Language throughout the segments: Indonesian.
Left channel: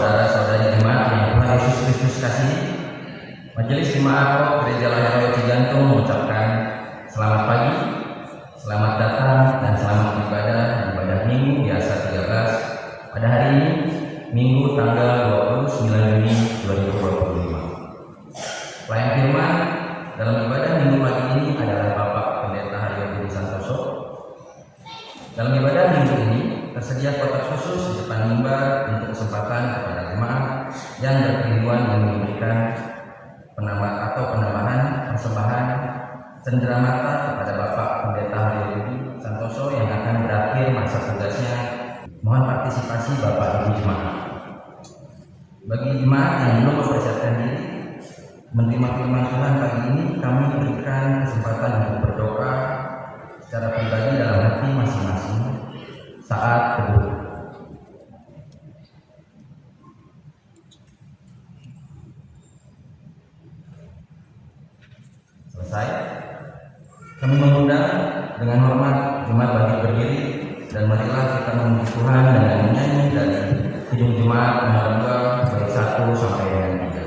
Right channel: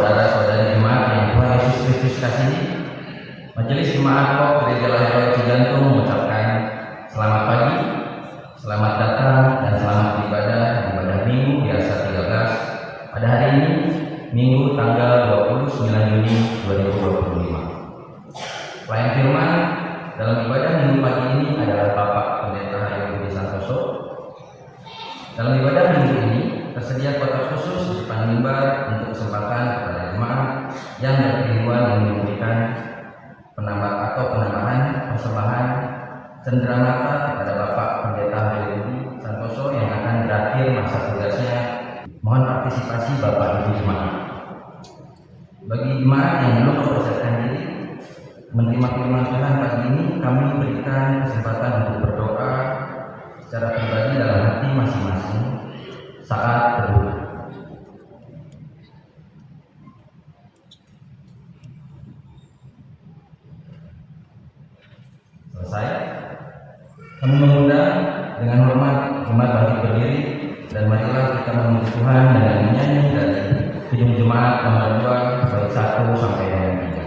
saudara-saudari jemaat yang Tuhan Yesus Kristus kasihi, Majelis Jemaat POK Gereja Lahir Cijantung mengucapkan selamat pagi, selamat datang dan selamat beribadah di ibadah Minggu Biasa 13 pada hari ini, Minggu tanggal 29 Juni 2025. Pelayan firman dalam ibadah Minggu pagi ini adalah Bapak Pendeta Hayo Budi Santoso. Dalam ibadah Minggu ini tersedia kotak khusus di depan mimbar untuk kesempatan kepada jemaat yang berkerinduan ingin memberikan penambahan persembahan cenderamata kepada Bapak Pendeta Hayo Budi Santoso yang akan berakhir masa tugasnya. Mohon partisipasi Bapak Ibu jemaat. Bagi jemaat yang belum mempersiapkan diri menerima firman Tuhan pagi ini, kami berikan kesempatan untuk berdoa secara pribadi dalam hati masing-masing saat berdoa. Selesai, kami mengundang dengan hormat jemaat bangkit berdiri dan marilah kita memuji Tuhan dengan menyanyi dari Kidung Jemaat nomor 2 bait 1 sampai dengan 3.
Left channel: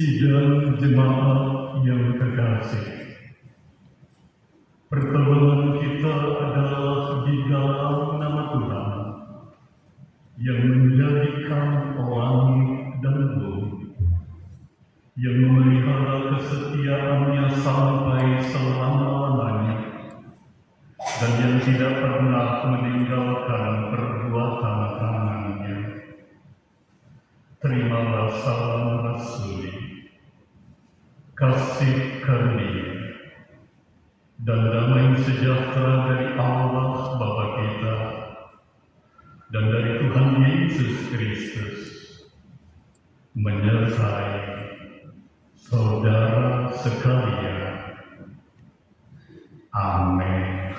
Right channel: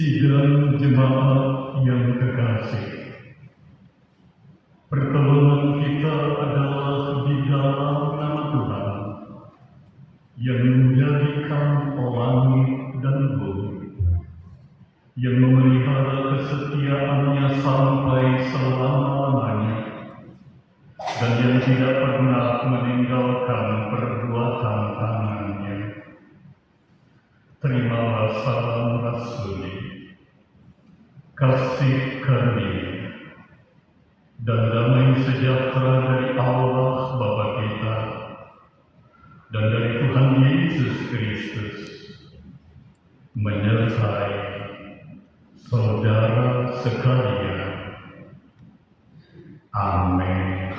Sidang jemaat yang terkasih, pertolongan kita adalah di dalam nama Tuhan yang menjadikan langit dan bumi, yang memelihara kesetiaannya sampai selama-lamanya, dan yang tidak pernah meninggalkan perbuatan tangannya. Terimalah salam rasuli, kasih karunia, dan damai sejahtera dari Allah Bapa kita dan dari Tuhan Yesus Kristus menyertai saudara sekalian. Amin.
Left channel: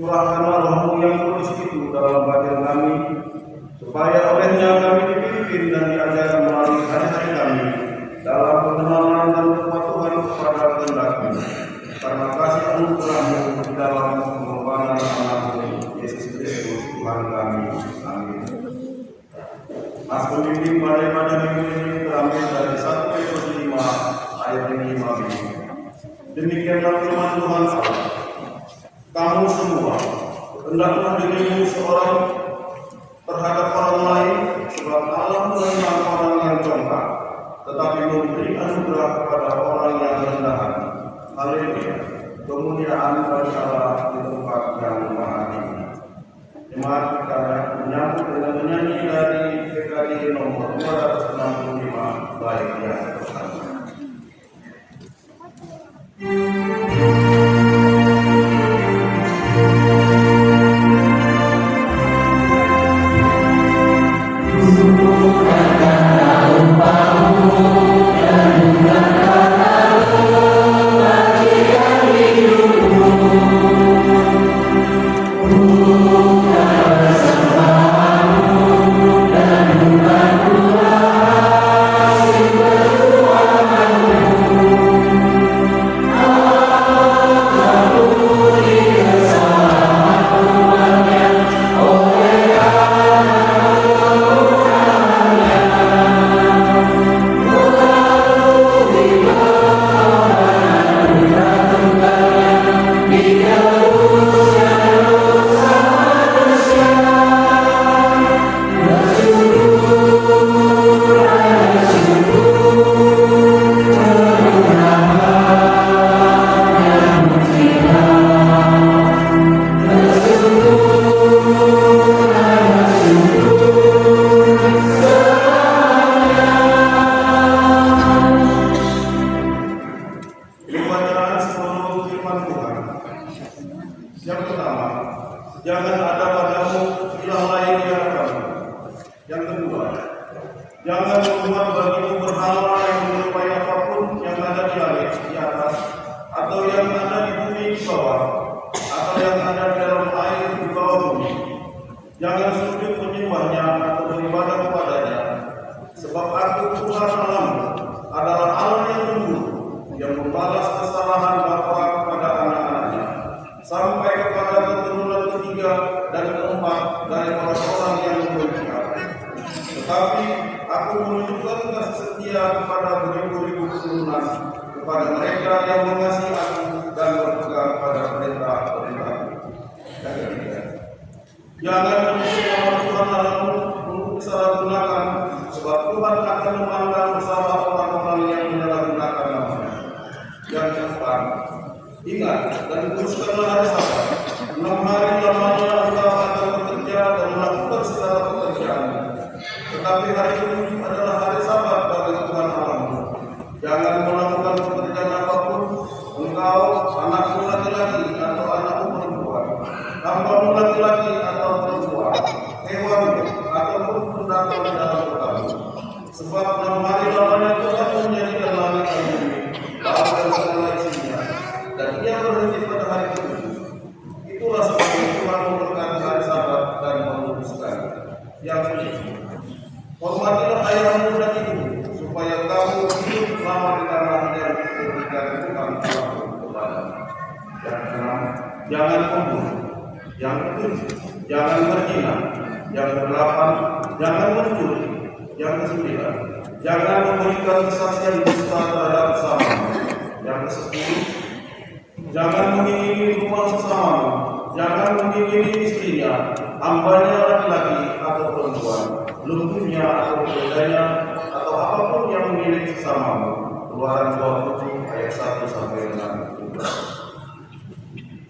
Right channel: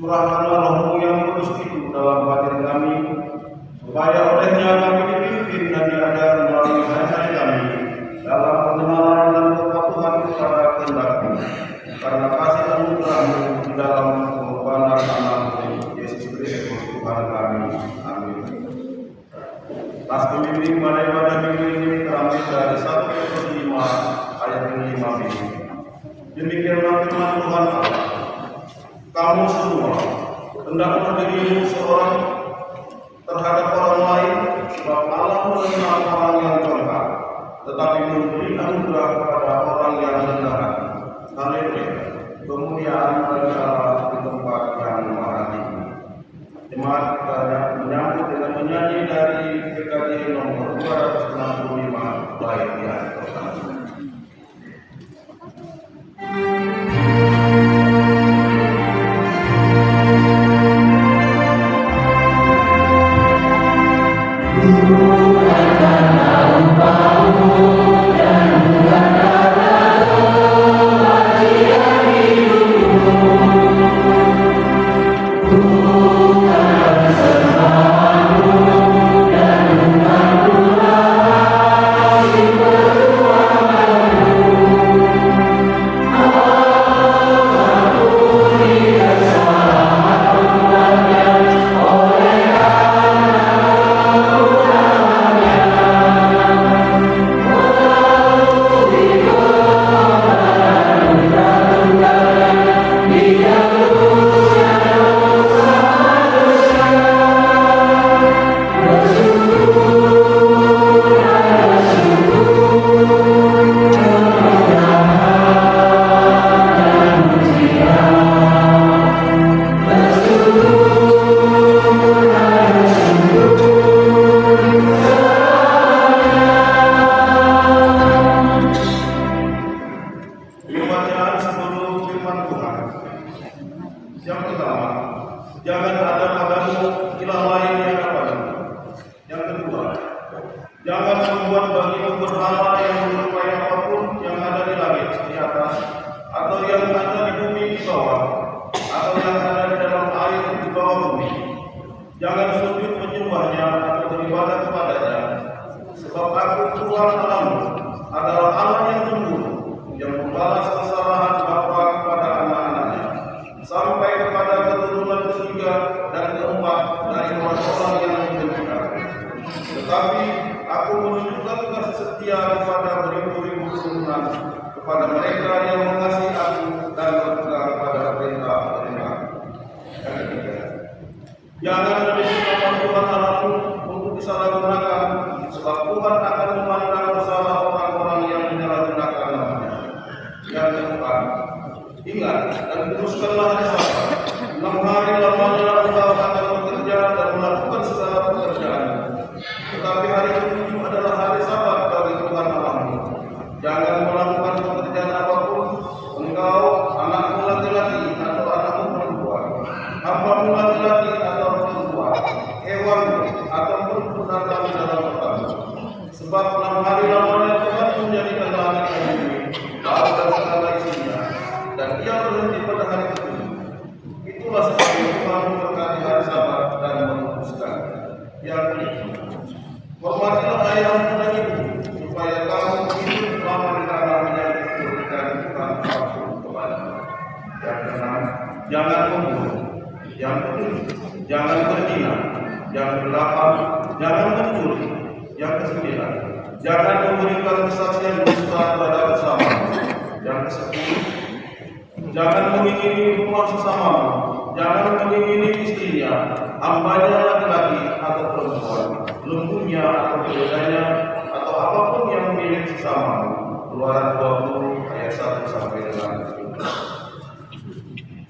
Curahkanlah Roh-Mu yang kudus itu dalam batin kami, supaya olehnya kami dipimpin dan diajar melalui hari-hari kami dalam pengenalan dan kepatuhan kepada kehendak-Mu. Karena kasih anugerah-Mu di dalam pengorbanan anak-Mu Yesus Kristus Tuhan kami. Amin. As pembimbing pada minggu ini terambil dari 1 Petrus 5 ayat 5b. Demikianlah firman Tuhan Allah. Kamu semua hendaklah dirimu seorang terhadap orang lain, sebab Allah mengenal orang yang congkak, tetapi memberi anugerah kepada orang yang rendah hati. Haleluya. Kemuliaan bagi Allah di tempat yang maha tinggi. Jemaat kita menyambut dengan menyanyi dari PKJ nomor 265 bait yang pertama.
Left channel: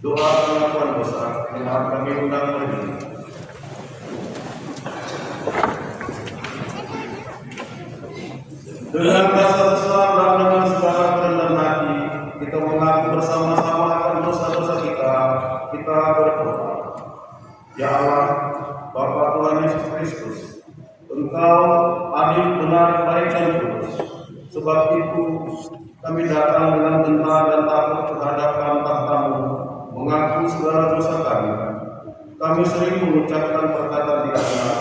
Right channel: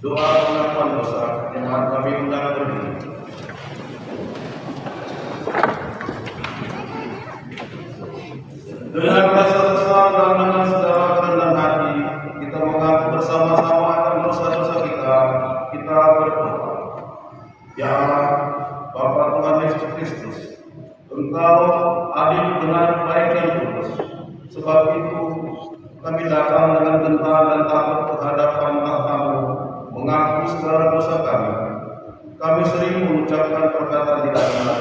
Doa pengakuan dosa yang kami undang berdiri. Dengan rasa kesal dan dengan segala kerendahan hati, kita mengaku bersama-sama akan dosa-dosa kita. Kita berdoa. Ya Allah, Bapa Tuhan Yesus Kristus, Engkau adil, benar, baik dan kudus. Sebab itu kami datang dengan gentar dan takut terhadapan tahta-Mu, mengaku segala dosa kami. Kami sering mengucapkan perkataan tidak benar.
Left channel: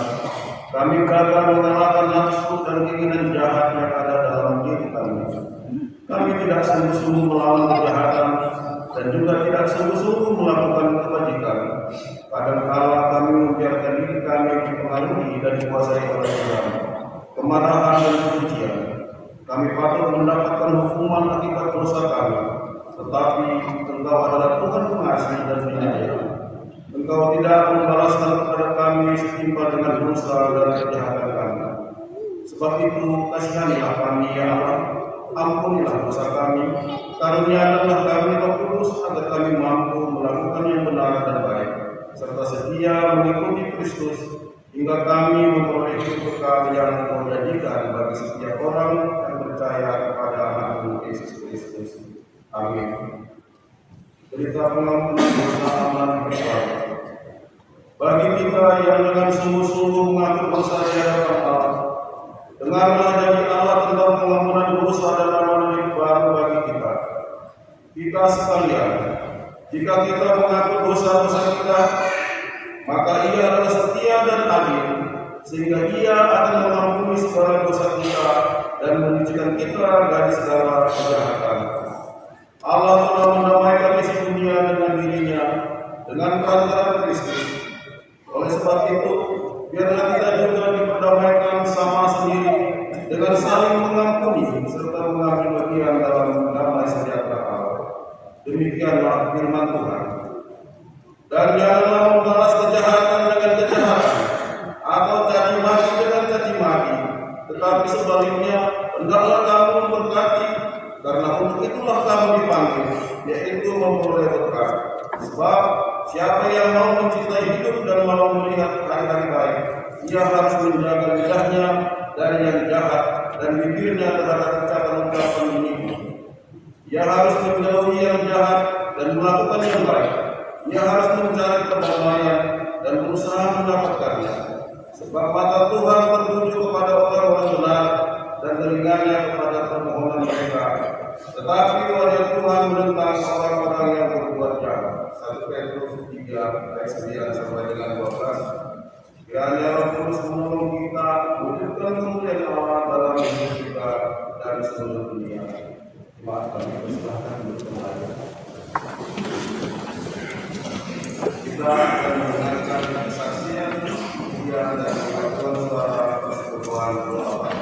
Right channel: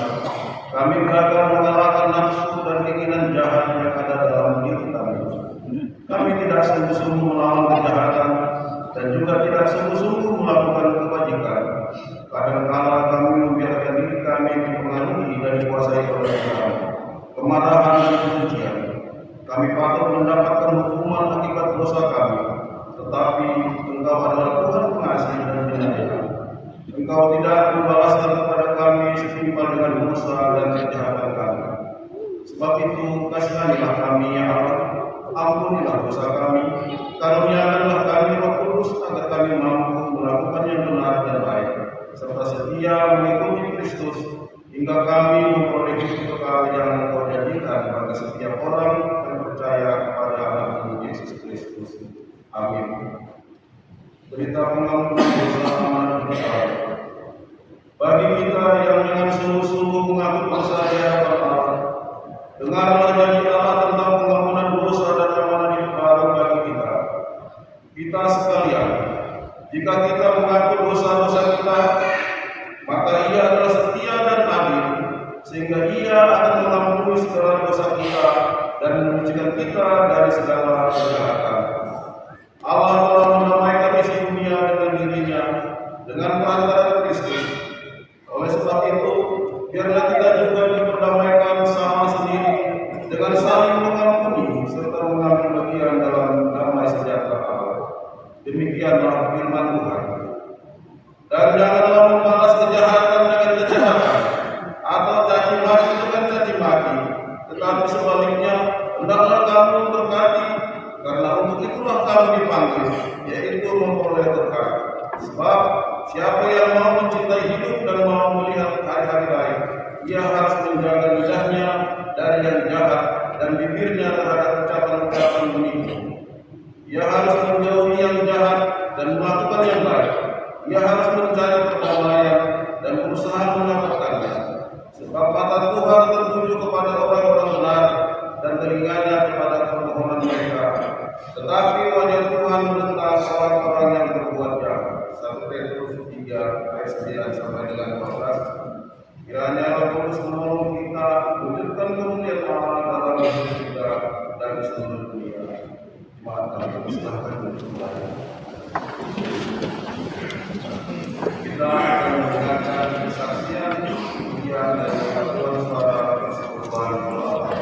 Kami gagal mengalahkan nafsu dan keinginan jahat yang ada dalam diri kami. Kami tidak sungguh-sungguh melawan kejahatan dan juga tidak sungguh-sungguh melakukan kebajikan. Kadang-kala kami membiarkan diri kami dipengaruhi dan dikuasai oleh Tuhan, kemarahan dan kebencian. Kami patut mendapatkan hukuman akibat dosa kami, tetapi Engkau adalah Tuhan pengasih dan penyayang. Engkau tidak membalaskan kepada kami setimpal dengan dosa dan kejahatan kami. Sebab itu kasihanilah kami ya Allah, ampunilah dosa kami, karuniakanlah kami Roh Kudus agar kami mampu melakukan yang benar dan baik, serta setia mengikuti Kristus hingga kami memperoleh hidup kekal yang Engkau janjikan bagi setiap orang yang percaya kepada Anakmu Yesus Kristus. Amin. Berita pengampunan dosa amanat berkat. Bagi kita yang dengan sungguh-sungguh mengaku dosa di hadapan Allah, dengarlah janji Allah tentang pengampunan dosa dan amanat hidup baru bagi kita. Kita sekalian, jika kita mengaku dosa-dosa kita, maka Ia adalah setia dan adil, sehingga Ia akan mengampuni segala dosa kita dan menyucikan kita dari segala kejahatan. Allah telah mendamaikan isi dunia dengan dirinya dengan perantara Kristus. Oleh sebab itu, biarlah kita juga diperdamaikan sama sendiri dengan saling mengampuni serta mengambil bagian dalam damai sejahtera Allah. Demikianlah firman Tuhan. Dan janganlah membalas kejahatan dengan kejahatan atau caci maki dengan caci maki, tetapi sebaliknya hendaklah kamu memberkati, karena untuk itulah kamu dipanggil, yaitu memperoleh berkat. Sebab siapa yang mau mencintai hidup dan mau melihat hari-hari baik, ia harus menjaga lidahnya dari yang jahat dan bibirnya terhadap ucapan-ucapan menipu. Ia harus menjauhi yang jahat dan melakukan yang baik. Ia harus mencari perdamaian dan berusaha mendapatkannya. Sebab mata Tuhan tertuju kepada orang-orang benar dan telinganya kepada permohonan mereka. Tetapi wajah Tuhan menentang orang-orang yang berbuat jahat. 1 Petrus 3 ayat 9 sampai dengan 12. Kiranya Roh Kudus menolong kita wujudkan kemuliaan Allah dalam hidup kita dari seluruh dunia. Maaf kami persilahkan untuk mulai. Kita akan mendengarkan kesaksian kemudian dari Pastor Suara Persekutuan Allah.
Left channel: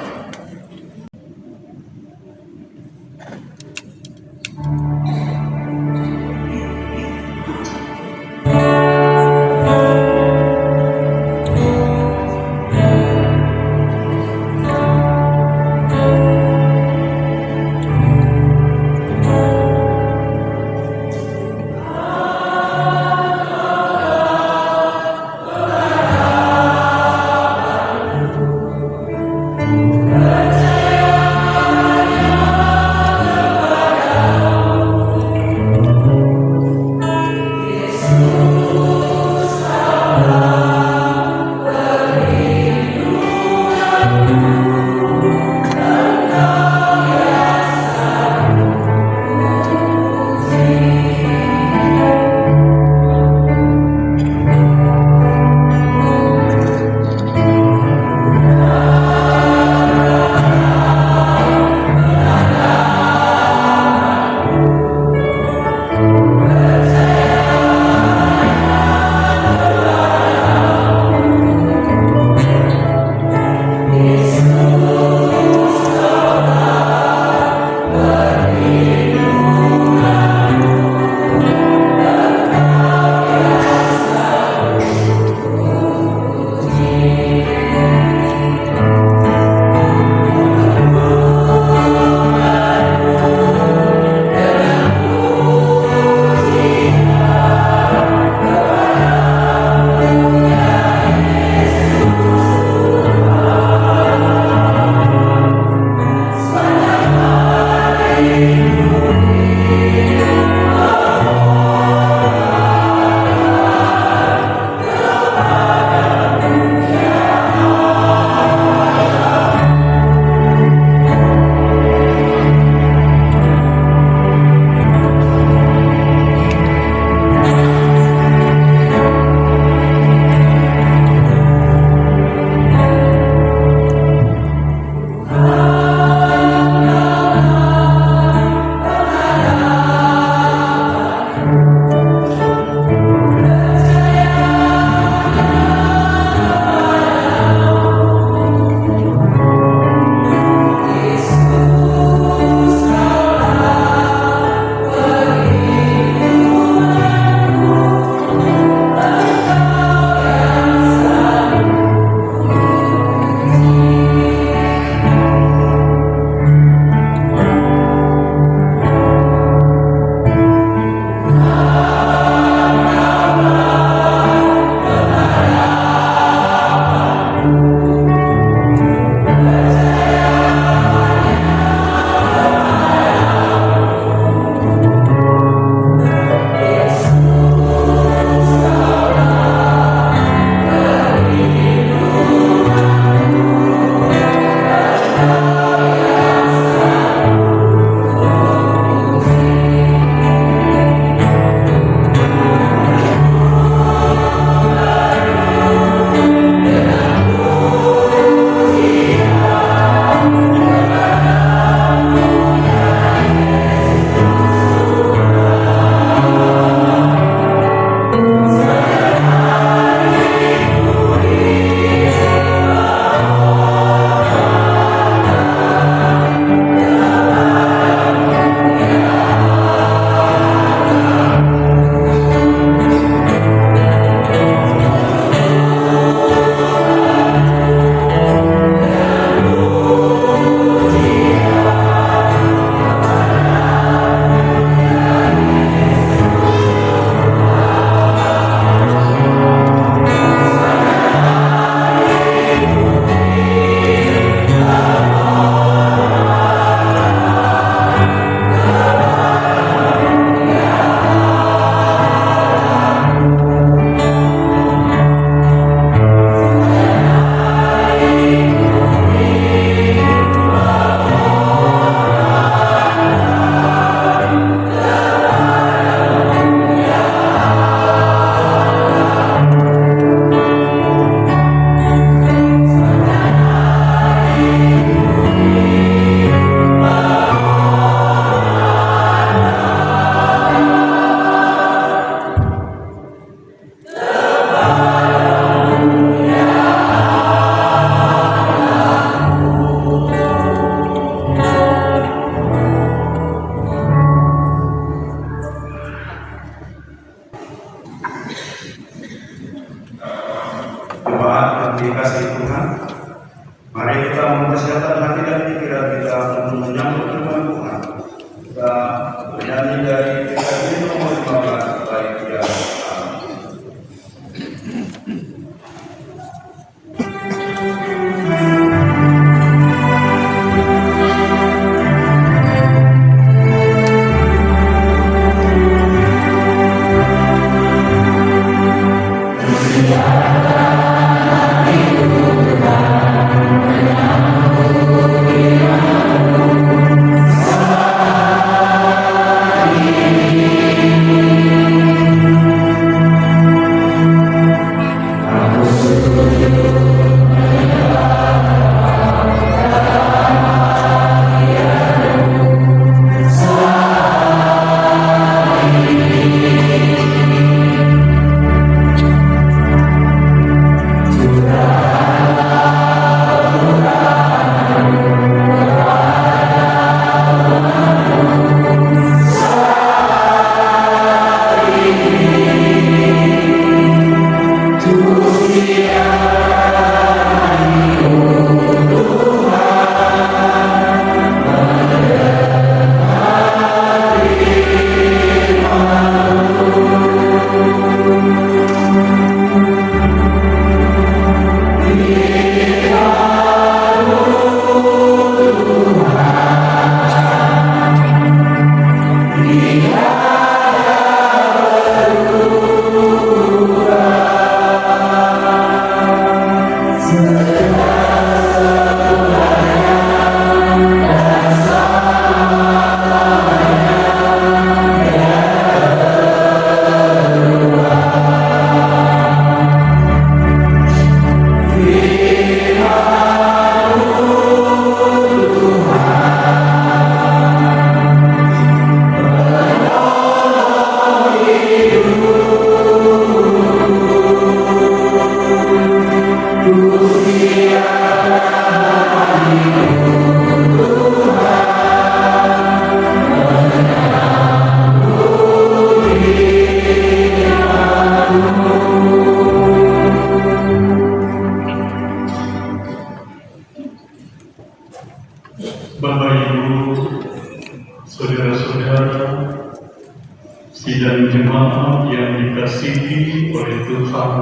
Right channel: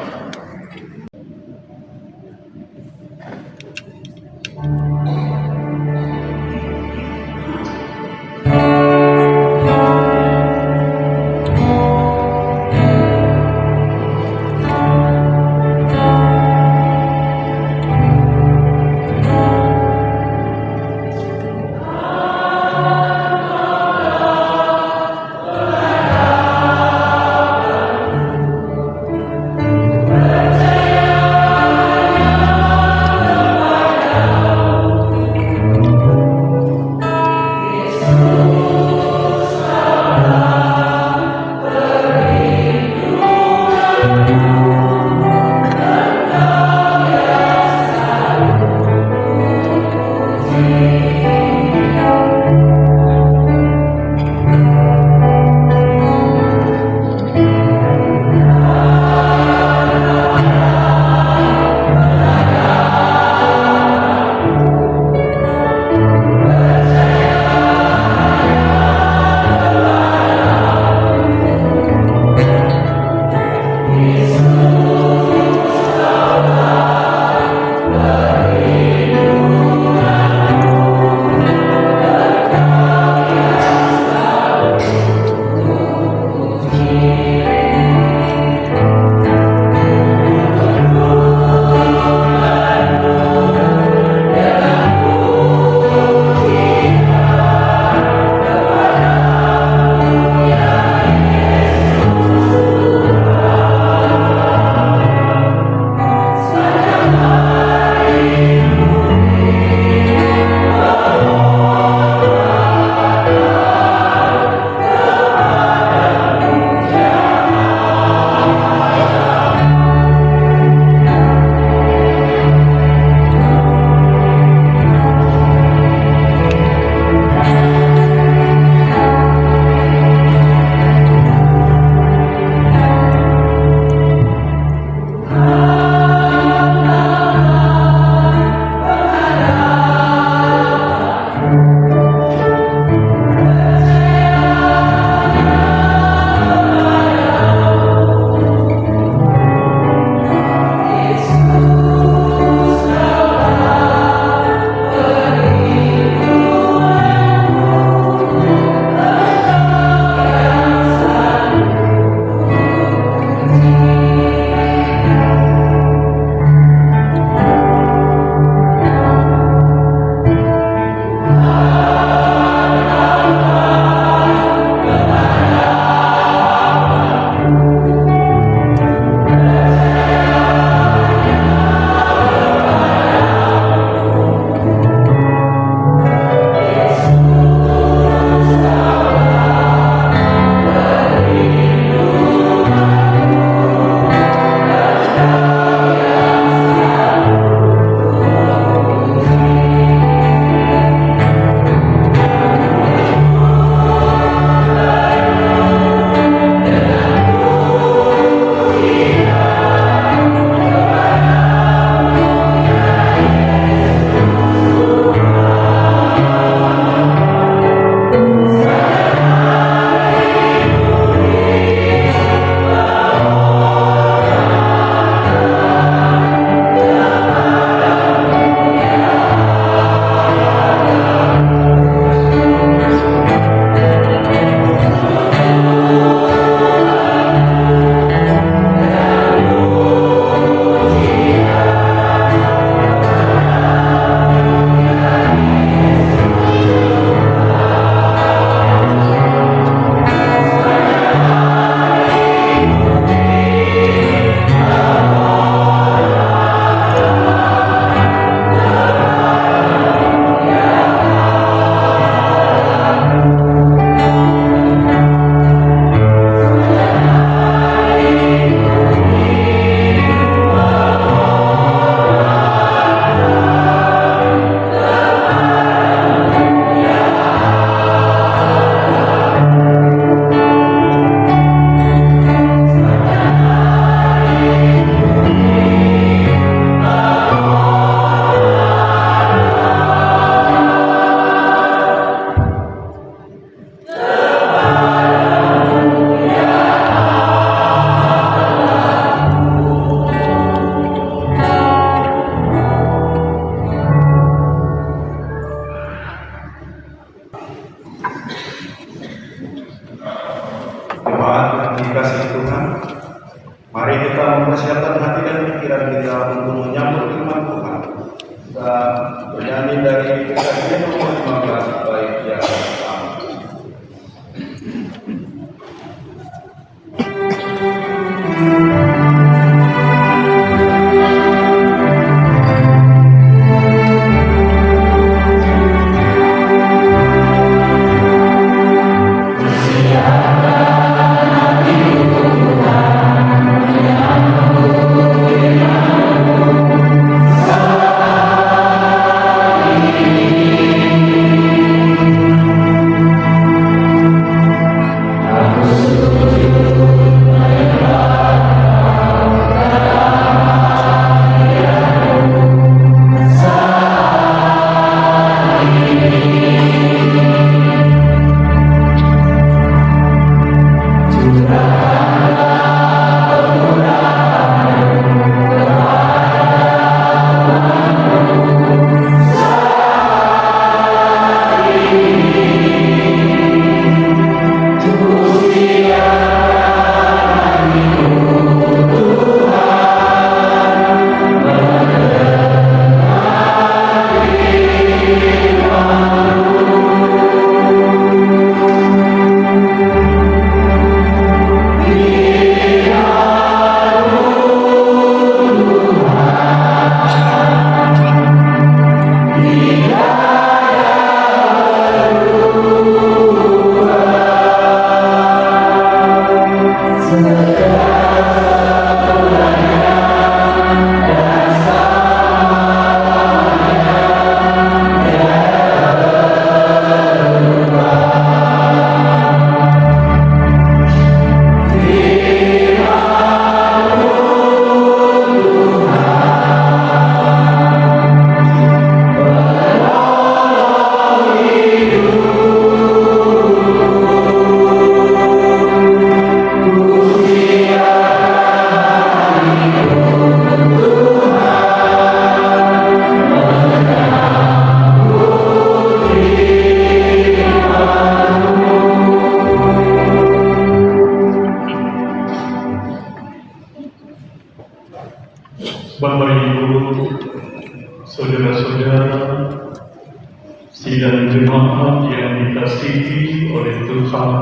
sidang jemaat yang dikasihi oleh Tuhan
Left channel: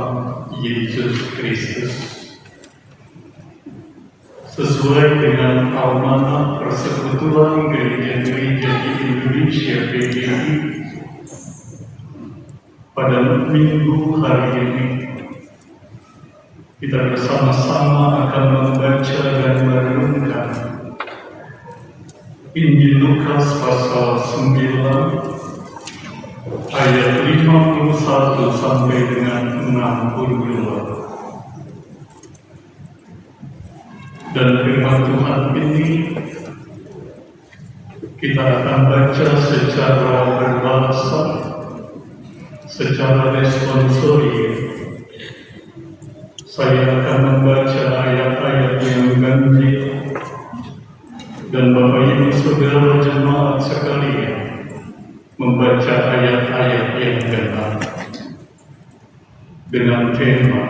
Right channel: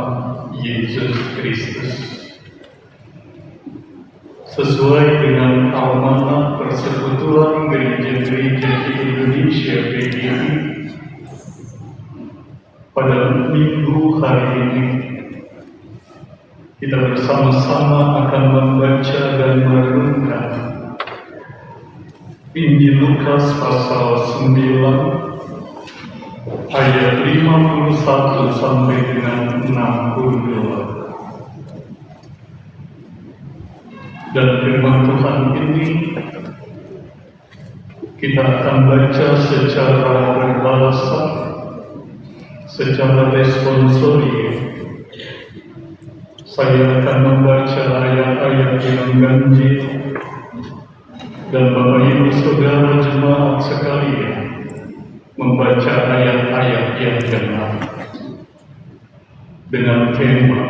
Yesus Kristus. Sesuai dengan amanah Persekutuan Gereja-Gereja di Indonesia PGRI, pada minggu hari ini kita bersama-sama akan membaca dan merenungkan Injil Lukas pasal 9 ayat 51 sampai dengan 62. Dan firman Tuhan ini kita akan baca secara berbahasa, secara responsorial. Saya akan membaca ayat-ayat yang ganjil, dan Bapak Ibu Saudara jemaat sekalian membaca ayat-ayat yang benar dengan tema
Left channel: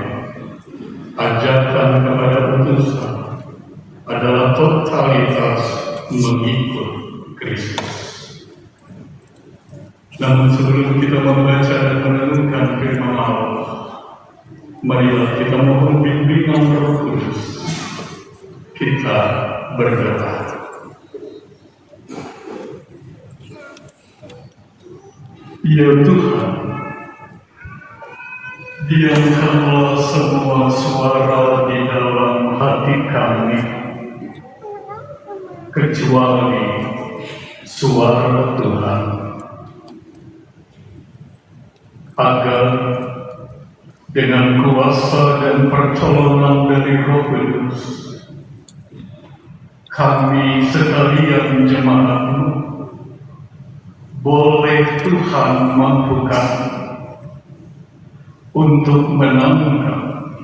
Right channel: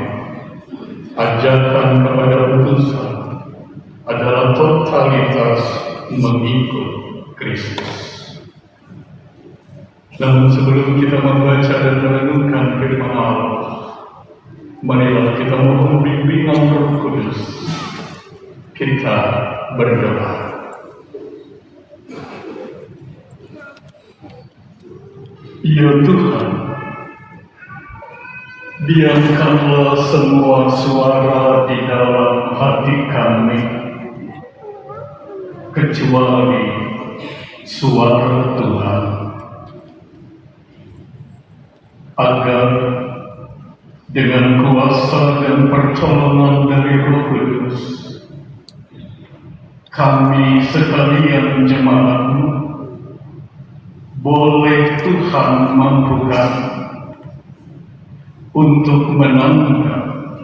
ajakan kepada utusan adalah totalitas mengikut Kristus. Namun sebelum kita membaca dan merenungkan firman Allah, marilah kita mohon bimbingan Roh Kudus. Kita berdoa. Ya Tuhan, diamkanlah semua suara di dalam hati kami, kecuali suara Tuhan, agar dengan kuasa dan pertolongan dari Roh Kudus, kami sekalian jemaat-Mu boleh Tuhan mampukan untuk menangkap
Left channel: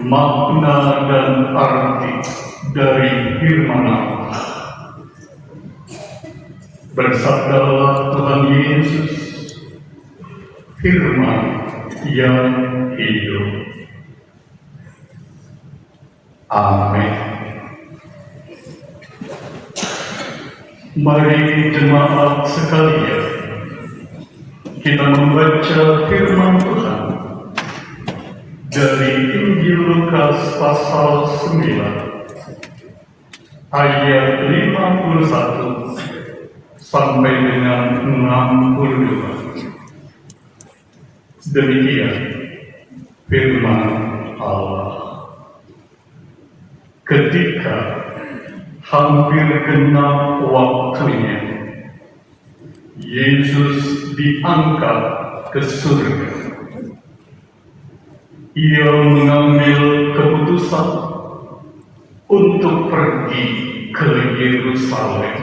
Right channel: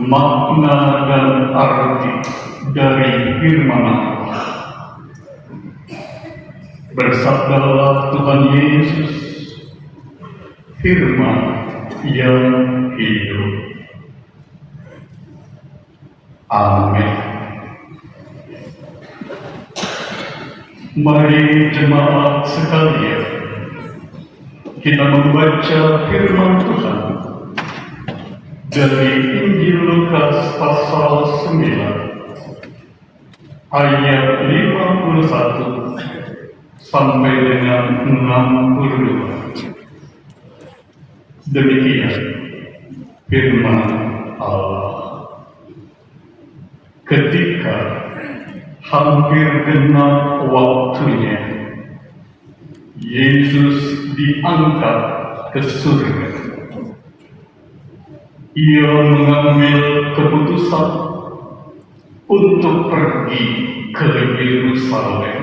makna dan arti dari firman Allah. Bersabdalah Tuhan Yesus, firman yang hidup. Amin. Mari jemaat sekalian, kita membaca firman Tuhan dari Injil Lukas pasal 9 ayat 51 sampai dengan 62. Demikian firman Allah. Ketika hampir genap waktunya, Yesus diangkat ke surga. Ia mengambil keputusan untuk pergi ke Yerusalem.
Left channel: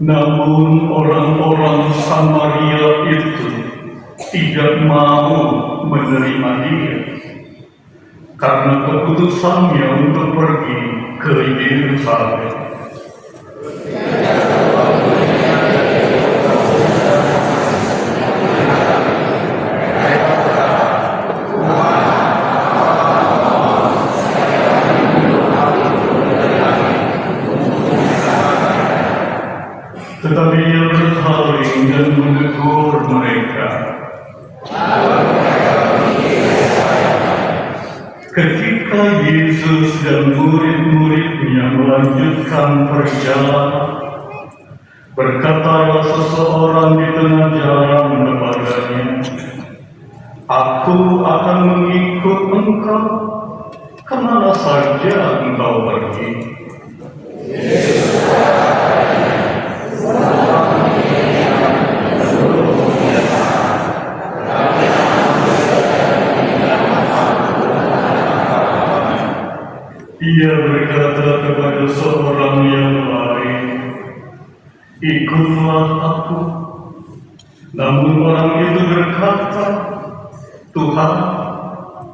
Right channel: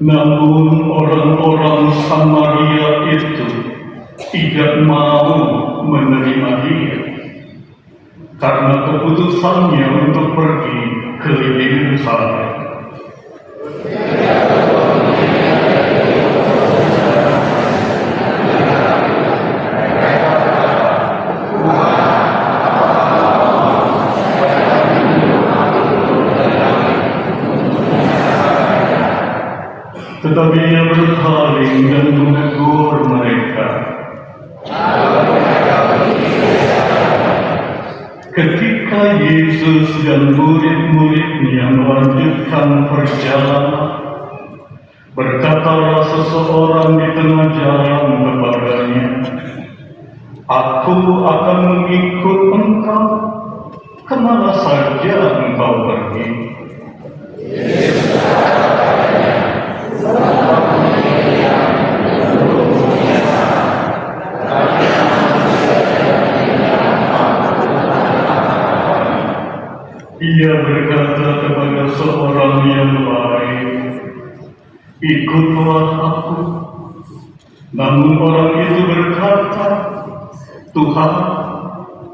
Namun orang-orang Samaria itu tidak mau menerima dia, karena keputusannya untuk pergi ke Yerusalem. Tetapi ia berpaling dan menegur mereka. Ketika Yesus dan murid-muridnya melanjutkan perjalanan, berkatalah seseorang di tengah jalan kepadanya, "Aku akan mengikut engkau, kemana saja engkau pergi." Ia berkata kepada seorang yang lain, "Ikutlah aku." Namun orang itu berkata, "Tuhan,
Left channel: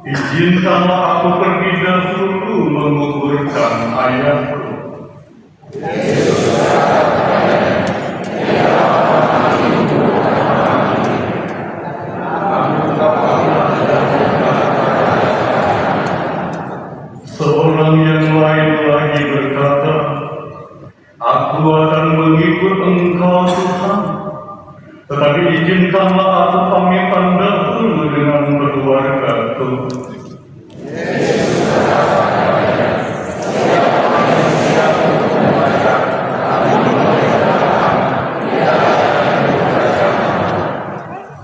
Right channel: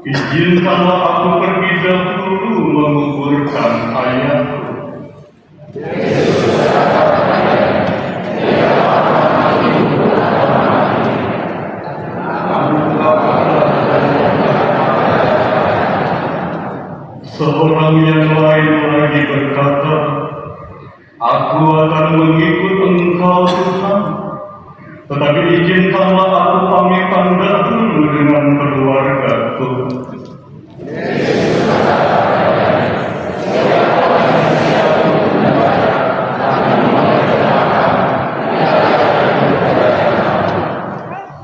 izinkanlah aku pergi dahulu menguburkan ayahku." Tapi izinkanlah aku pamitan dahulu dengan keluargaku.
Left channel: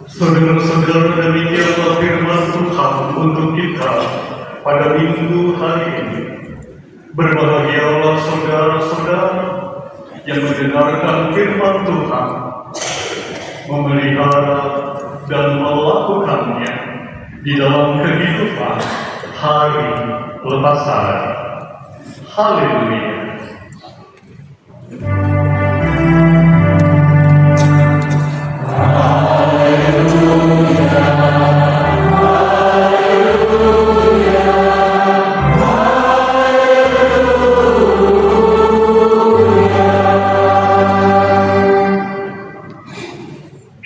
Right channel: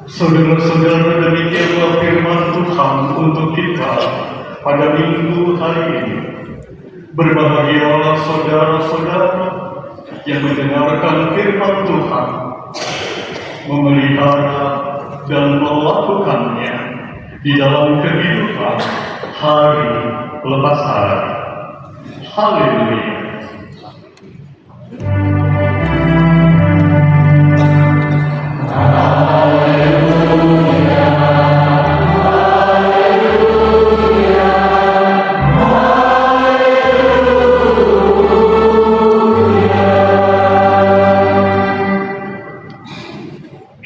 Saudara-saudara, demikianlah firman Tuhan untuk kita pada minggu hari ini. Berbahagialah saudara-saudara yang mendengarkan firman Tuhan, memelihara dan melakukannya di dalam kehidupan hari lepas hari. Haleluya.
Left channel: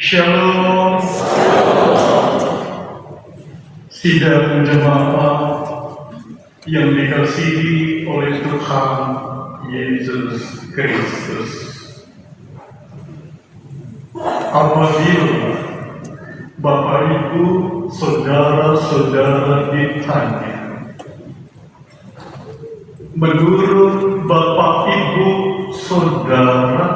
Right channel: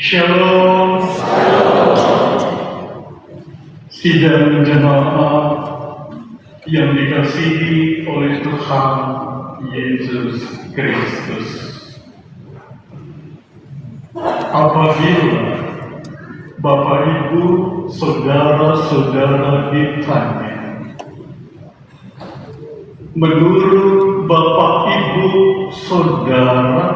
Shalom. Sidang jemaat yang dikasihi oleh Tuhan Yesus Kristus. Apabila Bapak Ibu, saudara-saudara ditanya, menurut Bapak Ibu, saudara,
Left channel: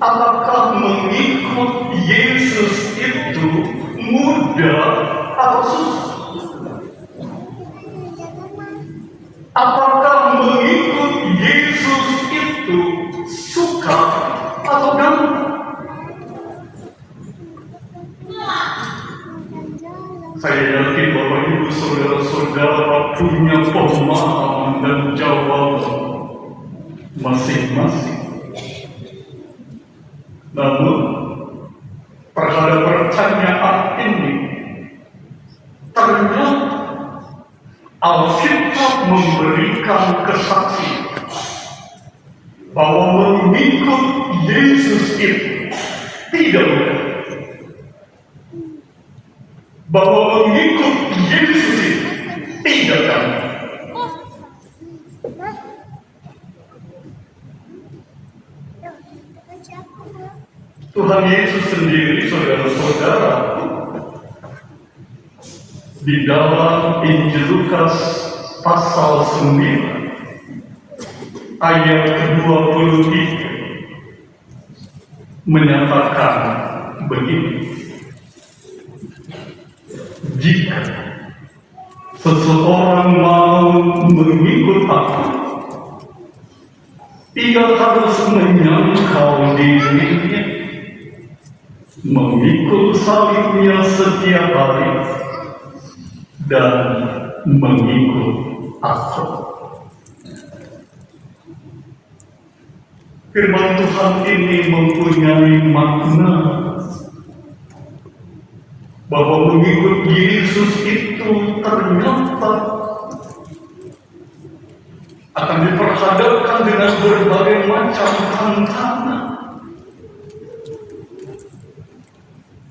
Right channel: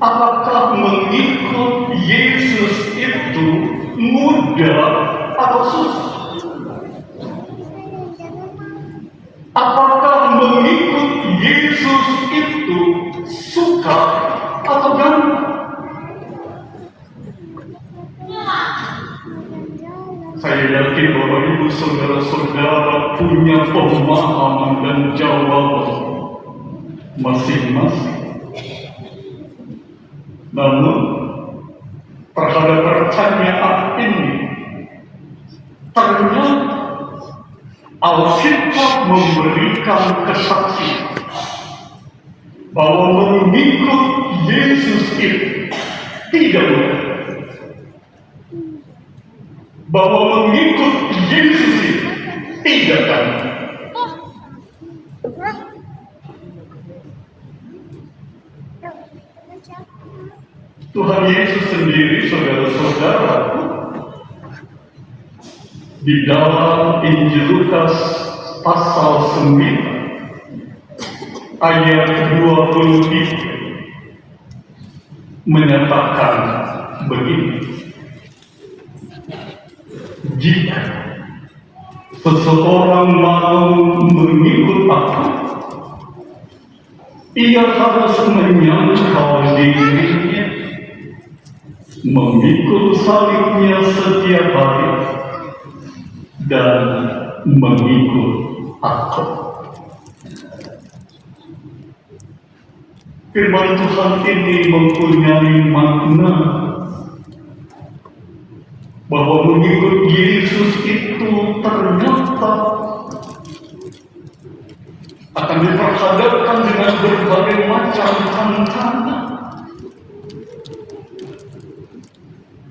apakah mengikut Yesus itu mudah atau susah? Apakah mengikut Yesus itu suka atau gampang? Saya yakin Bapak Ibu saudara-saudara punya pemahaman dan jawaban masing-masing. Namun, terhadap pertanyaan ini, ternyata Alkitab memberikan kesaksian bahwa mengikut Yesus itu tidak mudah. Bahwa mengikut Yesus itu tidak gampang. Tuhan Yesus sendiri, saudara-saudara, di dalam Injil Lukas pasal 9 ayat 23 menyatakan begini: jika seseorang mau mengikut aku, ia harus menyangkal dirinya, memikul salibnya setiap hari, dan mengikut aku. Firman Tuhan ini mempunyai makna bahwa mengikut Yesus itu ternyata akan diperhadapkan dengan berbagai macam tantangan,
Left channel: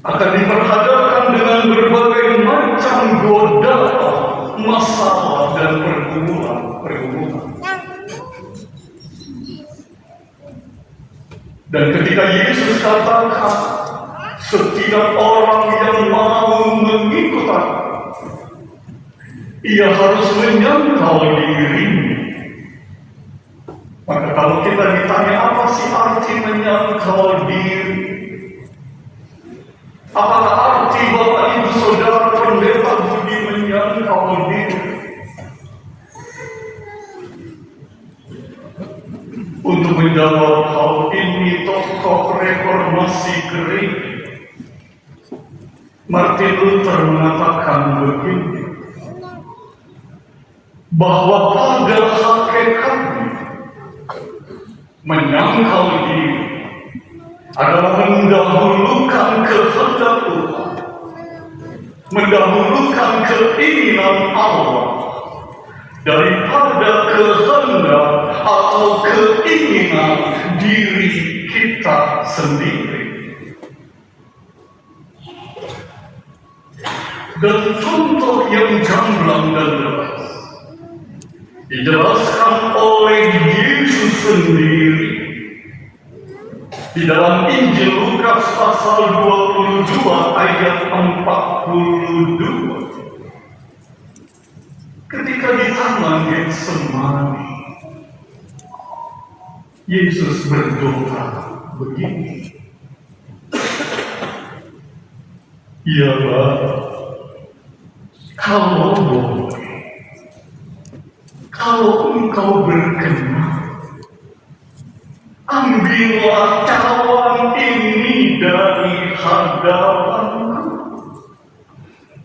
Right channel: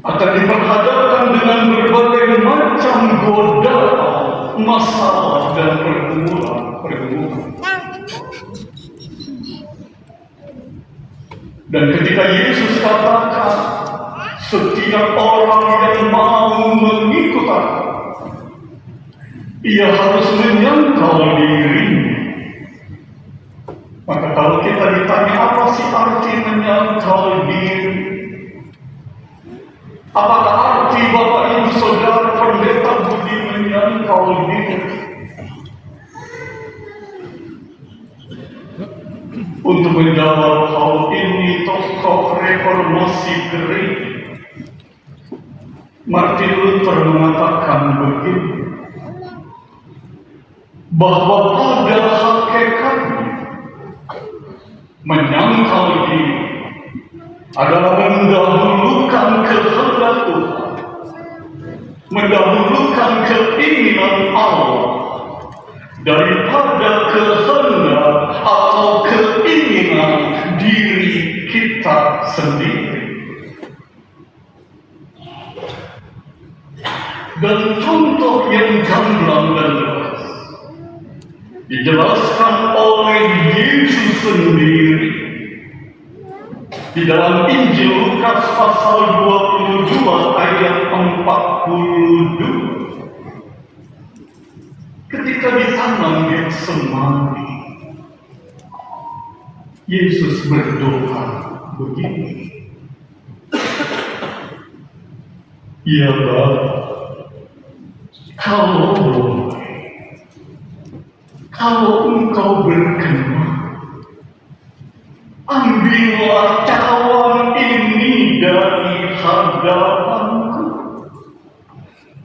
akan diperhadapkan dengan berbagai macam godaan, masalah dan pergumulan. Dan ketika Yesus katakan, setiap orang yang mau mengikut aku, ia harus menyangkal dirinya. Maka kalau kita ditanya apa sih arti menyangkal diri? Apakah arti Bapak Ibu Saudara Pendeta Budi menyangkal diri? Untuk menjawab hal ini, tokoh reformasi Gereja Martin Luther mengatakan begini, bahwa pada hakikatnya menyangkal diri adalah mendahulukan kehendak Tuhan, mendahulukan keinginan Allah daripada kehendak atau keinginan diri kita sendiri. Dan contoh yang gamblang dan jelas dijelaskan oleh Yesus sendiri di dalam Injil Lukas Lukas pasal 22 ayat 42. Ketika di taman Getsemani, Yesus berdoa begini, "Ya Bapa, kalau boleh, kalau Engkau berkenan, ambillah cawan ini dari hadapanku.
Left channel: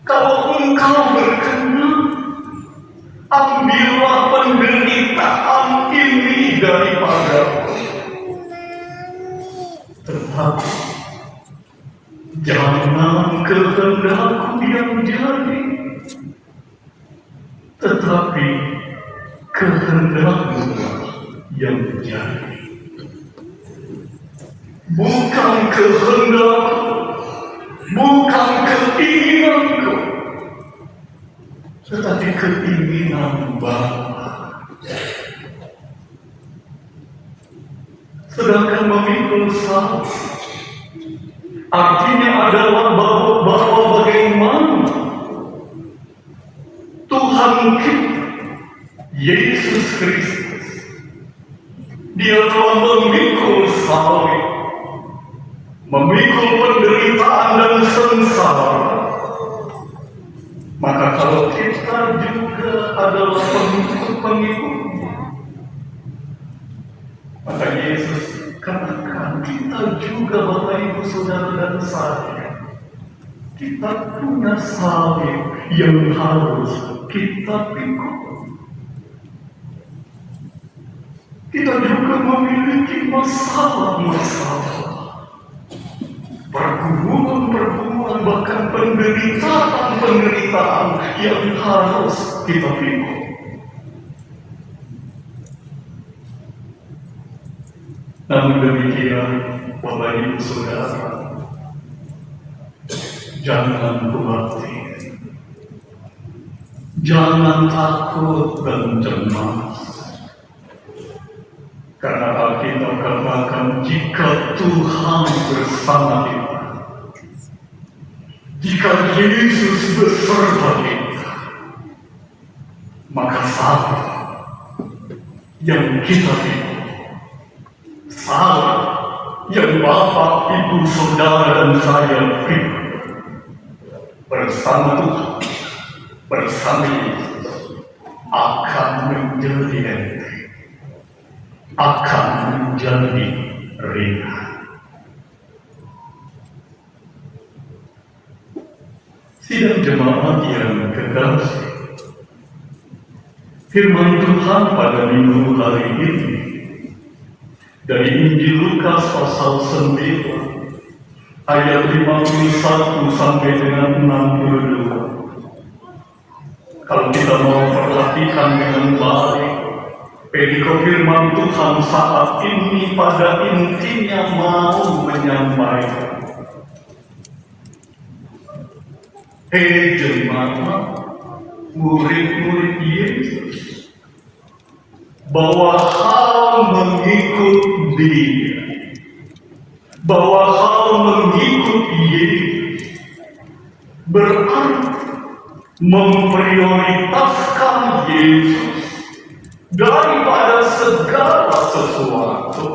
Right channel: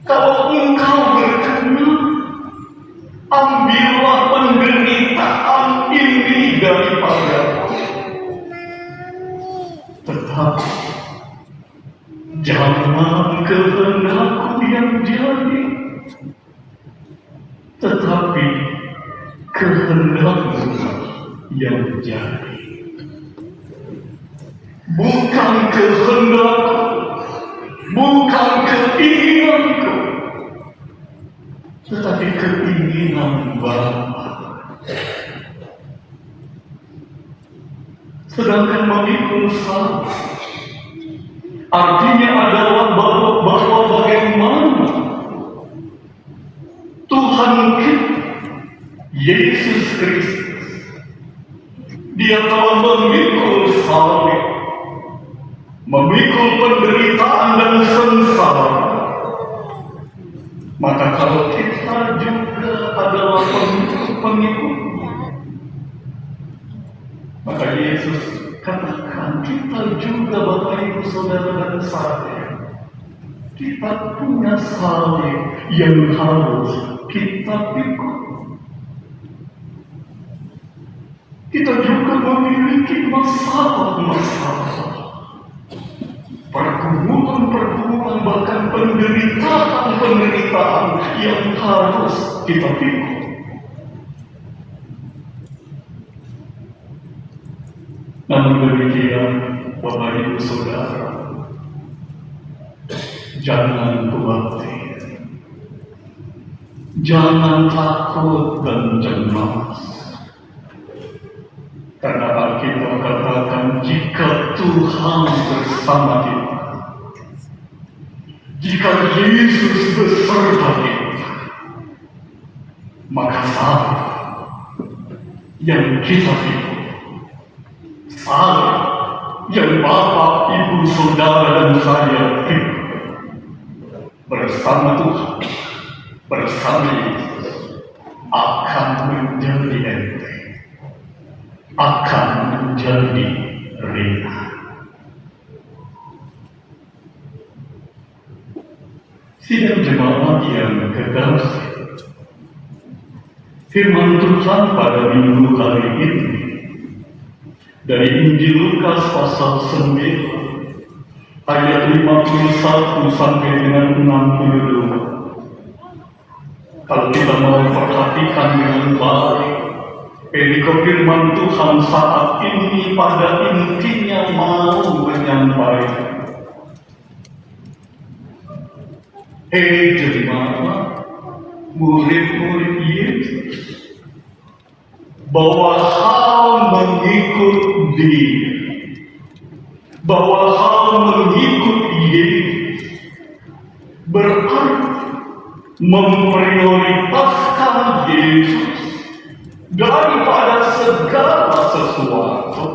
Kalau Engkau berkenan, ambillah penderitaan ini daripadaku. Tetapi jangan kehendakku yang jadi, tetapi kehendakmu yang jadi." Bukan kehendakku, bukan keinginanku, tetapi keinginan Bapa. Sedangkan memikul salib artinya adalah bahwa bagaimana Tuhan kita, Yesus Kristus, Dia telah memikul salib, memikul penderitaan dan sengsara. Maka kalau kita juga adalah pengikutnya, maka Yesus katakan kita juga, Bapak Ibu Saudara dan saya, kita punya salib yang harus kita pikul. Kita juga memiliki masalah-masalah, pergumulan-pergumulan, bahkan penderitaan-penderitaan yang harus kita pikul. Namun demikian, Bapak Ibu Saudara, jangan khawatir, jangan takut dan cemas, karena Alkitab katakan jika Tuhan bersama kita, jika Yesus beserta kita, maka apa yang kita pikul, salib yang Bapak, Ibu, Saudara dan saya pikul bersama Tuhan, bersama Yesus, akan menjadi enteng, akan menjadi ringan. Sidang jemaat yang kekasih, firman Tuhan pada minggu hari ini dari Injil Lukas pasal 9 ayat 51 sampai dengan 62. Kalau kita mau perhatikan dengan baik, perikop firman Tuhan saat ini pada intinya mau menyampaikan, hei jemaat, murid-murid Yesus, bahwa hal mengikut Dia, bahwa hal mengikut Yesus berarti memprioritaskan Yesus daripada segala sesuatu,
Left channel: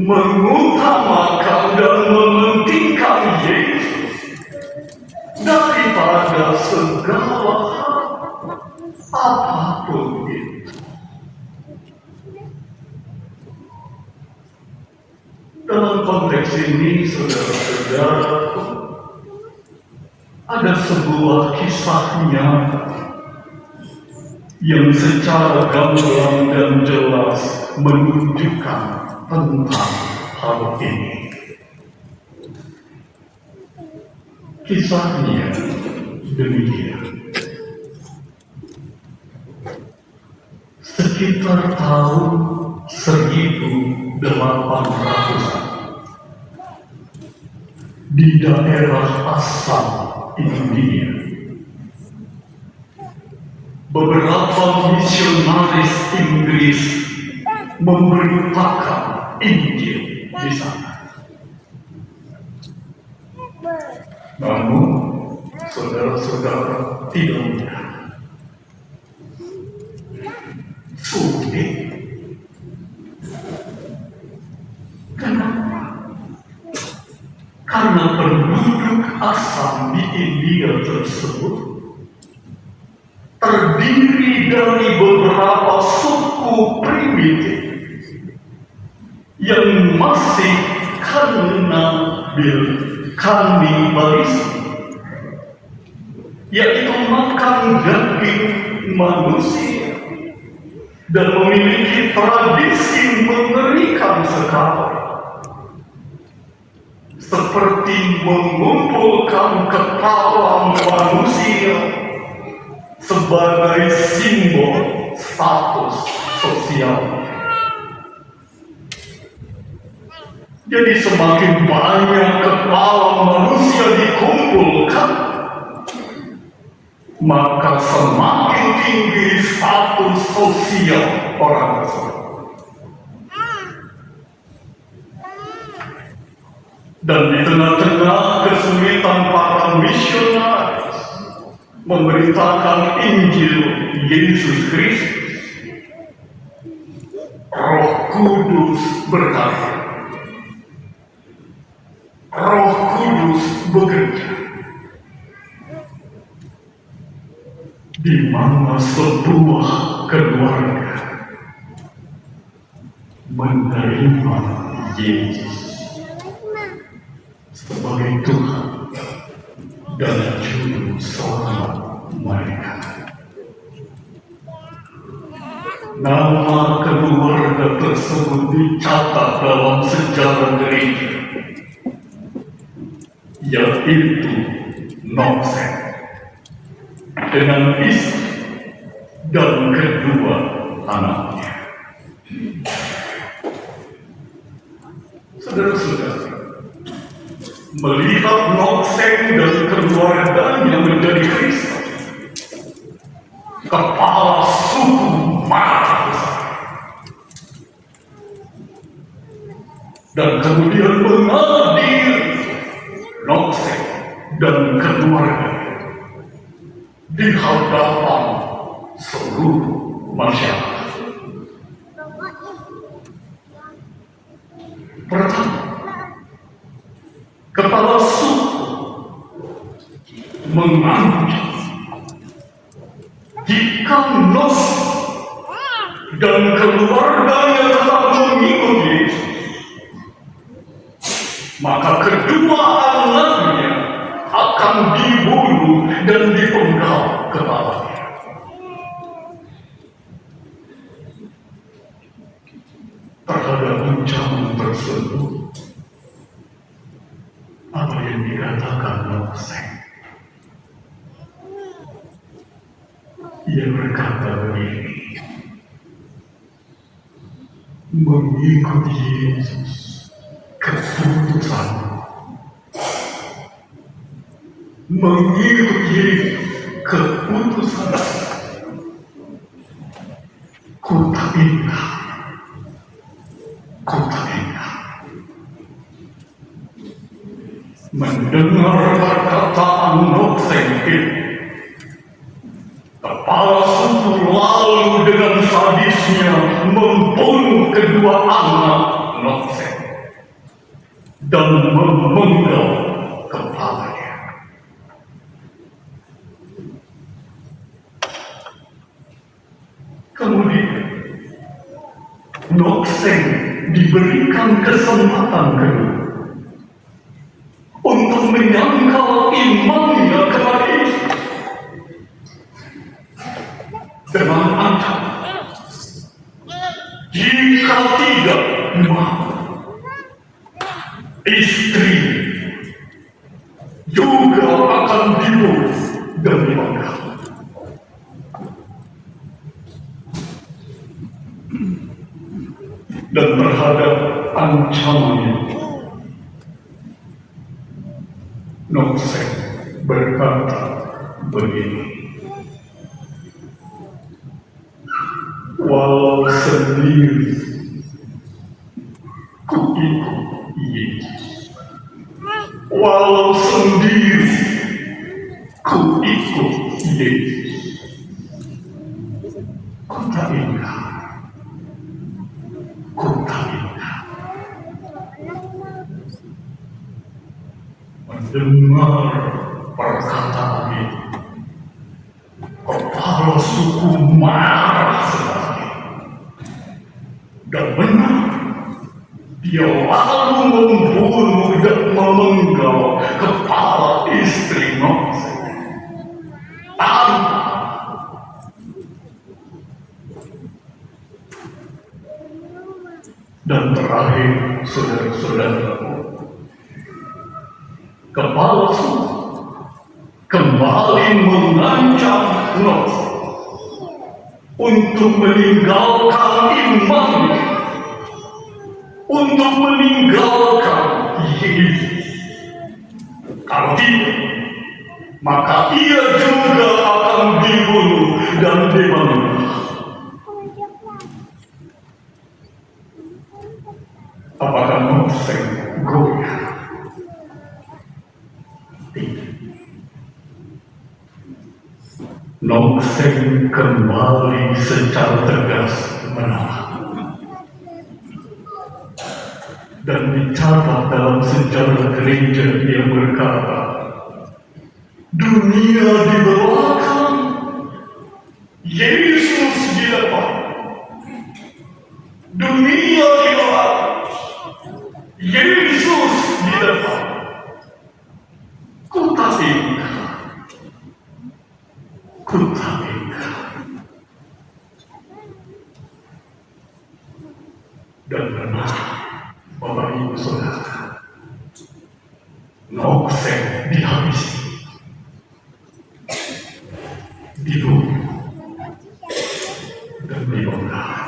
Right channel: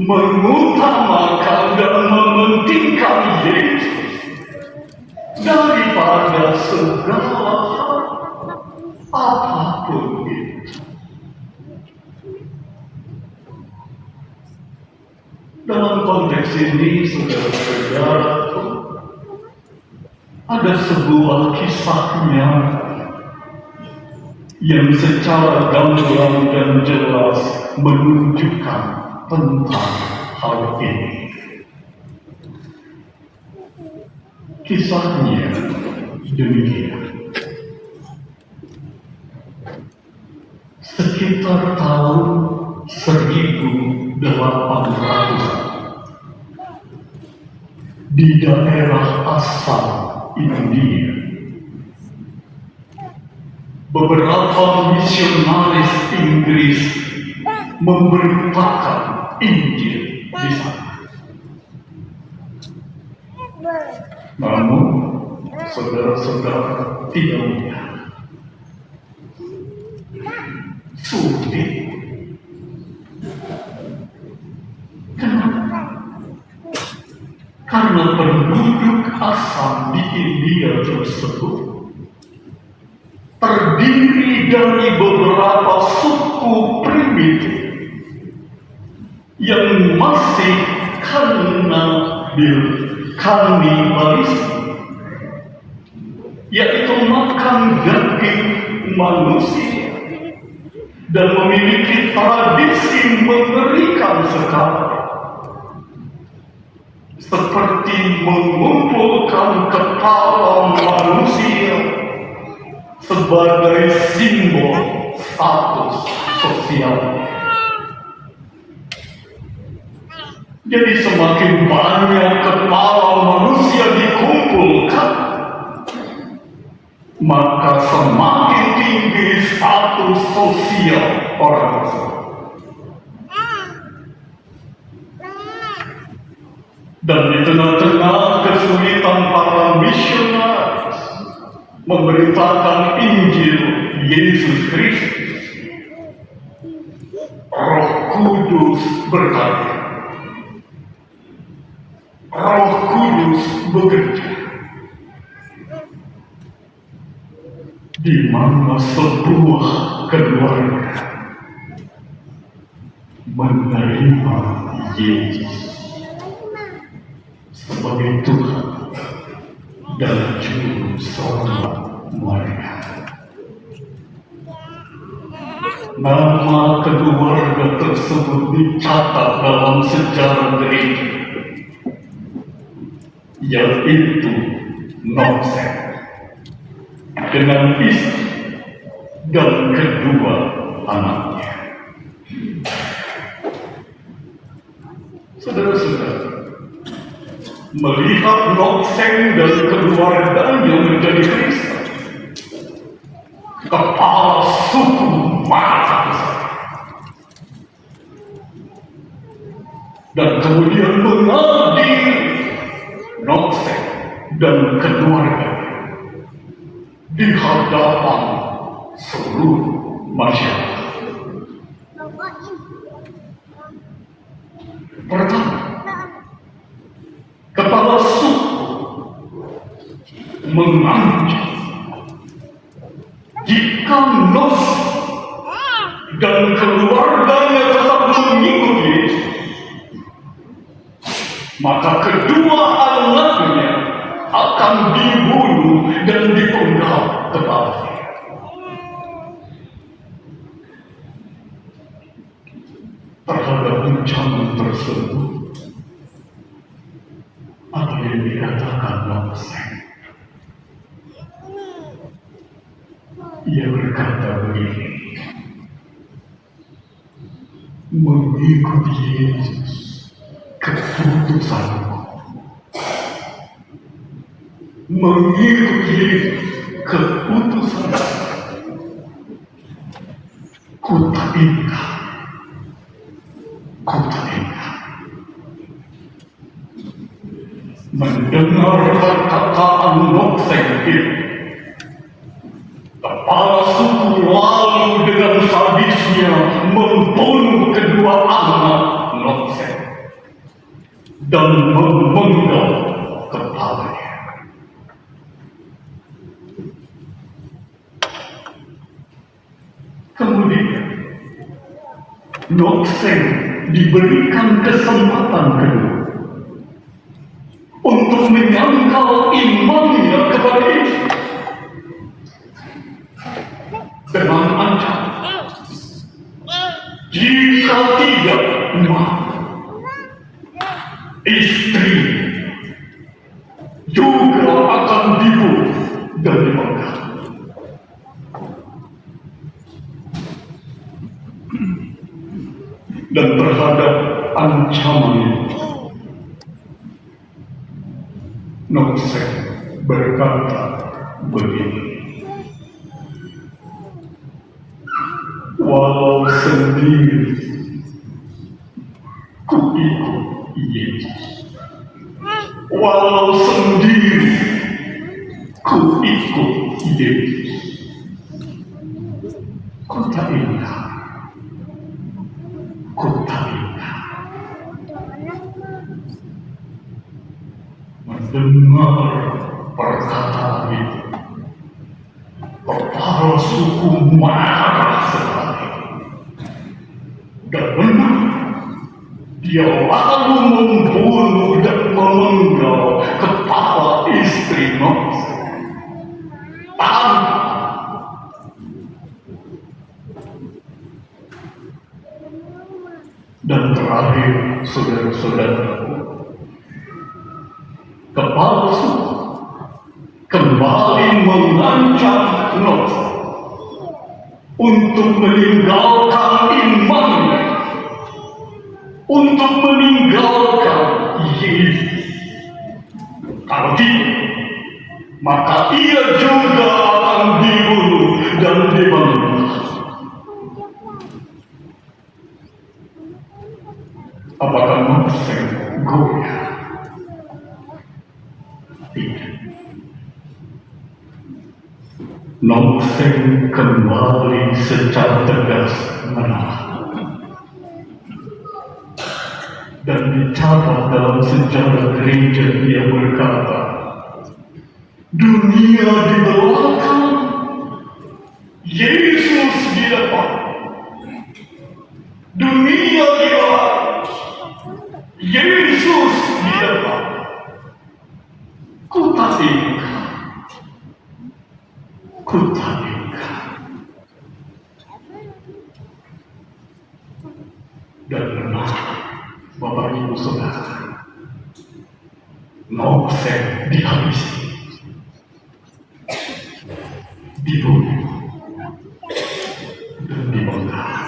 mengutamakan dan mementingkan Yesus daripada segala hal, apapun itu. Dalam konteks ini, saudara-saudara, ada sebuah kisah nyata yang secara gamblang dan jelas menunjukkan tentang hal ini. Kisahnya demikian. Sekitar tahun 1800 di daerah asal India, beberapa misionaris Inggris memberitakan Injil di sana. Namun, saudara-saudara tidak mudah. Sulit. Kenapa? Karena penduduk asam di India tersebut terdiri dari beberapa suku primitif yang masih kanibalisme, yaitu makan daging manusia dan memiliki tradisi mengerikan sekali, seperti mengumpulkan kepala manusia sebagai simbol status sosial. Jadi semakin banyak kepala manusia dikumpulkan, maka semakin tinggi status sosial orang tersebut. Dan di tengah-tengah kesulitan para misionaris memberitakan Injil Yesus Kristus, Roh Kudus berkarya. Roh Kudus bekerja di mana sebuah keluarga menerima Yesus sebagai Tuhan dan Juru Selamat mereka. Nama keluarga tersebut dicatat dalam sejarah gereja, yaitu Knox dengan istri dan kedua anaknya. Saudara-saudara, melihat Knox dan keluarganya menjadi Kristen, kepala suku marah besar dan kemudian mengadili Knox dan keluarga di hadapan seluruh masyarakat. Pertama, kepala suku mengancam jika Knox dan keluarganya telah mengikuti Yesus, maka kedua anaknya akan dibunuh dan dipenggal kepalanya. Terhadap ancaman tersebut, apa yang dikatakan Knox? Ia berkata begini, mengikuti Yesus keputusan, mengikuti keputusan kota indah, mendengar perkataan Knox itu, kepala suku lalu dengan sadisnya membunuh kedua anak Knox dan memenggal kepalanya. Kemudian Knox diberikan kesempatan kedua untuk menyangkal imannya kepada Yesus dengan ancaman, jika tidak, istri juga akan dibunuh dan dipenggal. Dan terhadap ancaman itu, Knox berkata begini, walau sendiri ku ikut Yesus, walau sendiri, ku ikut Yesus. Ku tak ingat, mendengar perkataan itu. Kepala suku marah sekali. Dan benar, dia lalu membunuh dan memenggal kepala istri Mose. Dan terakhir, saudara-saudara, kepala suku kembali mengancam Mose untuk meninggalkan imannya, untuk meninggalkan Yesus. Kalau tidak, maka ia juga akan dibunuh dan dibangkitkan. Apakah Mose goyah? Tidak. Mose kembali secara tegas menolak. Dan dicatat dalam sejarah gereja, dia berkata, dunia di belakang, Yesus di depan. Dunia di belakang, Yesus di depan. Ku tak ingat, ku tak ingat. Dan benar, Bapak Ibu Saudara, Mose dihabisi, dibunuh, dan dibakar.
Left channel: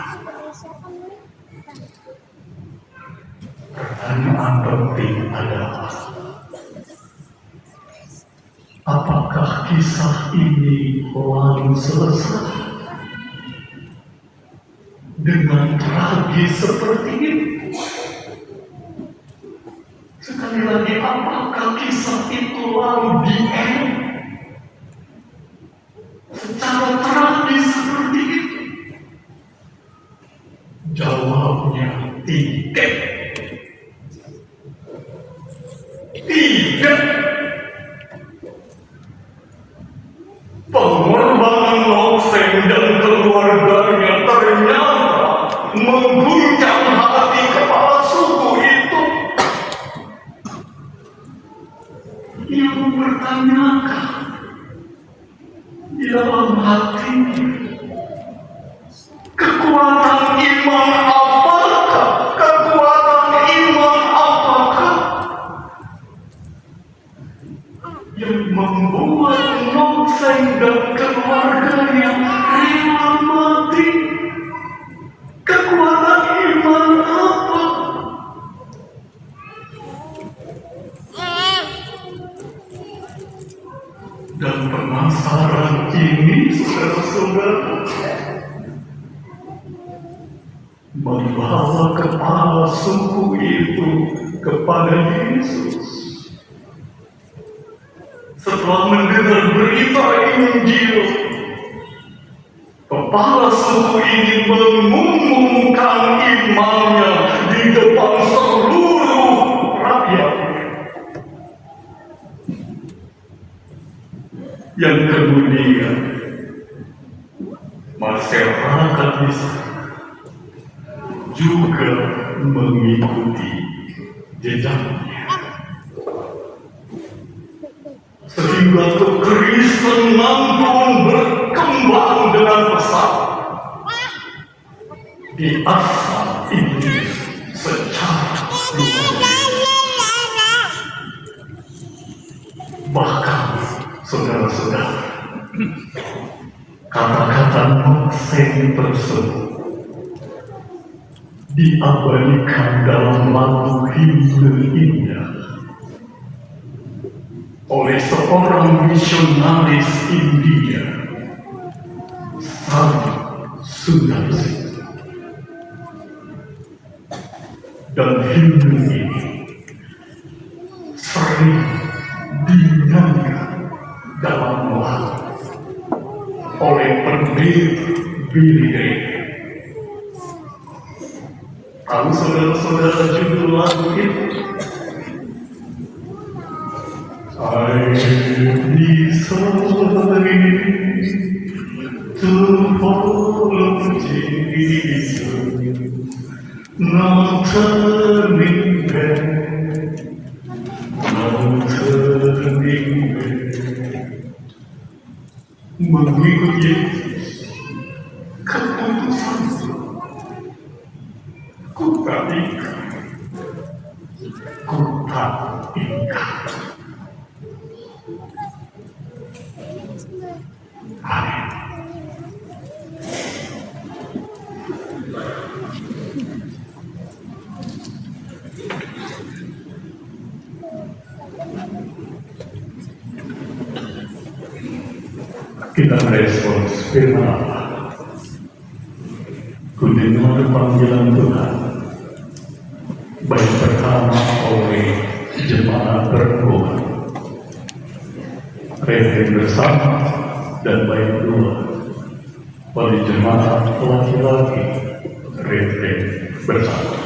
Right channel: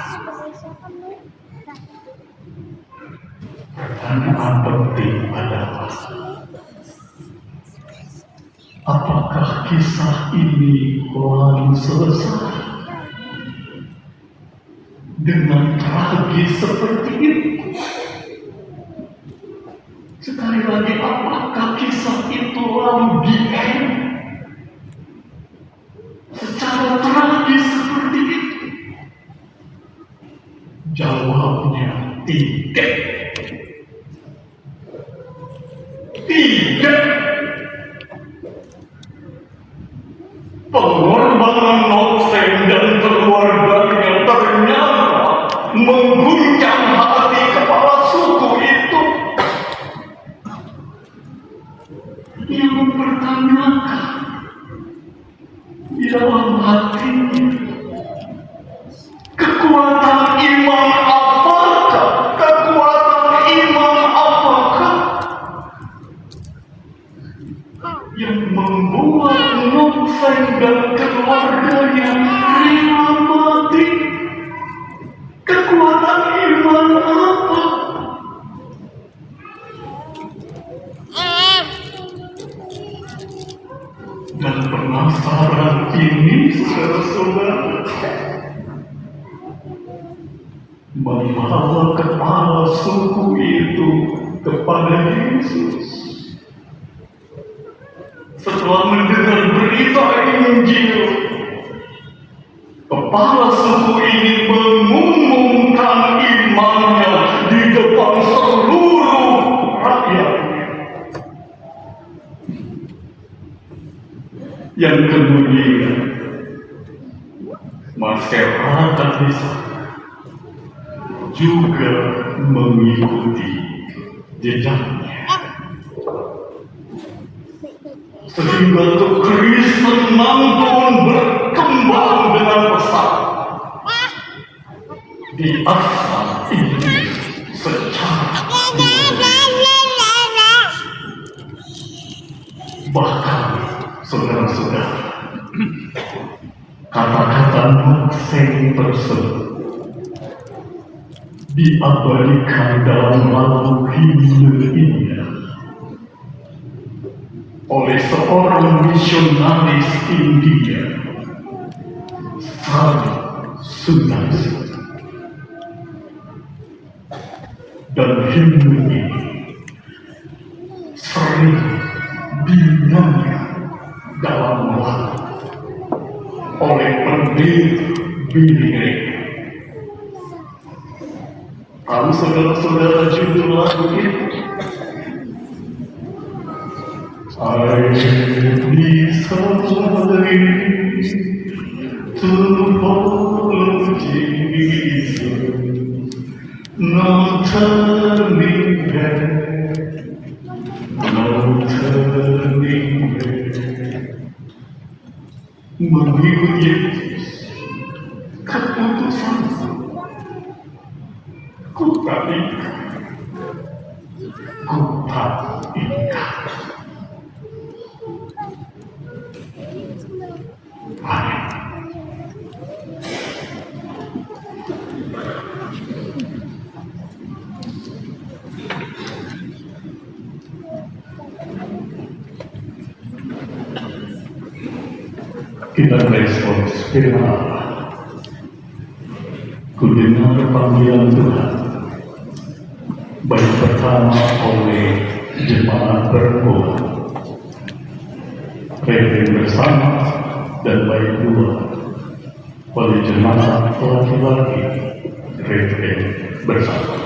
Pertanyaan penting adalah, apakah kisah ini lalu selesai dengan tragis seperti ini? Sekali lagi, apakah kisah itu lalu di-end secara tragis seperti itu? Jawabnya tidak. Tidak. Pengorbanan Mose dan keluarganya ternyata mengguncang hati kepala suku itu. Ia mempertanyakan di dalam hatinya, kekuatan iman apakah? Kekuatan iman apakah yang membuat Mose dan keluarganya rela mati? Kekuatan iman apa? Dan penasaran ini, saudara-saudara, membawa kepala suku itu kepada Yesus. Setelah mendengar berita Injil, kepala suku ini mengumumkan imannya di depan seluruh rakyatnya. Yang kemudian masyarakat Israel juga mengikuti jejaknya. Sehingga kekristenan pun berkembang dengan pesat di Asia ini secara luas. Bahkan, saudara-saudara, kata-kata Mose tersebut diabadikan dalam lagu himne indah oleh seorang misionaris India, Sri Sundarsi. Dan himne ini sering dinyanyikan dalam lagu oleh pendeta Billy Graham. Tahu saudara-saudara judul lagu itu? I decided to follow Jesus, no turning back, no turning back. Mengikut Yesus, keputusanku, ku tak ikat, ku tak ikat. Amin. Kita respons firman Allah. Ku dengar panggilan Tuhan, baik pertama oleh jemaat perempuan, Reverend bersama, dan baik kedua oleh jemaat laki-laki, Reverend bersama.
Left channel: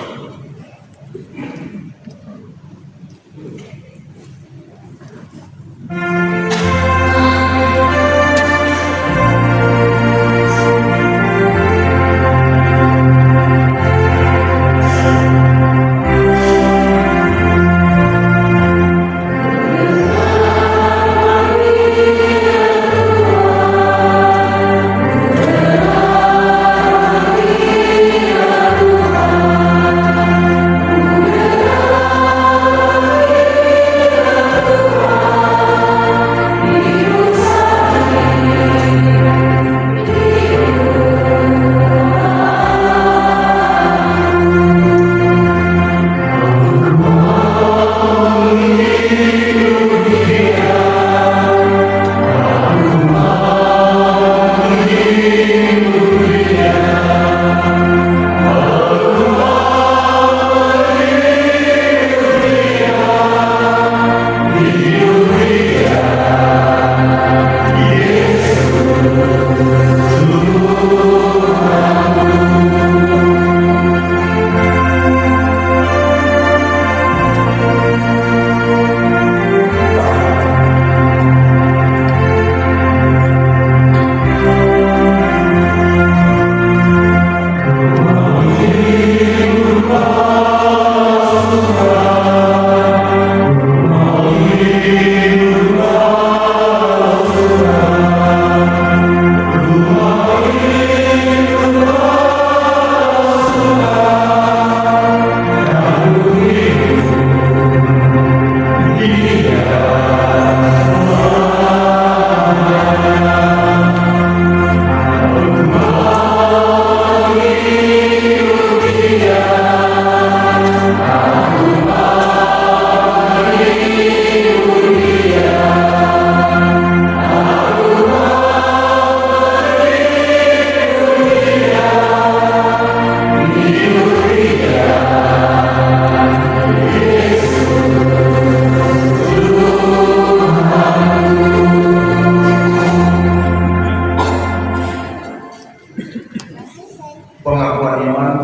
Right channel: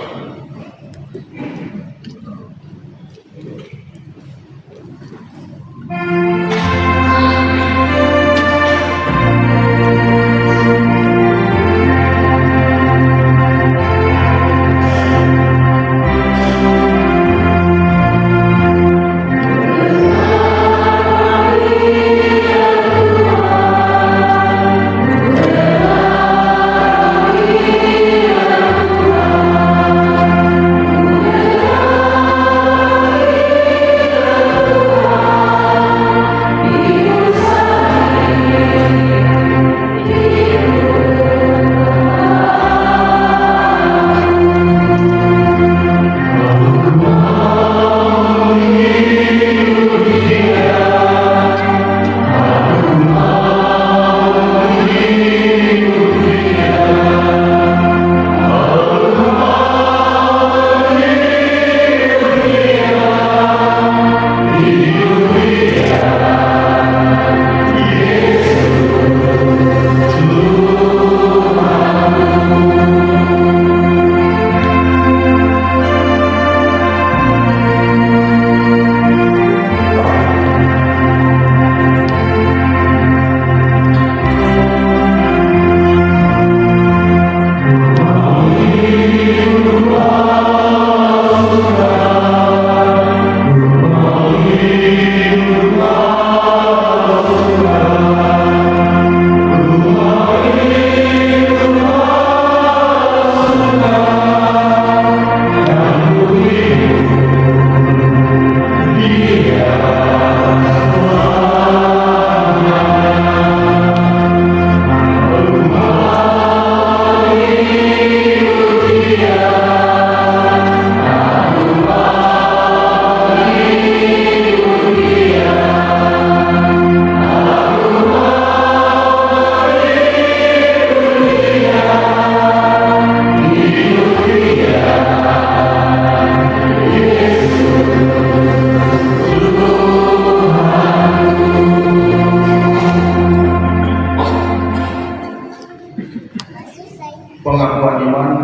Pengakuan iman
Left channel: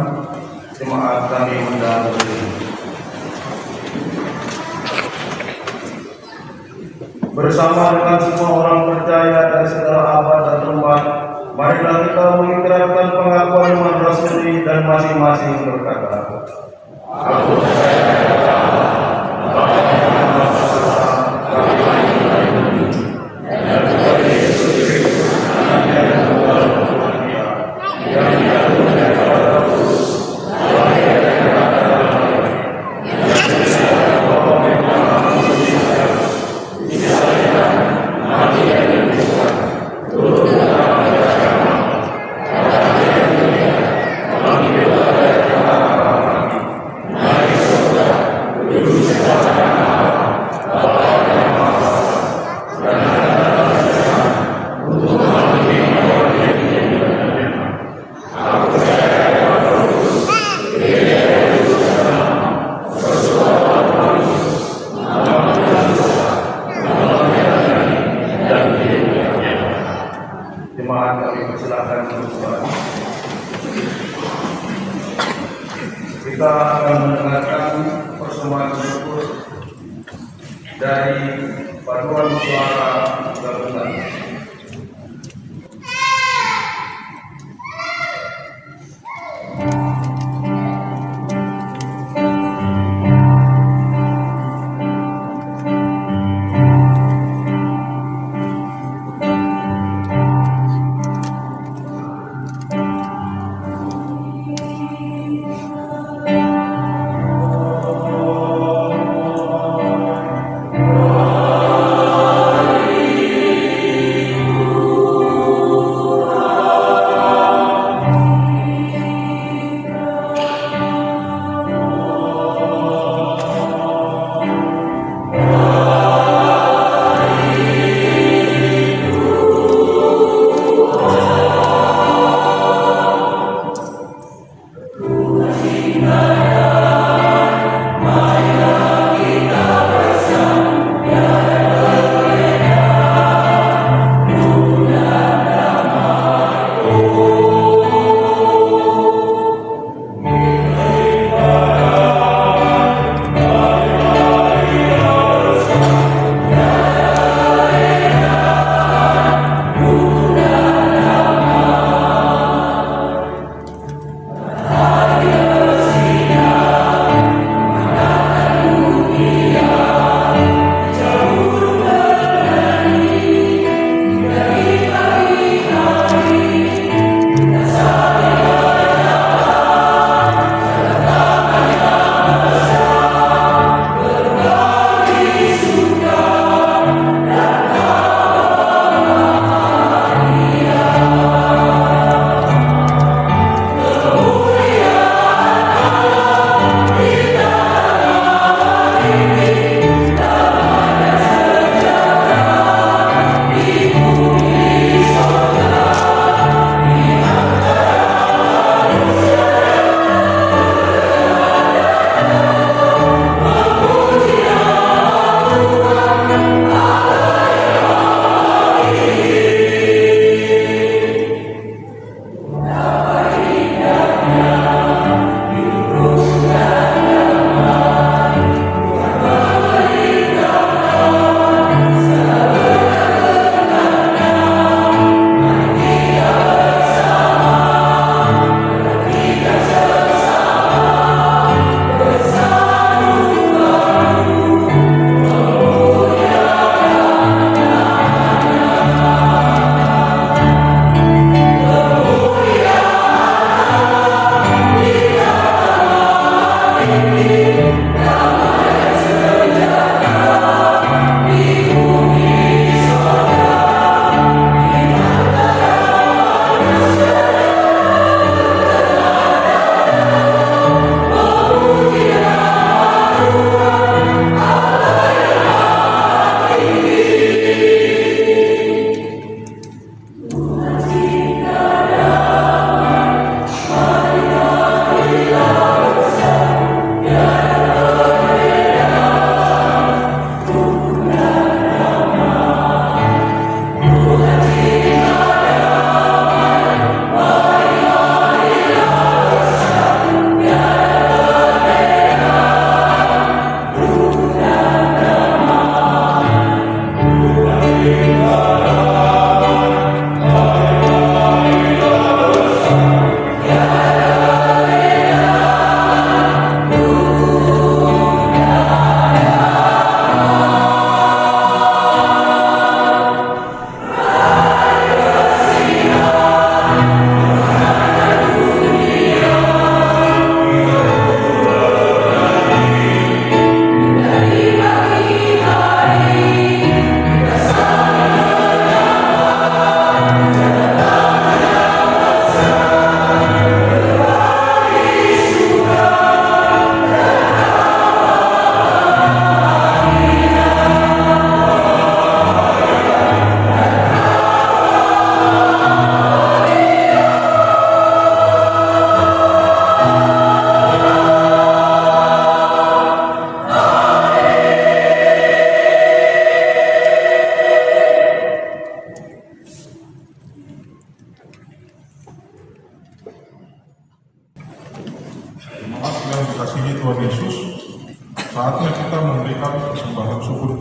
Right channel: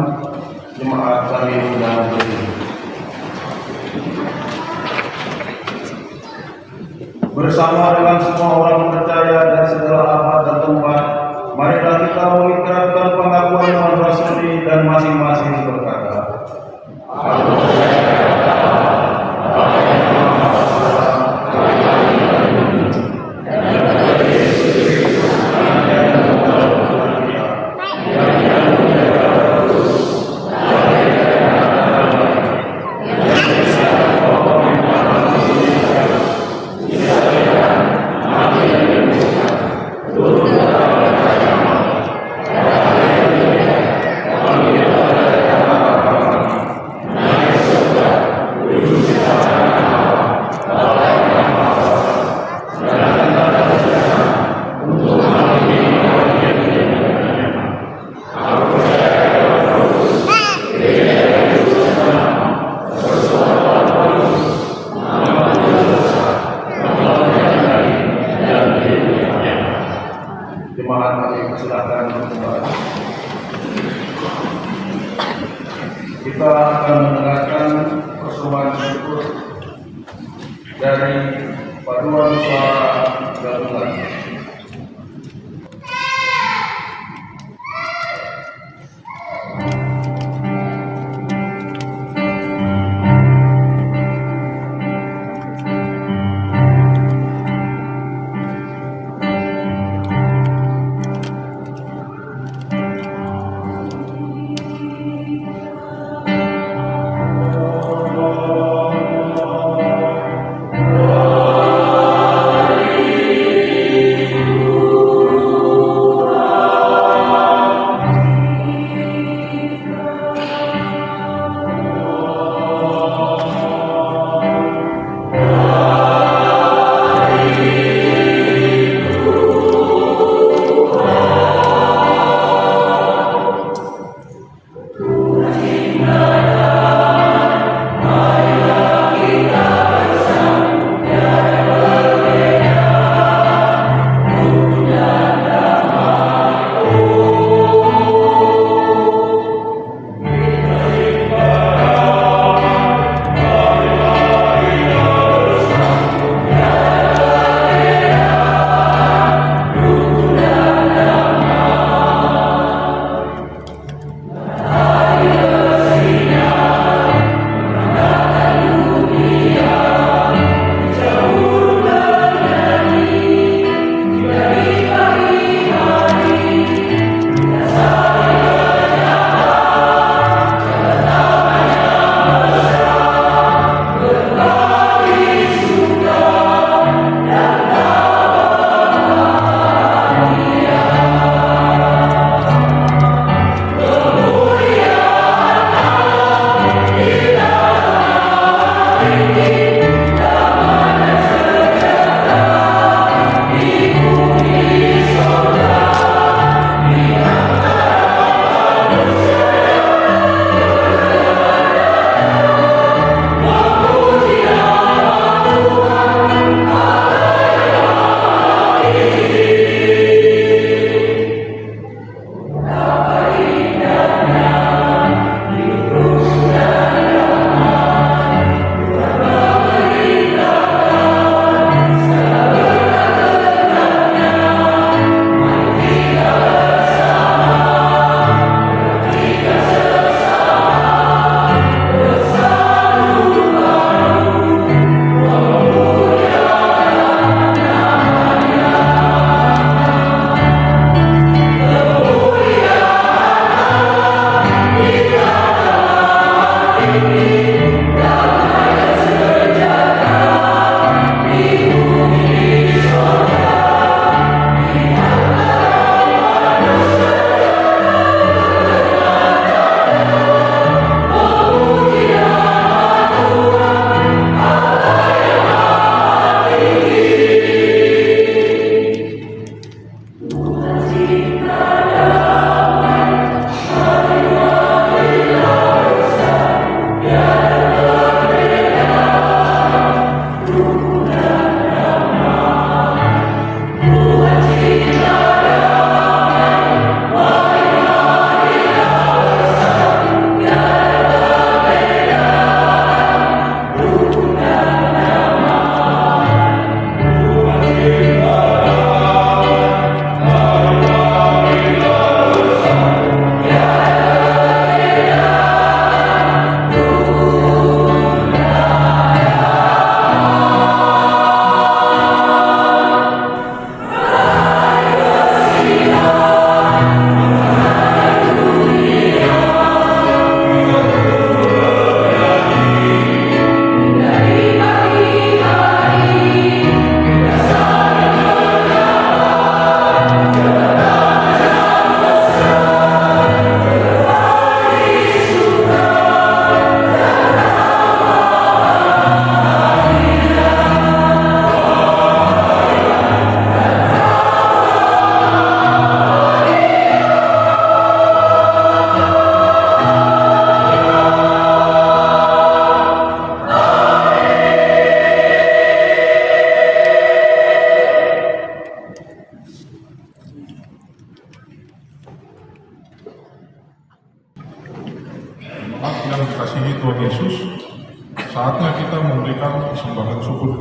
jemaat kami undang bersama dengan semua orang percaya dan segala abad dan tempat, marilah kita mengikrarkan pengakuan iman rasuli dan masing-masing berkata, aku percaya dari paduan suara gabungan.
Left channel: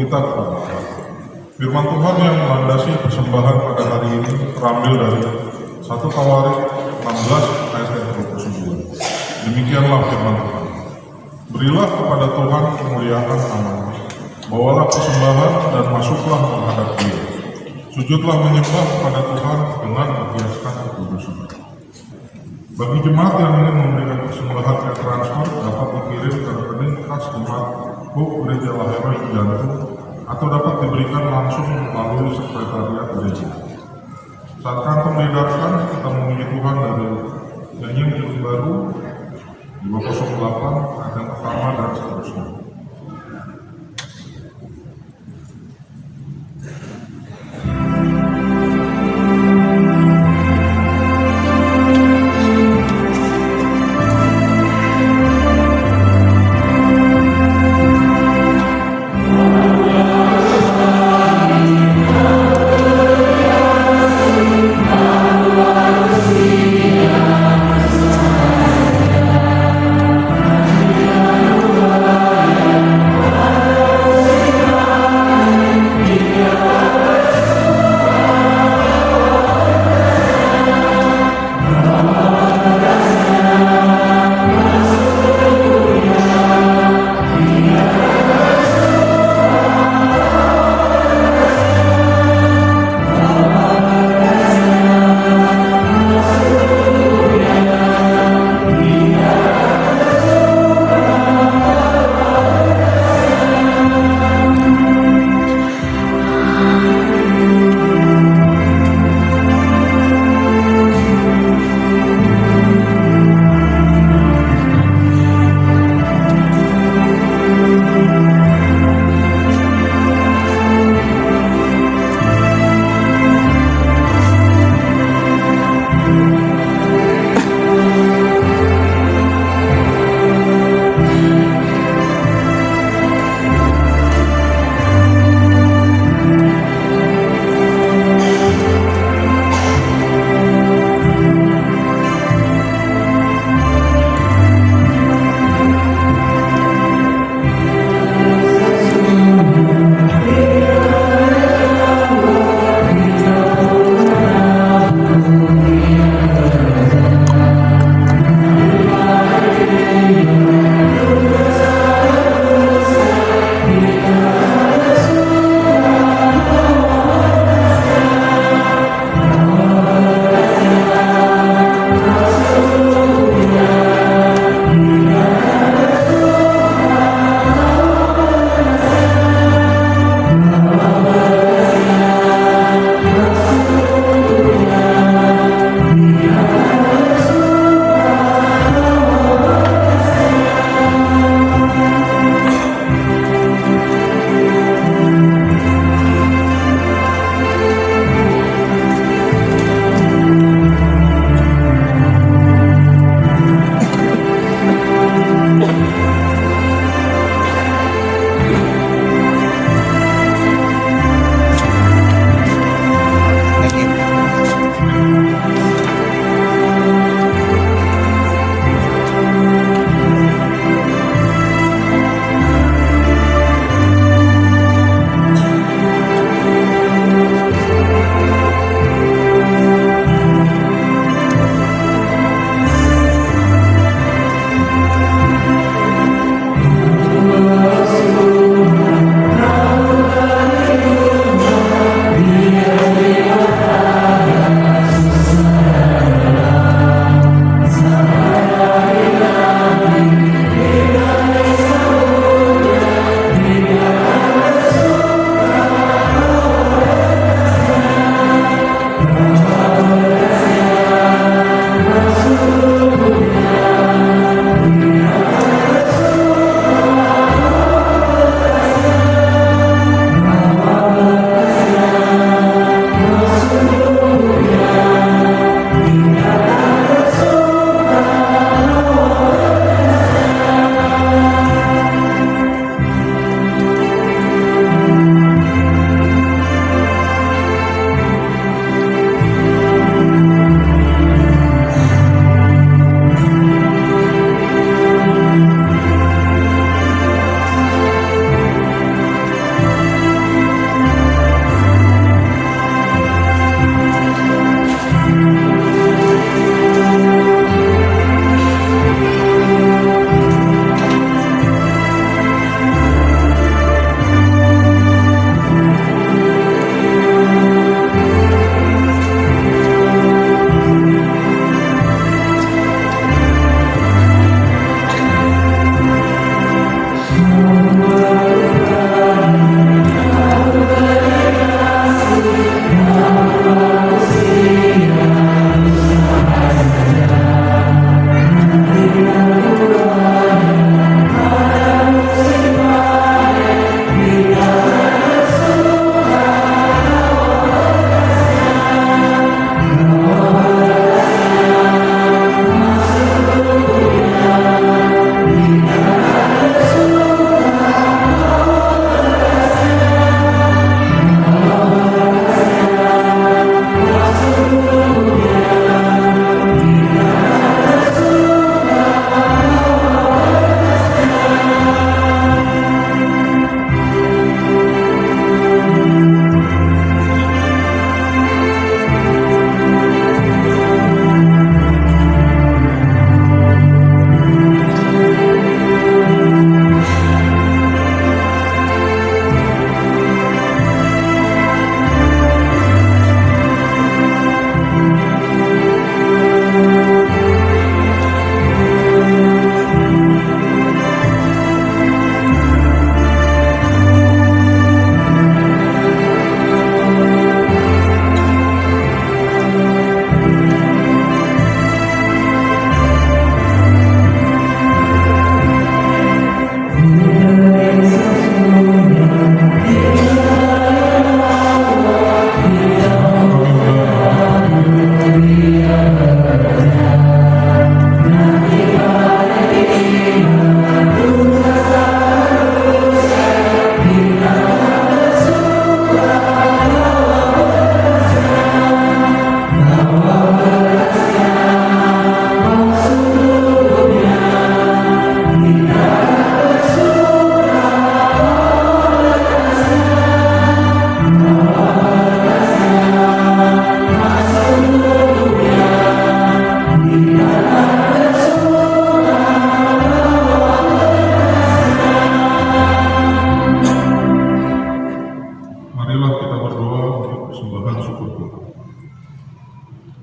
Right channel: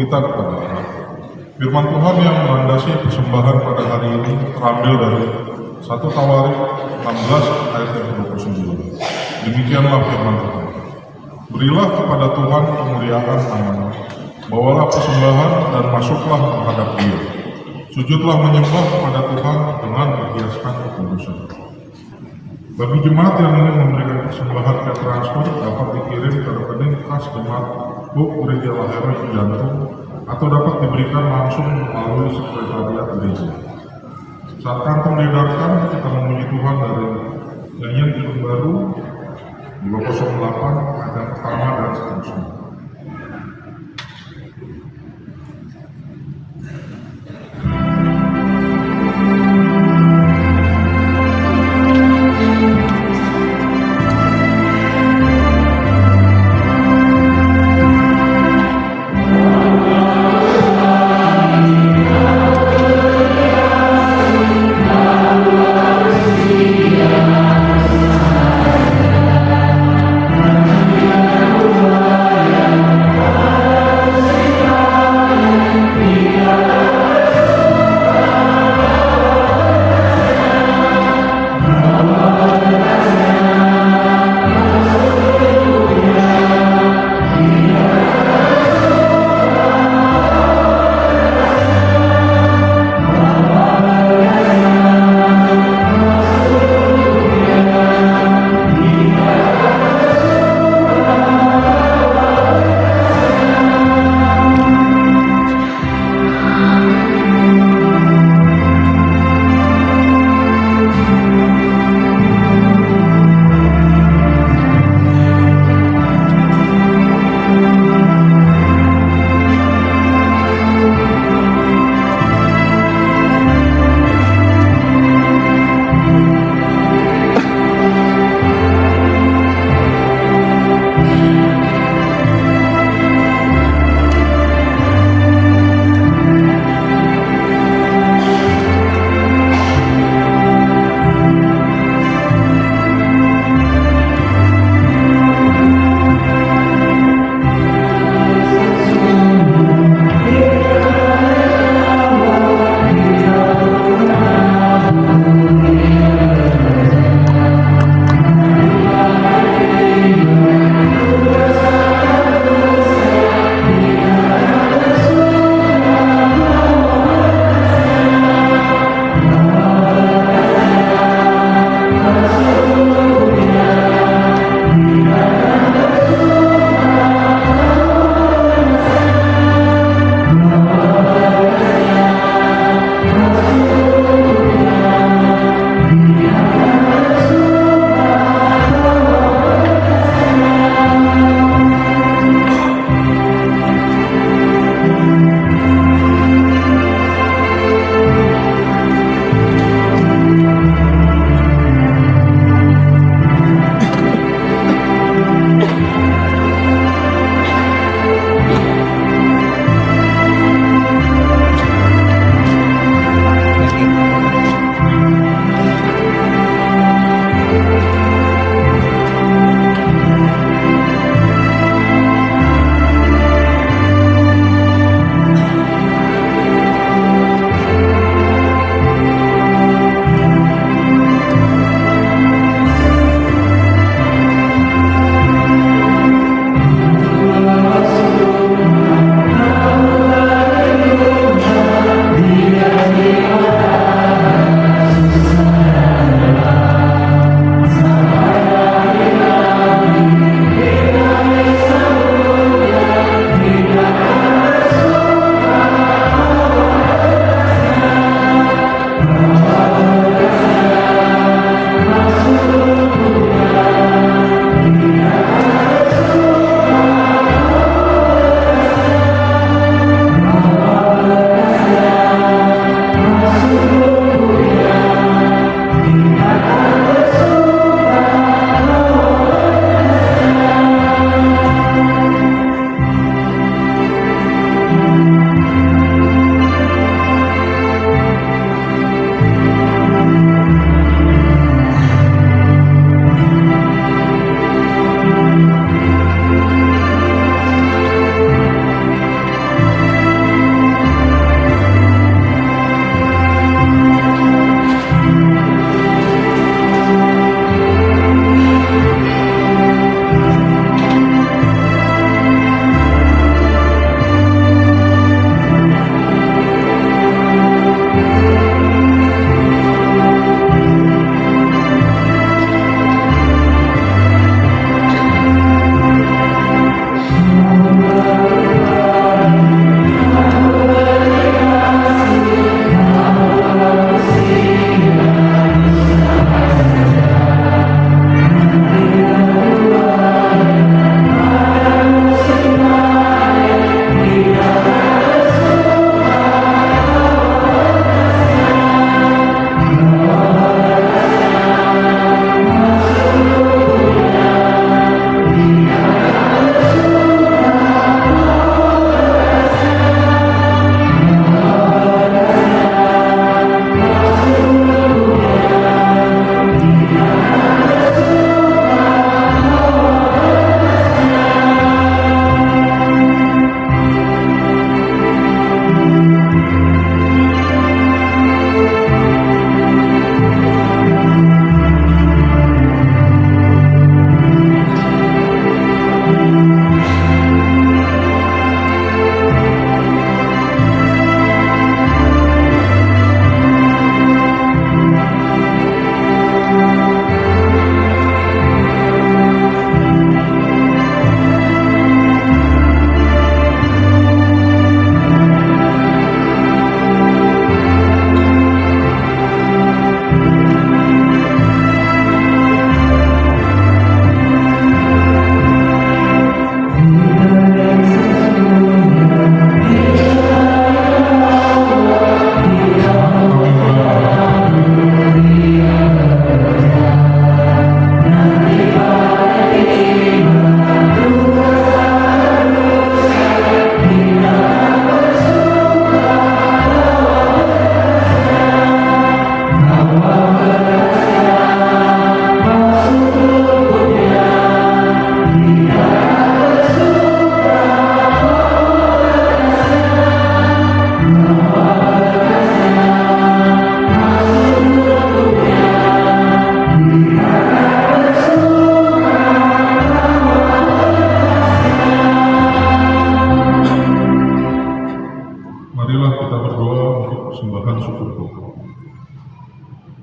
kita kepada Allah. Firman Tuhan yang melandasi persembahan pada hari ini terambil dari 1 Tawarik 16 ayat yang 29. Demikianlah firman Tuhan. Berilah kepada Tuhan kemuliaan namanya, bawalah persembahan dan masuklah menghadap Dia. Sujudlah menyembah kepada Tuhan dengan menghiaskan kekudusan. Bagi jemaat yang ingin memberikan persembahan ke transfer dapat dikirim ke rekening kas jemaat Hope Gereja Lahiroi Cijantung atau dapat diberikan langsung melalui sekretariat gereja. Saat kantong diedarkan, kita memuji Tuhan dari nyanyian Bikin Baru 208 ayat yang pertama dan seterusnya.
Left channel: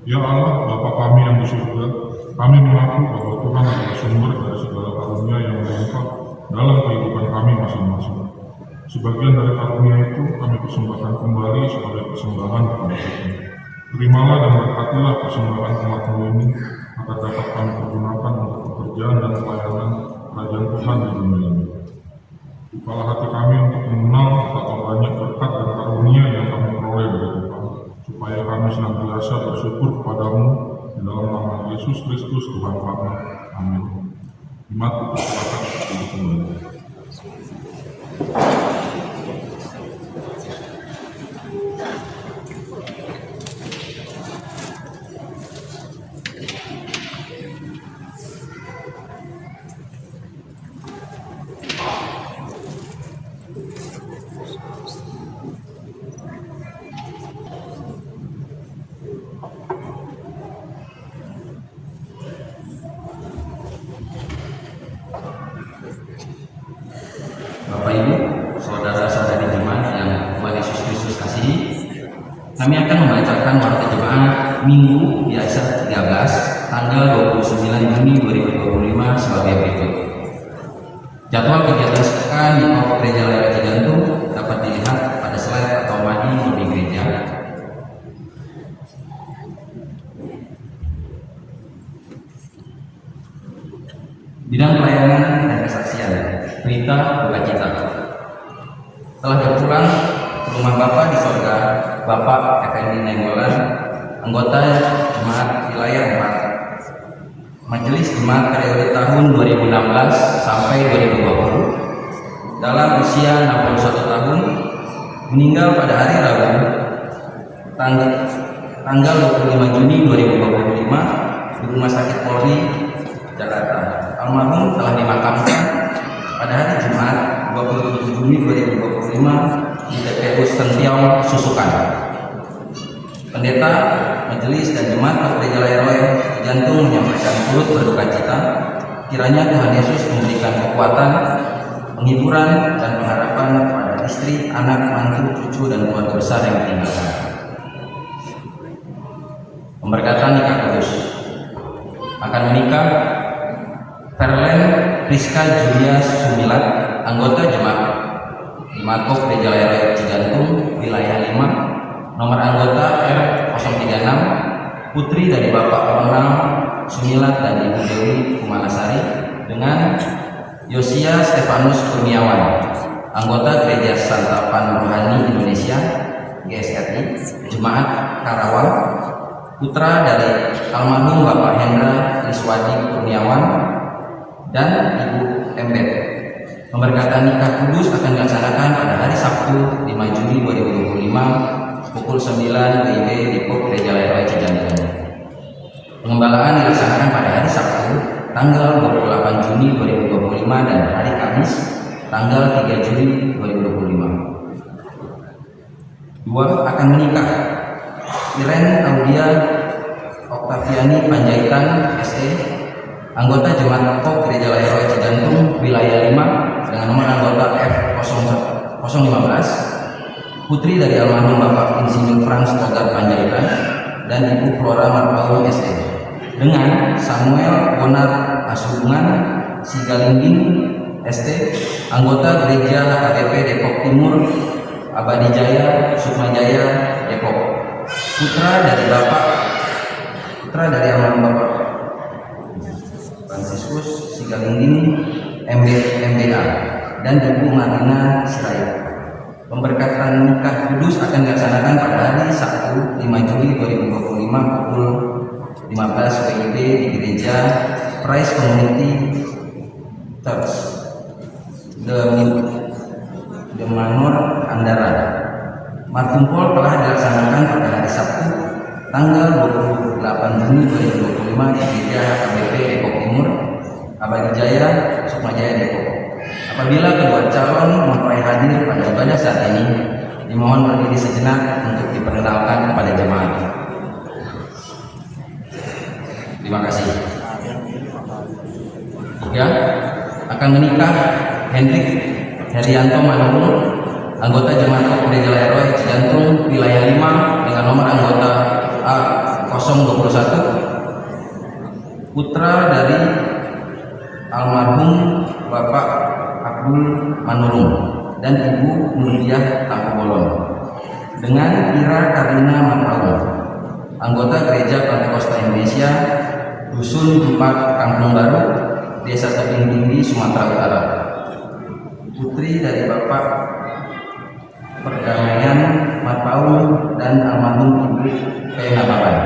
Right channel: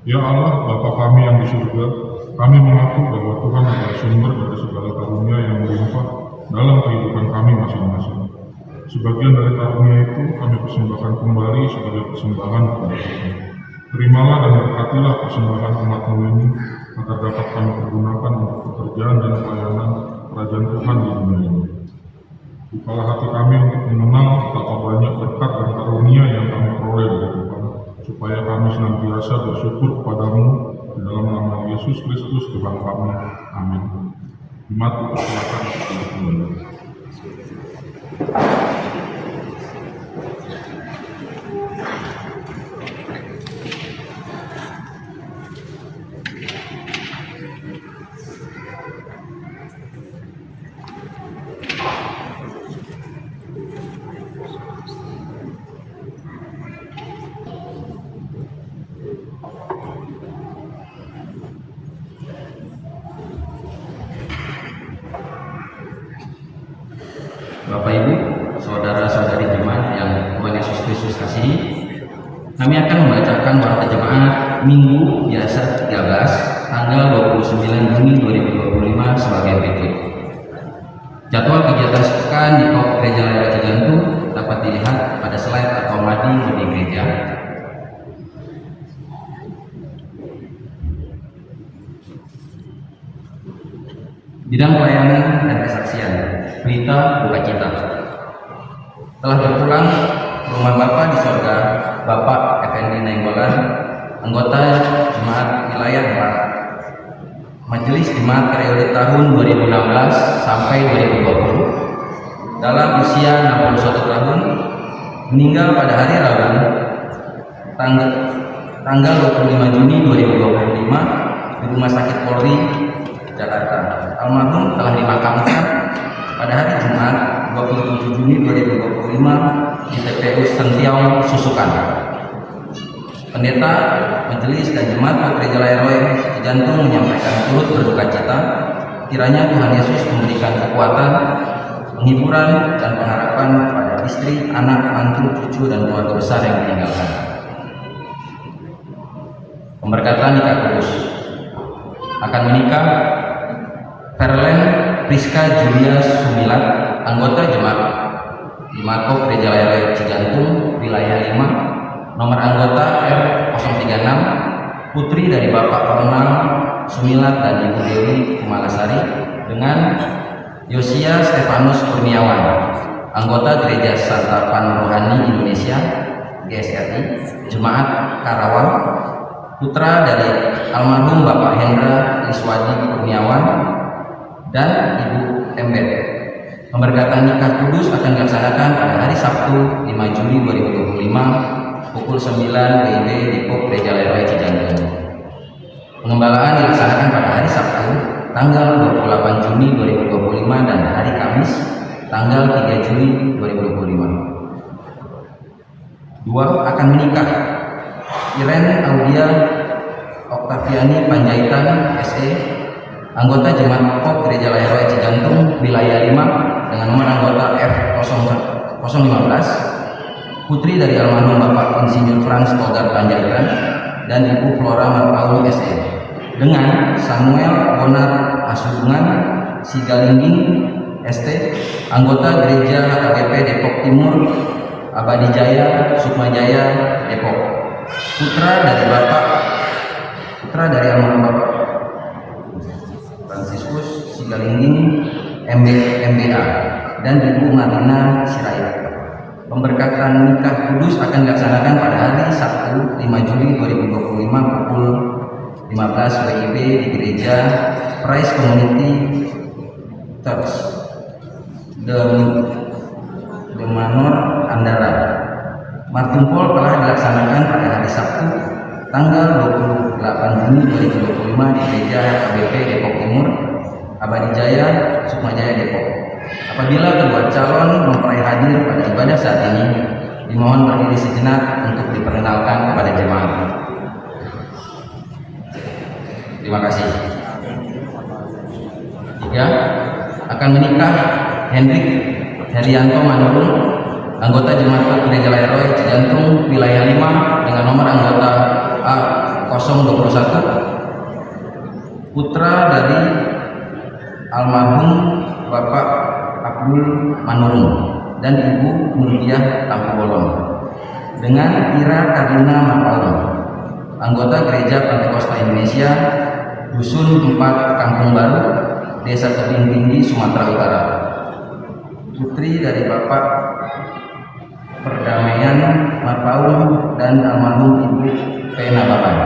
Ya Allah, Bapa kami yang di surga, kami mengaku bahwa Tuhan adalah sumber dari segala karunia yang melimpah dalam kehidupan kami masing-masing. Sebagian dari karunia itu kami persembahkan kembali sebagai persembahan kepada Tuhan. Terimalah dan berkatilah persembahan umat-Mu ini, agar dapat kami pergunakan untuk pekerjaan dan pelayanan kerajaan Tuhan di dunia ini. Bukalah hati kami untuk mengenal betapa banyak berkat dan karunia yang kami peroleh dari Tuhan, supaya kami senantiasa bersyukur kepadamu di dalam nama Yesus Kristus Tuhan kami. Amin. Jemaat dipersilakan untuk kembali. Bapak Ibu, saudara-saudari jemaat yang Tuhan Yesus Kristus kasihi, kami akan membacakan warta jemaat Minggu biasa 13 tanggal 29 Juni 2025 sebagai berikut. Jadwal kegiatan sepekan di Pop Gereja Raya Cijantung dapat dilihat pada slide atau mading di gereja. Bidang pelayanan dan kesaksian, berita duka cita. Telah berpulang ke rumah Bapa di sorga, Bapak Effendi Nainggolan, anggota Jemaat Wilayah Barat, Majelis Jemaat periode tahun 2016 sampai 2020, dalam usia 61 tahun, meninggal pada hari Rabu, tanggal 25 Juni 2025 di Rumah Sakit Polri, Jakarta. Almarhum telah dimakamkan pada hari Jumat 27 Juni 2025 di TPU Sentiau, Susukan. Pendeta Majelis dan Jemaat Gereja Raya Cijantung menyampaikan turut berduka cita, kiranya Tuhan Yesus memberikan kekuatan, penghiburan dan pengharapan pada istri, anak, mantu, cucu dan keluarga besar yang ditinggalkan. Pemberkatan nikah kudus. Akan menikah Caroline Priska Julia Sumilat, anggota Jemaat Imago Gereja Raya Cijantung, wilayah 5, nomor anggota R036, putri dari Bapak Orma Sumilat dan Ibu Dewi Kumalasari, dengan Yosia Stefanus Kurniawan, anggota Gereja Santapan Rohani Indonesia GSRI, Jemaat Karawang, putra dari almarhum Bapak Hendra Iswadi Kurniawan dan Ibu Embet. Pemberkatan nikah kudus akan dilaksanakan pada hari Sabtu 5 Juni 2025 pukul 9 WIB di Pop Gereja Raya Cijantung. Pengembalaan dilaksanakan pada hari Sabtu tanggal 28 Juni 2025 dan hari Kamis tanggal 3 Juni 2025. 2. Akan menikah Iren Audia Oktaviani Panjaitan SE, anggota Jemaat Pop Gereja Raya Cijantung, wilayah 5, dengan nomor anggota F015, putri dari almarhum Bapak Insinyur Frans Togar Panjaitan dan Ibu Flora Marpalu SE, dengan Samuel Bonat Asubungan Sigalingging ST, anggota Gereja AGP Depok Timur, Abadi Jaya Sukmajaya Depok, putra dari almarhum Bapak Fransiskus Sigalingging MBA dan Ibu Marina Sirait. Pemberkatan nikah kudus akan dilaksanakan pada hari Sabtu 5 Juli 2025 pukul 15 WIB di Gereja Praise Community Church The Manor Andara. Martumpol telah dilaksanakan pada hari Sabtu tanggal 28 Juni 2025 di Gereja ABP Depok Timur, Abadi Jaya Sukmajaya Depok. Apabila kedua calon mempelai hadir pada ibadah saat ini, dimohon berdiri sejenak untuk diperkenalkan kepada jemaat. Terima kasih. 3. Akan menikah Hendrik Herianto Manurung, anggota Jemaat Gereja Raya Cijantung, wilayah 5, dengan nomor anggota A012 21, putra dari almarhum Bapak Abdul Manurung dan Ibu Nurdiah Tambolon dengan Ira Kadina Mapalung, anggota Gereja Pentakosta Indonesia, Dusun 4 Kampung Baru, Desa Tebing Tinggi, Sumatera Utara. Putri dari Bapak Perdamaian Mapalung dan almarhum Ibu P. Nabaran.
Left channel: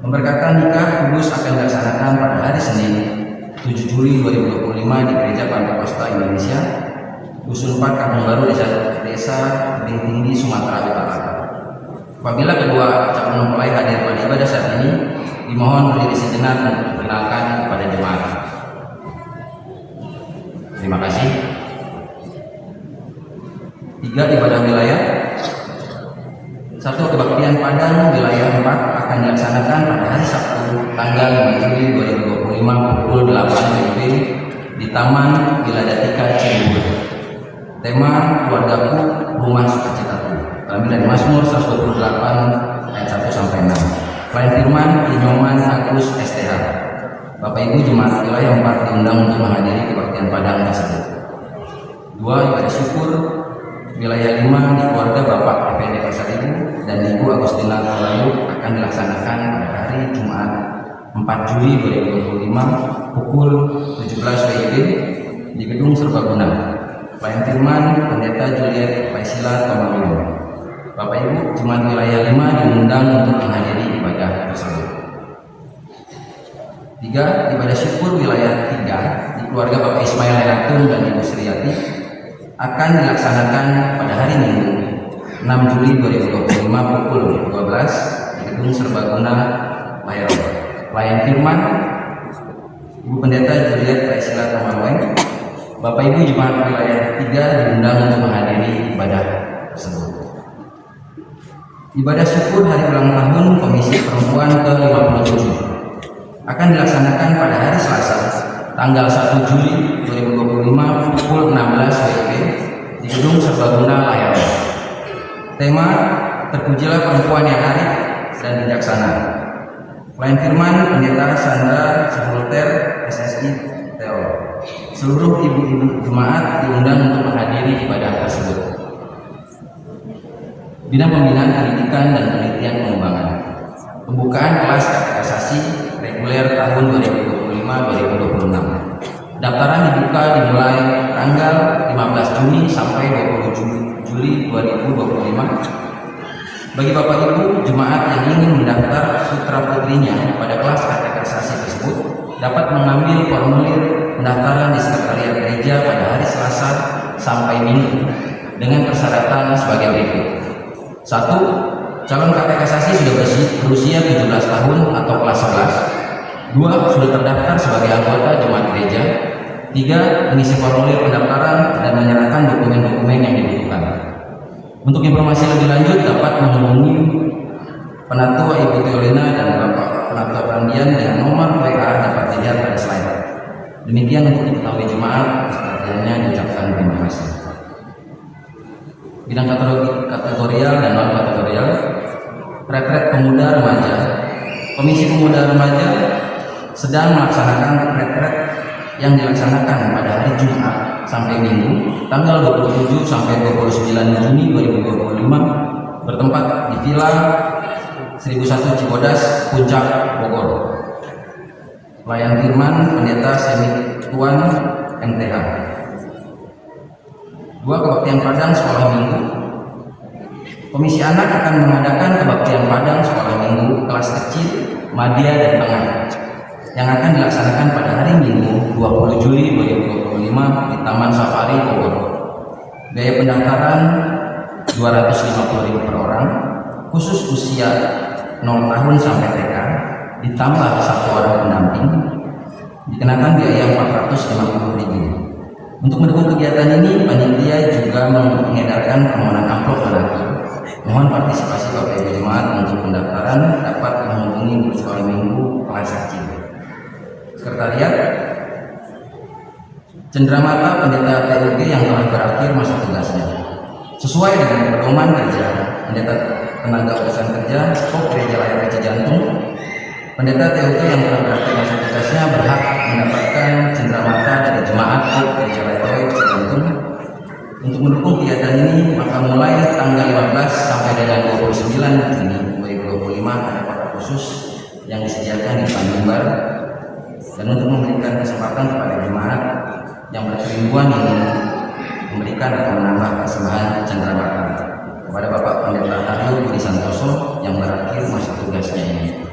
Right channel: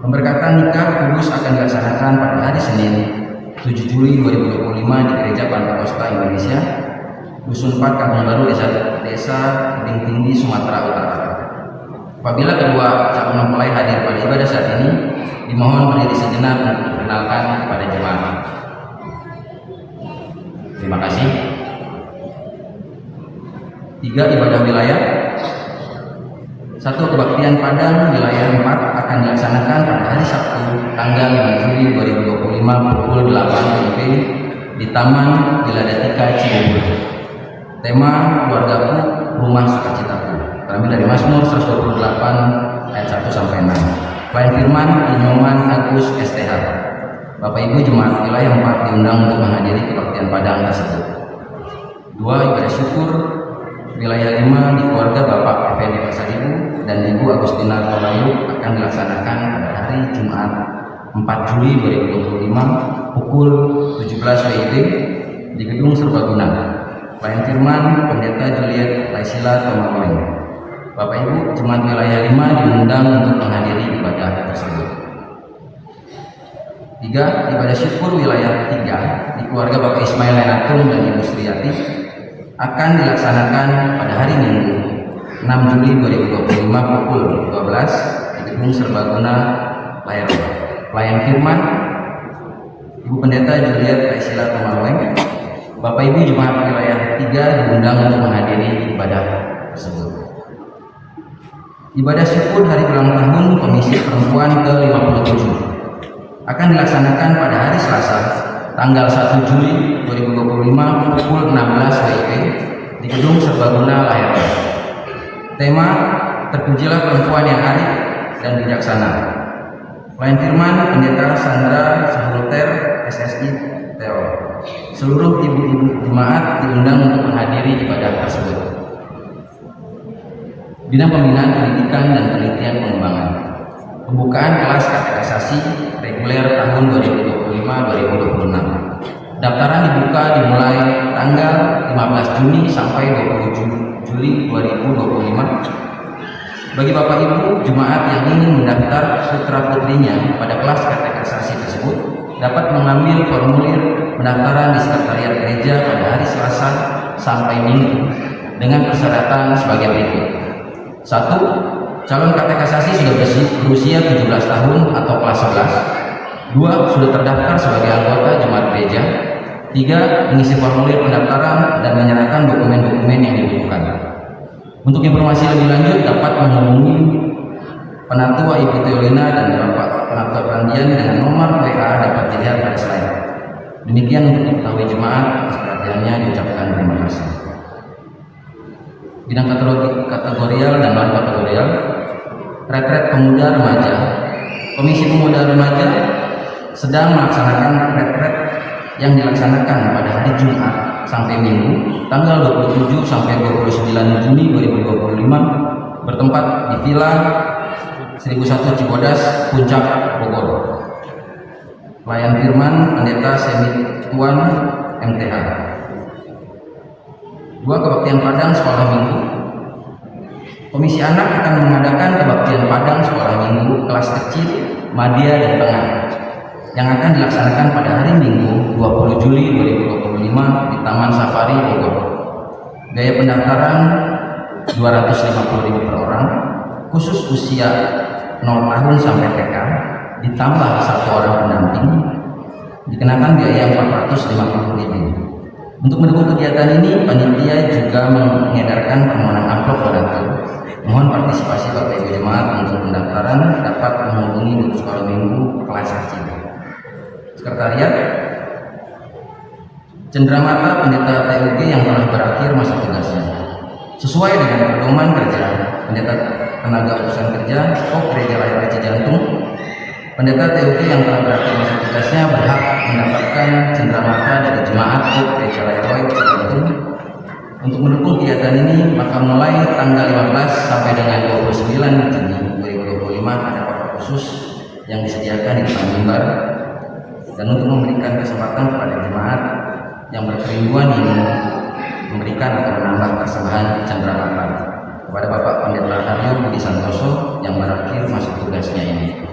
Pemberkatan nikah kudus akan dilaksanakan pada hari Senin 7 Juli 2025 di Gereja Pentakosta Indonesia, Dusun 4 Kampung Baru, Desa Tebing Tinggi, Sumatera Utara. Apabila kedua calon mempelai hadir pada ibadah saat ini, dimohon berdiri sejenak untuk diperkenalkan kepada jemaat. Terima kasih. 3. Ibadah wilayah. 1. Kebaktian Padang wilayah 4 akan dilaksanakan pada hari Sabtu tanggal 5 Juli 2025 pukul 8 WIB di Taman Wiladatika Cibubur. Tema keluargaku, rumah sukacitaku. Kami dari Mazmur 128 ayat 1 sampai 6. Klien firman Inyoman Agus STH. Bapak Ibu jemaat wilayah 4 diundang untuk menghadiri kebaktian Padang tersebut. 2. Ibadah syukur wilayah 5 di keluarga Bapak Effendi Pasaribu dan Ibu Agustina Kalayu akan dilaksanakan pada hari Jumat 4 Juli 2025 pukul 17 WIB di Gedung Serbaguna. Klien firman Pendeta Juliet Kaisila Tomolin. Bapak Ibu jemaat wilayah 5 diundang untuk menghadiri ibadah tersebut. 3. Ibadah syukur wilayah 3 di keluarga Bapak Ismail Ratun dan Ibu Sriati akan dilaksanakan pada hari Minggu 6 Juli 2025 pukul 12 di Gedung Serbaguna Layar. Pelayan firman Ibu Pendeta Juliet Kaisila Tomolin. Bapak Ibu jemaat wilayah 3 diundang untuk menghadiri ibadah tersebut. Ibadah syukur hari ulang tahun Komisi Perempuan ke-57 akan dilaksanakan pada hari Selasa tanggal 1 Juli 2025 pukul 16 WIB di Gedung Serbaguna Layar. Tema Terpujilah Perempuan yang Arif dan Bijaksana. Klien firman Pendeta Sandra Sahulter SSI Teror. Seluruh ibu-ibu jemaat diundang untuk menghadiri ibadah tersebut. Bidang Pembinaan Pendidikan dan Penelitian Pengembangan. Pembukaan kelas kategorisasi reguler tahun 2025-2026. Daftaran dibuka dimulai tanggal 15 Juni sampai 20 Juli 2025. Bagi Bapak Ibu jemaat yang ingin mendaftar putra-putrinya pada kelas kategorisasi tersebut dapat mengambil formulir pendaftaran di sekretariat gereja pada hari Selasa sampai Minggu dengan persyaratan sebagai berikut. 1. Calon katekisasi sudah berusia 17 tahun atau kelas 11. 2. Sudah terdaftar sebagai anggota jemaat gereja. 3. Mengisi formulir pendaftaran dan menyerahkan dokumen-dokumen yang dibutuhkan. Untuk informasi lebih lanjut dapat menghubungi Penatua Ibu Teolina dan Bapak Penatua Pandian dengan nomor WA dapat dilihat pada saya. Demikian untuk diketahui jemaat, perhatiannya diucapkan terima kasih. Bidang kategorial dan non kategorial. Retret Pemuda Remaja. Komisi Pemuda Remaja sedang melaksanakan retret yang dilaksanakan pada hari Jumat sampai Minggu tanggal 27 sampai 29 Juni 2025 bertempat di Villa 1001 Cibodas, Puncak, Bogor. Pelayan firman Pendeta Semit Tuan MTH. 2. Kebaktian Padang Sekolah Minggu. Komisi Anak akan mengadakan kebaktian Padang Sekolah Minggu kelas kecil, madya dan tengah yang akan dilaksanakan pada hari Minggu 20 Juli 2025 di Taman Safari Bogor. Biaya pendaftaran Rp250.000 per orang, khusus usia 0 tahun sampai TK, ditambah 1 orang pendamping, dikenakan biaya Rp450.000. Untuk mendukung kegiatan ini, panitia juga mengedarkan permohonan amplop modal. Mohon partisipasi Bapak Ibu jemaat untuk pendaftaran dapat menghubungi Grup Sekolah Minggu kelas kecil. Sekretariat Cenderamata Pendeta TUG yang telah berakhir masa tugasnya. Sesuai dengan pedoman kerja Pendeta Tenaga Urusan Kerja Kop Gereja Lahir Cijantung Pendeta TUT yang telah melaksanakan tugasnya berhak mendapatkan cenderamata dari jemaat Gereja Leroy Cijantung. Untuk mendukung kegiatan ini, maka mulai tanggal 15 sampai dengan 29 Juni 2025 ada rapat khusus yang disediakan di Bandung Barat, dan untuk memberikan kesempatan kepada jemaat yang berkerinduan ingin memberikan atau menambah persembahan cenderamata kepada Bapak Pendeta Haryo Budi Santoso yang berakhir masa tugasnya ini.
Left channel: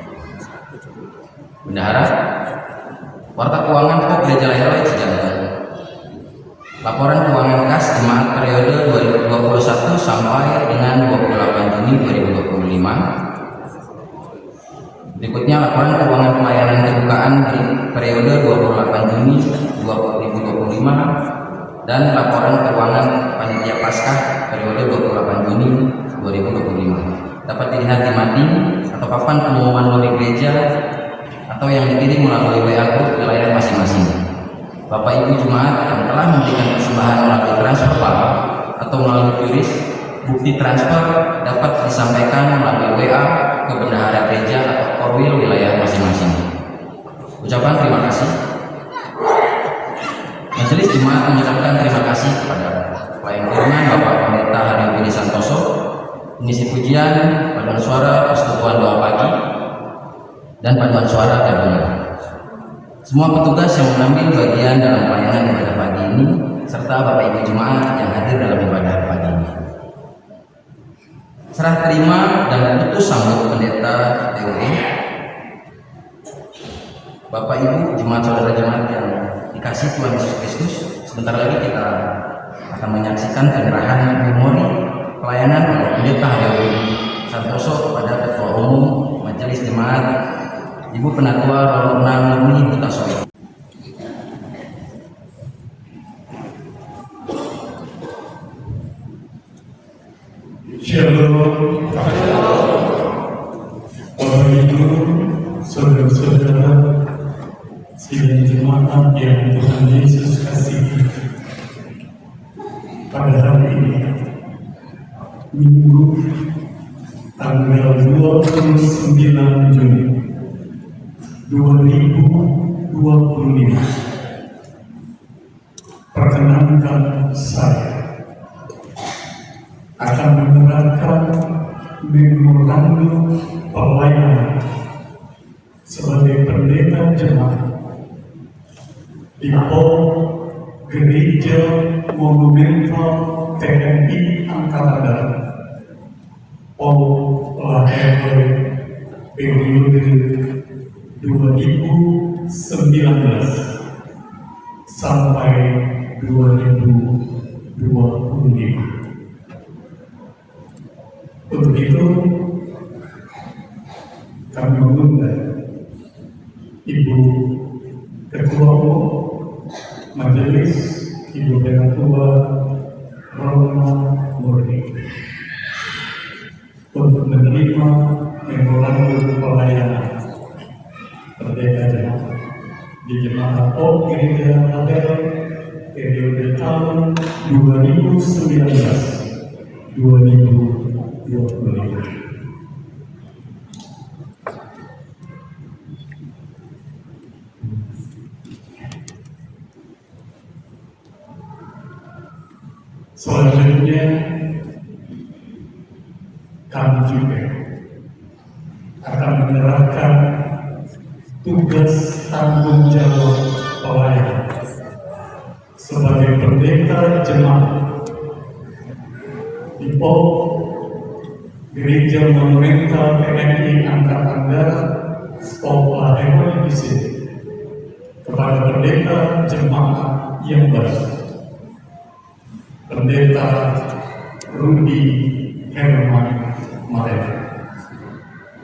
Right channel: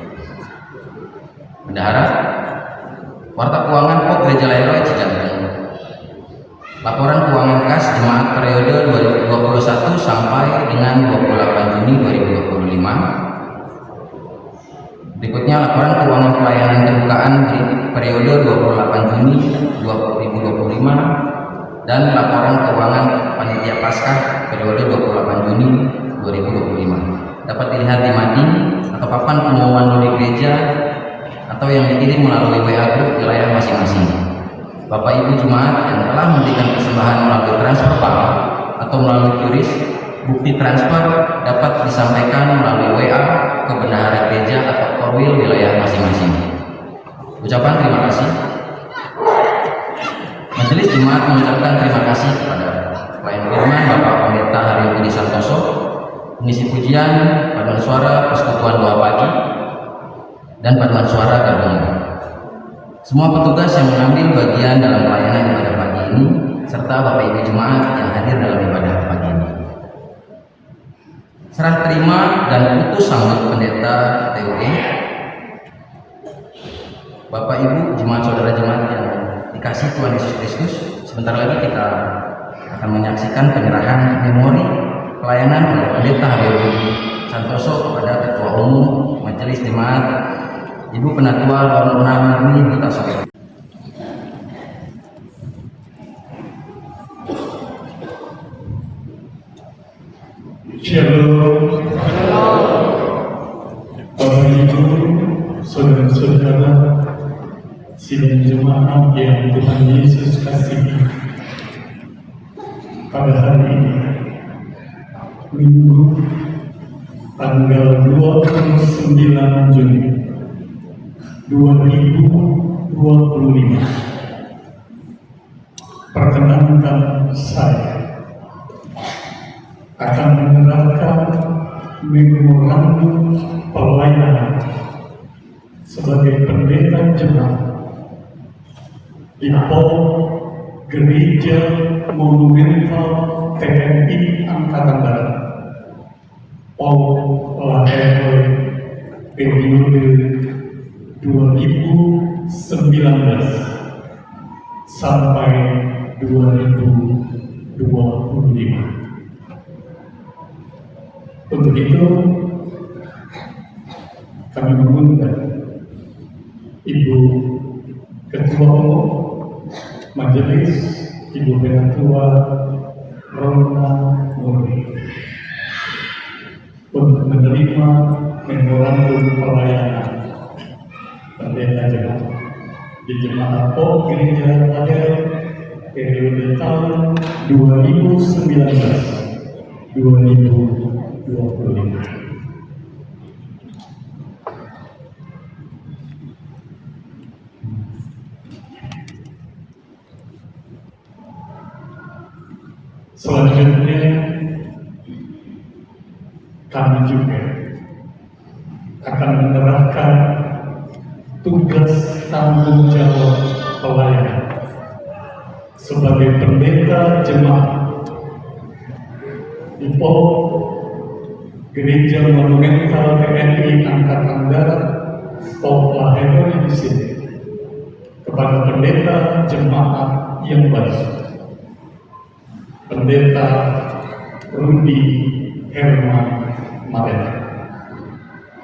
Bendahara, Warta Keuangan Pop Gereja Leroy Cijantung. Laporan keuangan kas jemaat periode 2021 sampai dengan 28 Juni 2025. Berikutnya laporan keuangan pelayanan kebukaan di periode 28 Juni 2025 dan laporan keuangan panitia Paskah periode 28 Juni 2025. Dapat dilihat di mading atau papan pengumuman dari gereja atau yang dikirim melalui WA group wilayah masing-masing. Bapak Ibu jemaat yang telah memberikan persembahan melalui transfer PAL atau melalui QRIS, bukti transfer dapat disampaikan melalui WA ke bendahara gereja atau korwil wilayah masing-masing. Ucapan terima kasih. Majelis jemaat mengucapkan terima kasih kepada pelayan firman Bapak Pendeta Haryo Budi Santoso, pengisi pujian, paduan suara persekutuan doa pagi, dan paduan suara gabungan. Semua petugas yang mengambil bagian dalam pelayanan ibadah pagi ini, serta Bapak Ibu jemaat yang hadir dalam ibadah pagi ini. Serah terima dan putus sanggup Pendeta TUT. Bapak Ibu jemaat saudara jemaat yang dikasih Tuhan Yesus Kristus, sebentar lagi kita akan menyaksikan penyerahan memori pelayanan oleh Pendeta Haryo Budi Santoso kepada Ketua Umum Majelis Jemaat Ibu Penatua Lorna Murni Buta Soe. Shalom. Bapak Ibu, saudara-saudara, sidang jemaat yang Tuhan Yesus kasihi. Pada hari ini, Minggu tanggal 29 Juni 2025, perkenankan saya akan menyerahkan memorandum pelayanan sebagai pendeta jemaat di POM Gereja Monumental TNI Angkatan Darat POM Leroy periode 2019 sampai 2025. Untuk itu, kami mengundang Ibu Ketua Umum Majelis, Ibu Penatua Lorna Murni, untuk menerima memorandum pelayanan pendeta jemaat di Jemaat POM Gereja Leroy periode tahun 2019-2025. Selanjutnya, kami juga akan menyerahkan tugas tanggung jawab pelayanan sebagai pendeta jemaat di POM Gereja Monumental TNI Angkatan Darat POM Leroy di sini kepada pendeta jemaat yang baru, Pendeta Rudi Herman Marete.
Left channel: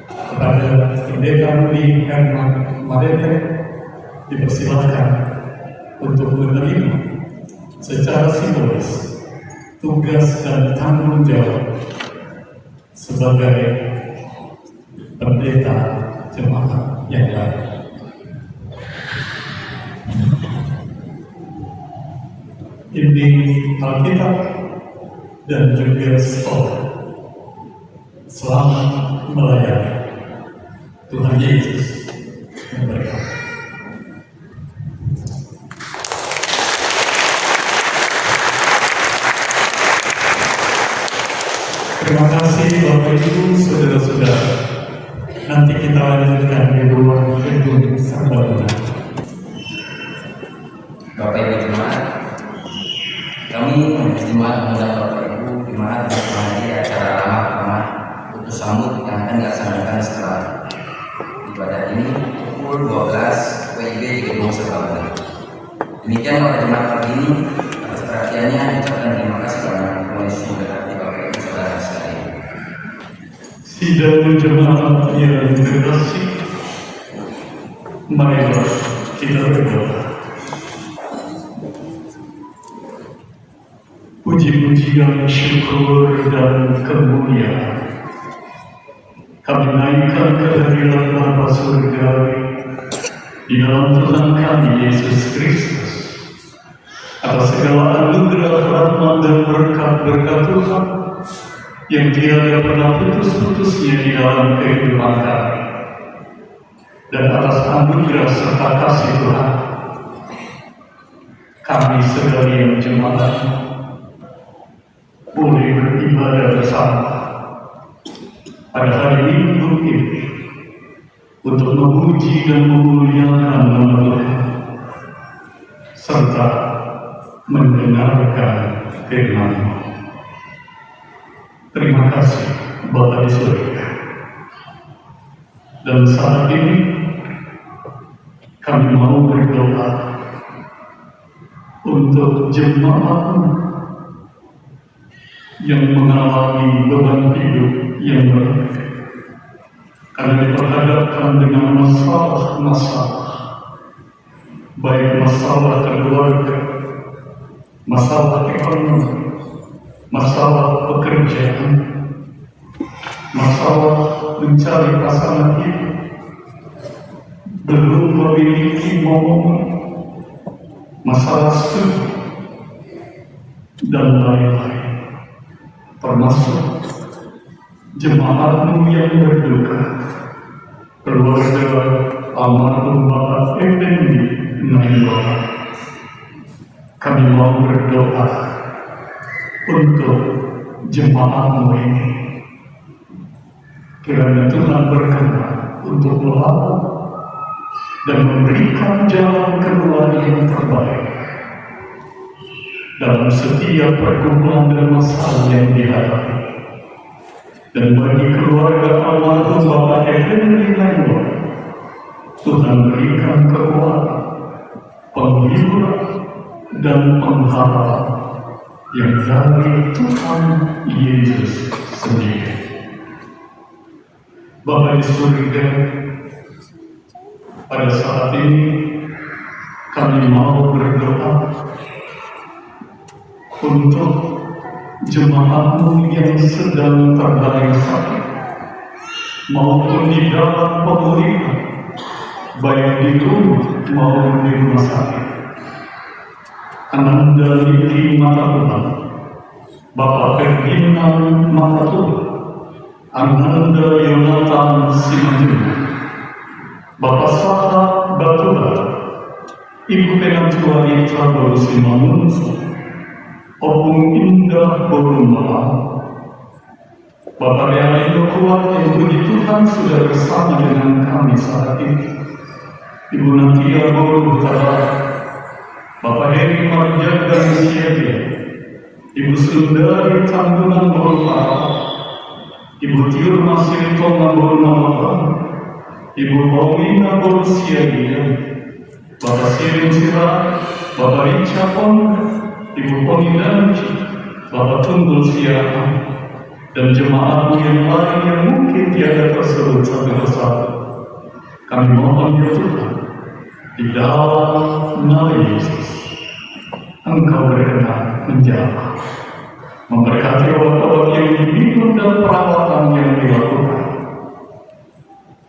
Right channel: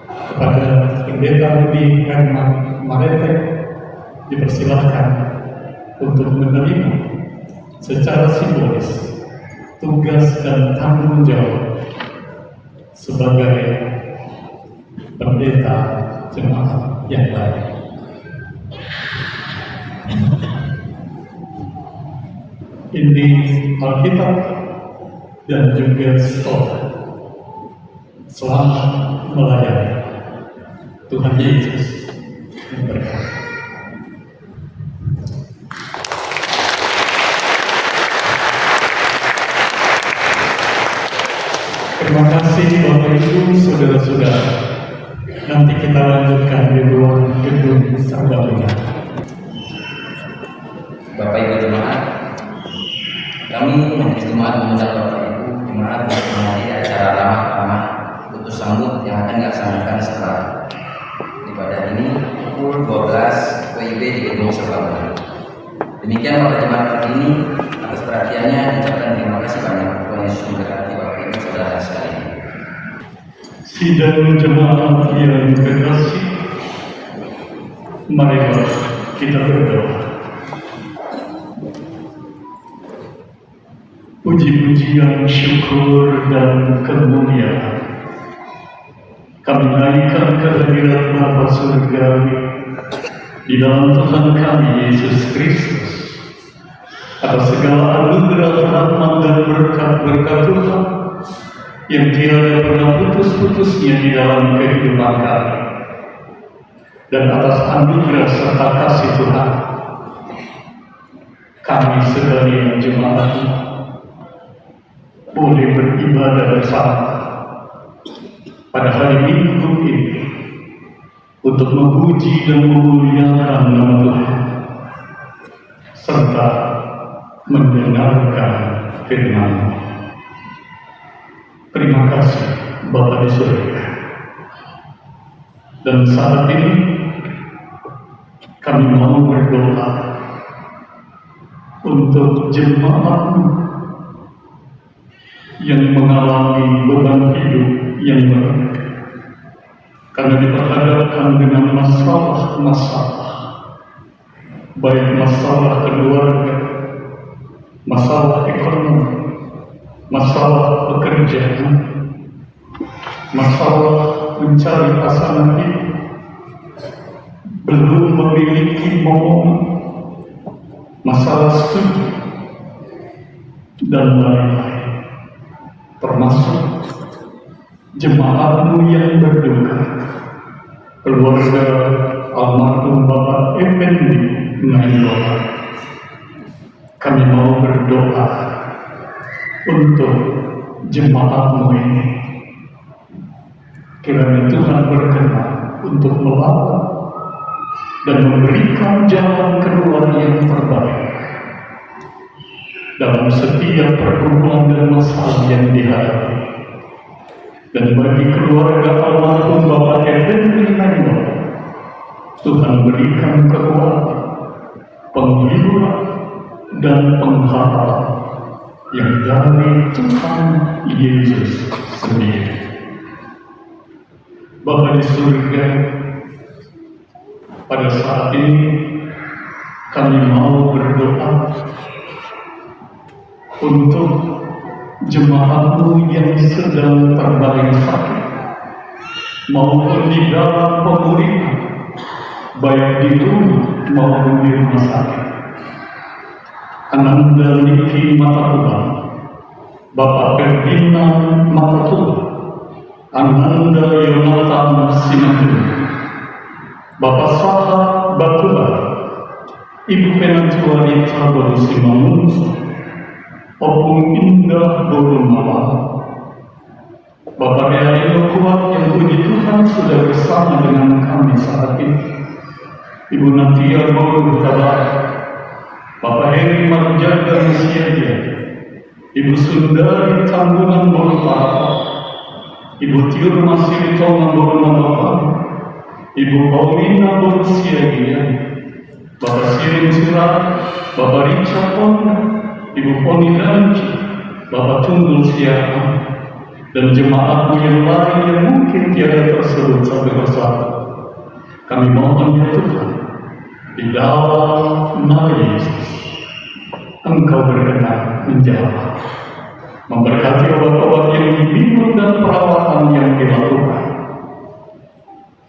Kepada Pendeta Rudi Herman Marete dipersilakan untuk menerima secara simbolis tugas dan tanggung jawab sebagai pendeta jemaat yang baru. Ini Alkitab dan juga sekolah. Selamat melayani Tuhan Yesus wabarakatuh. Terima kasih Bapak Ibu, Saudara-saudara. Nanti kita lanjutkan di ruang gedung Sababuna. Bapak Ibu Jemaat, kami Majelis Jemaat mengundang Bapak Ibu Jemaat untuk menghadiri acara ramah-ramah putus sambut yang akan dilaksanakan setelah ibadah ini pukul 12 WIB di gedung Sababuna. Demikian para jemaat hari ini, atas perhatiannya ucapkan terima kasih banyak. Tuhan Yesus memberkati Bapak Ibu Saudara sekalian. Sidang jemaat yang terkasih, marilah kita berdoa. Puji-pujian, syukur, dan kemuliaan kami naikkan kehadiran Bapa Surgawi di dalam Tuhan kami Yesus Kristus atas segala anugerah, rahmat, dan berkat-berkat Tuhan yang tiada pernah putus-putusnya di dalam kehidupan kami, dan atas anugerah serta kasih Tuhan kami sebagai jemaat boleh beribadah bersama pada hari Minggu ini untuk memuji dan memuliakan nama Tuhan serta mendengarkan firman-Nya. Terima kasih Bapa di surga. Dan saat ini kami mau berdoa untuk jemaat yang mengalami beban hidup yang berat karena diperhadapkan dengan masalah-masalah, baik masalah keluarga, masalah ekonomi, masalah pekerjaan, masalah mencari pasangan hidup, belum memiliki momen, masalah studi, dan lain-lain. Termasuk jemaatmu yang berduka, keluarga almarhum Bapak Effendi Nailora. Kami mau berdoa untuk jemaatmu ini. Kiranya Tuhan berkenan untuk melawat dan memberikan jalan keluar yang terbaik dalam setiap pergumulan dan masalah yang dihadapi. Dan bagi keluarga almarhum Bapak Effendi Nailora, Tuhan berikan kekuatan, penghiburan, dan pengharapan yang dari Tuhan Yesus sendiri. Bapa di surga, pada saat ini kami mau berdoa untuk jemaatmu yang sedang terbaring sakit maupun di dalam pemulihan, baik di rumah maupun di rumah sakit. Ananda Niki Mataruhan, Bapak Ferdinand Mataruhan, Ananda Yonatan Simajun, Bapak Sahat Batubar, Ibu Penancuari Cabal Simangunso, Opung Indah Borumala, Bapak Realindo Kuat yang puji Tuhan sudah bersama dengan kami saat ini, Ibu Natia Borumala, Bapak Heri Marjaga Musyadia, Ibu Sundari Tanggungan Borumala, Ibu Tirma Sirtoma Borumala, Ibu Paulina Borusyadia, Bapak Sirin Sirat, Bapak Richard Ibu Poni Danci, Bapak Tunggul Siapa, dan jemaat yang lain yang mungkin tiada tersebut sampai bersama. Kami mohon ya Tuhan, di dalam nama Yesus, Engkau berkenan menjawab, memberkati obat-obat yang diminum dan perawatan yang dilakukan,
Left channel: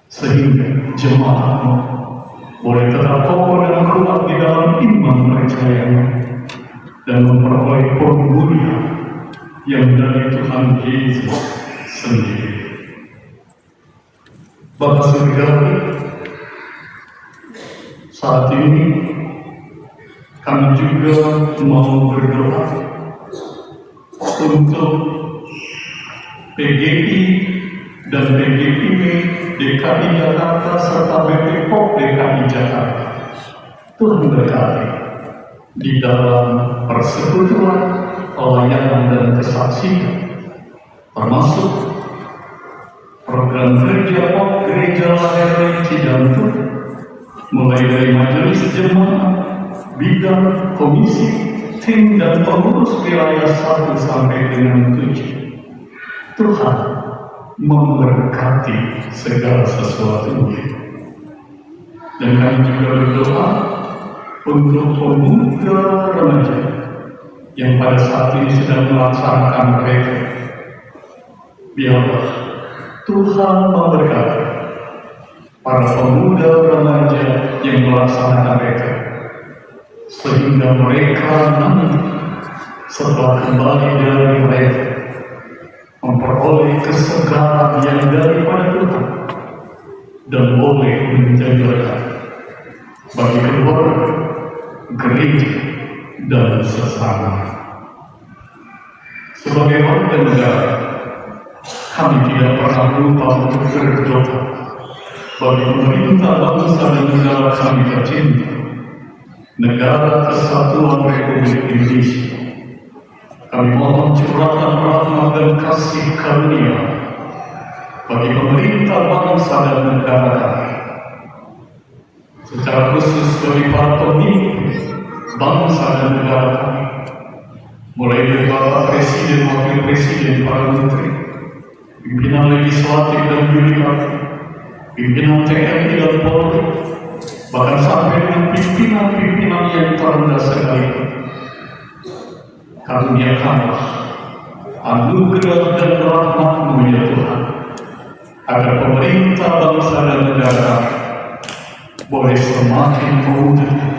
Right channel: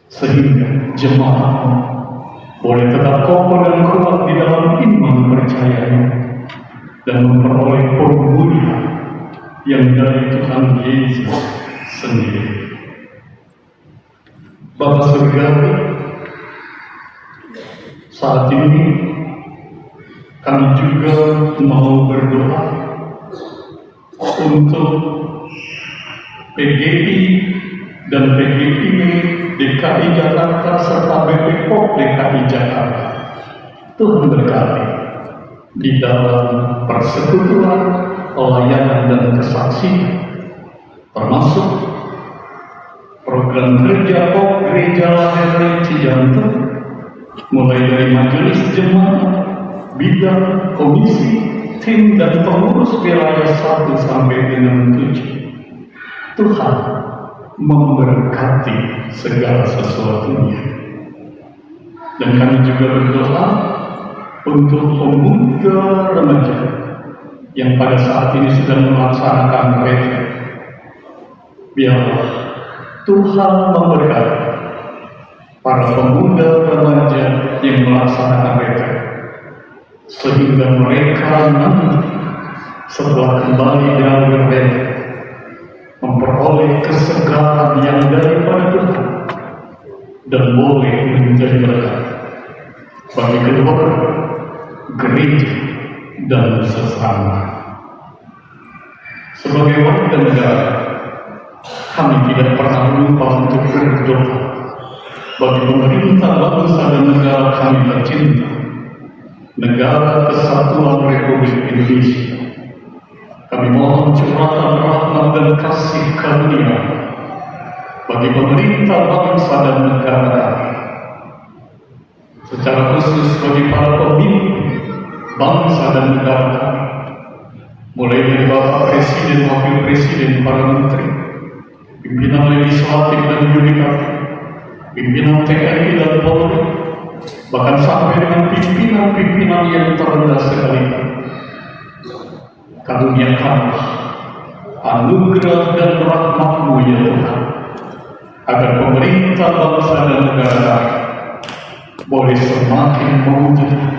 sehingga jemaatmu boleh tetap kokoh dan kuat di dalam iman percayanya, dan memperoleh pemulihan yang dari Tuhan Yesus sendiri. Bapa Surgawi, Saat ini kami juga mau berdoa untuk PGI dan PGIM DKI Jakarta serta BP POM DKI Jakarta. Tuhan berkati di dalam persekutuan, pelayanan dan kesaksian, termasuk program kerja POM Gereja Lahir Cijantung, mulai dari majelis jemaat, bidang, komisi, tim dan pengurus wilayah 1 sampai dengan 7. Tuhan memberkati segala sesuatunya. Dan kami juga berdoa untuk pemuda remaja yang pada saat ini sedang melaksanakan mereka. Biarlah Tuhan memberkati para pemuda remaja yang melaksanakan mereka, sehingga mereka nanti setelah kembali dari mereka memperoleh kesegaran yang daripada Tuhan dan boleh menjadi berkat bagi keluarga, gereja, dan sesama. Sebagai warga negara, kami tidak pernah lupa untuk berdoa bagi pemerintah bangsa dan negara kami tercinta, Negara Kesatuan Republik Indonesia. Kami mohon curahkan rahmat dan kasih karunia bagi pemerintah bangsa dan negara kami, secara khusus bagi para pemimpin bangsa dan negara kami, mulai dari Bapak Presiden, Wakil Presiden, para menteri, pimpinan legislatif dan yudikatif, pimpinan TNI dan Polri, bahkan sampai dengan pimpinan-pimpinan yang terendah sekalipun. Karuniakanlah anugerah dan rahmat-Mu ya Tuhan, agar pemerintah bangsa dan negara boleh semakin mewujudkan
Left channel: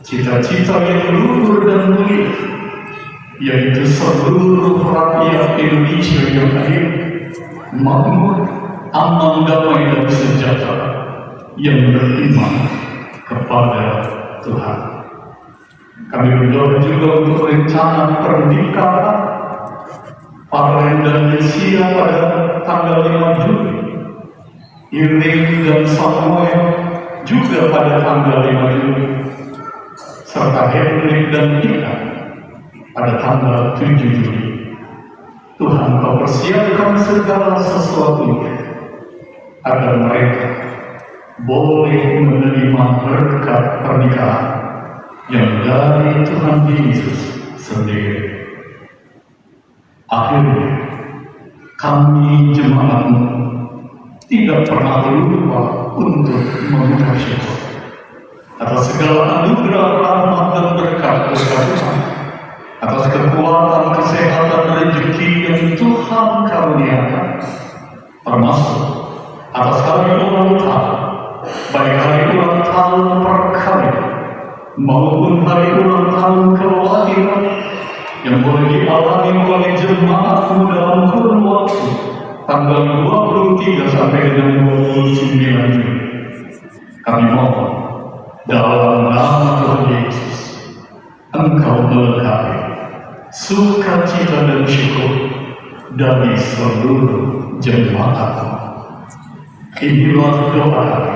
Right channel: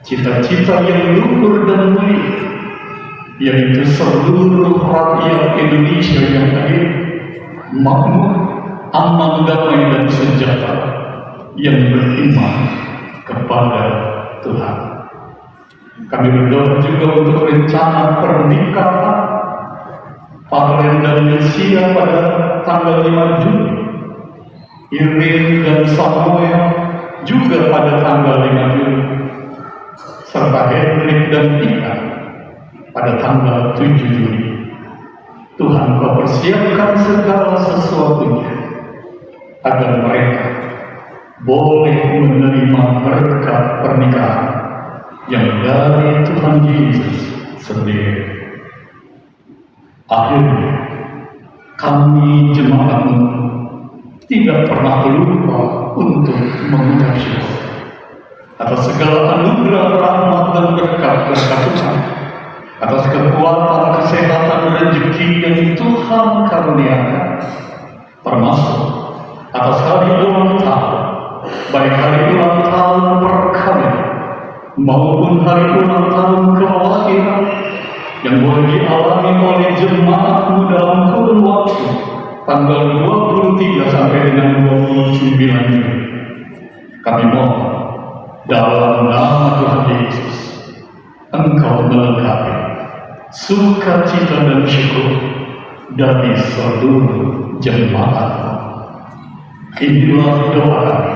cita-cita yang luhur dan mulia, yaitu seluruh rakyat Indonesia yang adil, makmur, aman, damai dan sejahtera, yang beriman kepada Tuhan. Kami berdoa juga untuk rencana pernikahan Paren dan Mesia pada tanggal 5 Juli, Irene dan Samuel juga pada tanggal 5 Juli, serta Henrik dan Ika pada tanggal 7 Juli. Tuhan Kau persiapkan segala sesuatunya agar mereka boleh menerima berkat pernikahan yang dari Tuhan Yesus sendiri. Akhirnya, kami jemaat-Mu tidak pernah lupa untuk mengucap syukur atas segala anugerah, rahmat dan berkat Tuhan, atas kekuatan, kesehatan, rezeki yang Tuhan karuniakan, termasuk atas hari ulang tahun, baik hari ulang tahun perkawinan maupun hari ulang tahun kelahiran yang boleh dialami oleh jemaat-Mu dalam kurun waktu tanggal 23 sampai dengan 29 Juli. Kami mohon dalam nama Tuhan Yesus, Engkau melengkapi sukacita dan syukur dari seluruh jemaat-Mu. Inilah doa kami,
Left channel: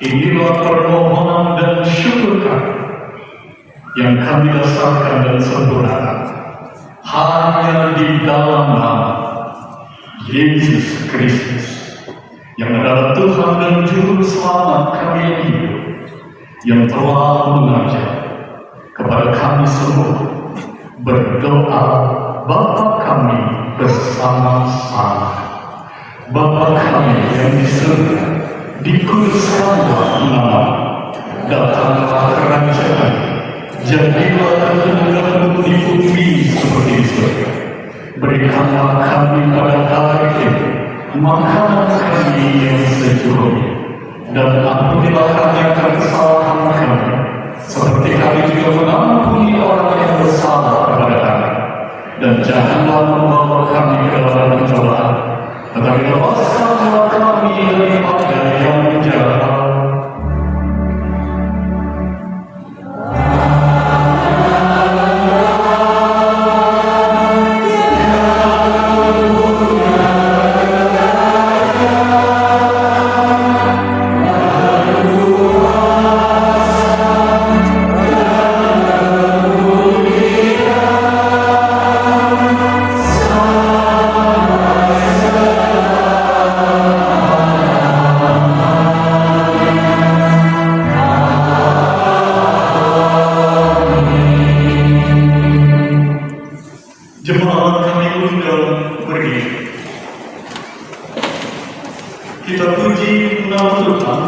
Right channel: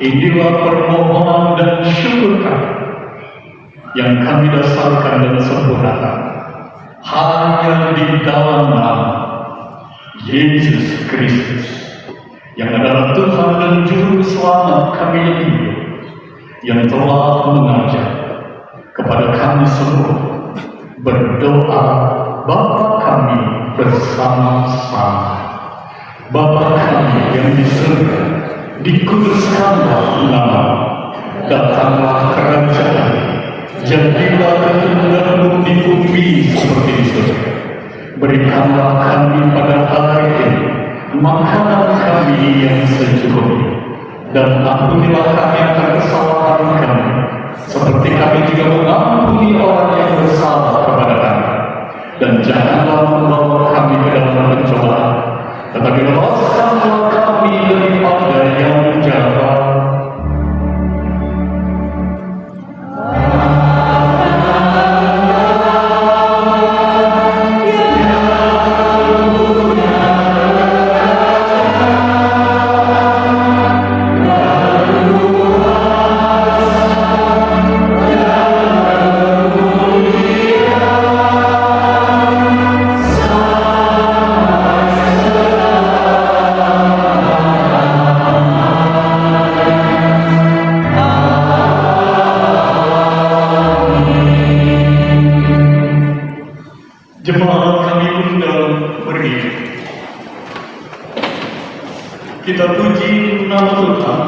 inilah permohonan dan syukur kami yang kami dasarkan dan sempurnakan hanya di dalam nama Yesus Kristus, yang adalah Tuhan dan Juru Selamat kami yang hidup, yang telah mengajar kepada kami semua berdoa Bapa kami bersama-sama. Bapa kami yang di surga, dikuduskanlah nama-Mu, datanglah kerajaan-Mu, jadilah kehendak-Mu di bumi seperti di surga. Berikanlah kami pada hari ini makanan kami yang secukupnya, dan ampunilah kami akan kesalahan kami, seperti kami juga mengampuni orang yang bersalah kepada kami. Dan janganlah membawa kami ke dalam pencobaan, tetapi lepaskanlah kami daripada yang jahat. Kita puji nama Tuhan.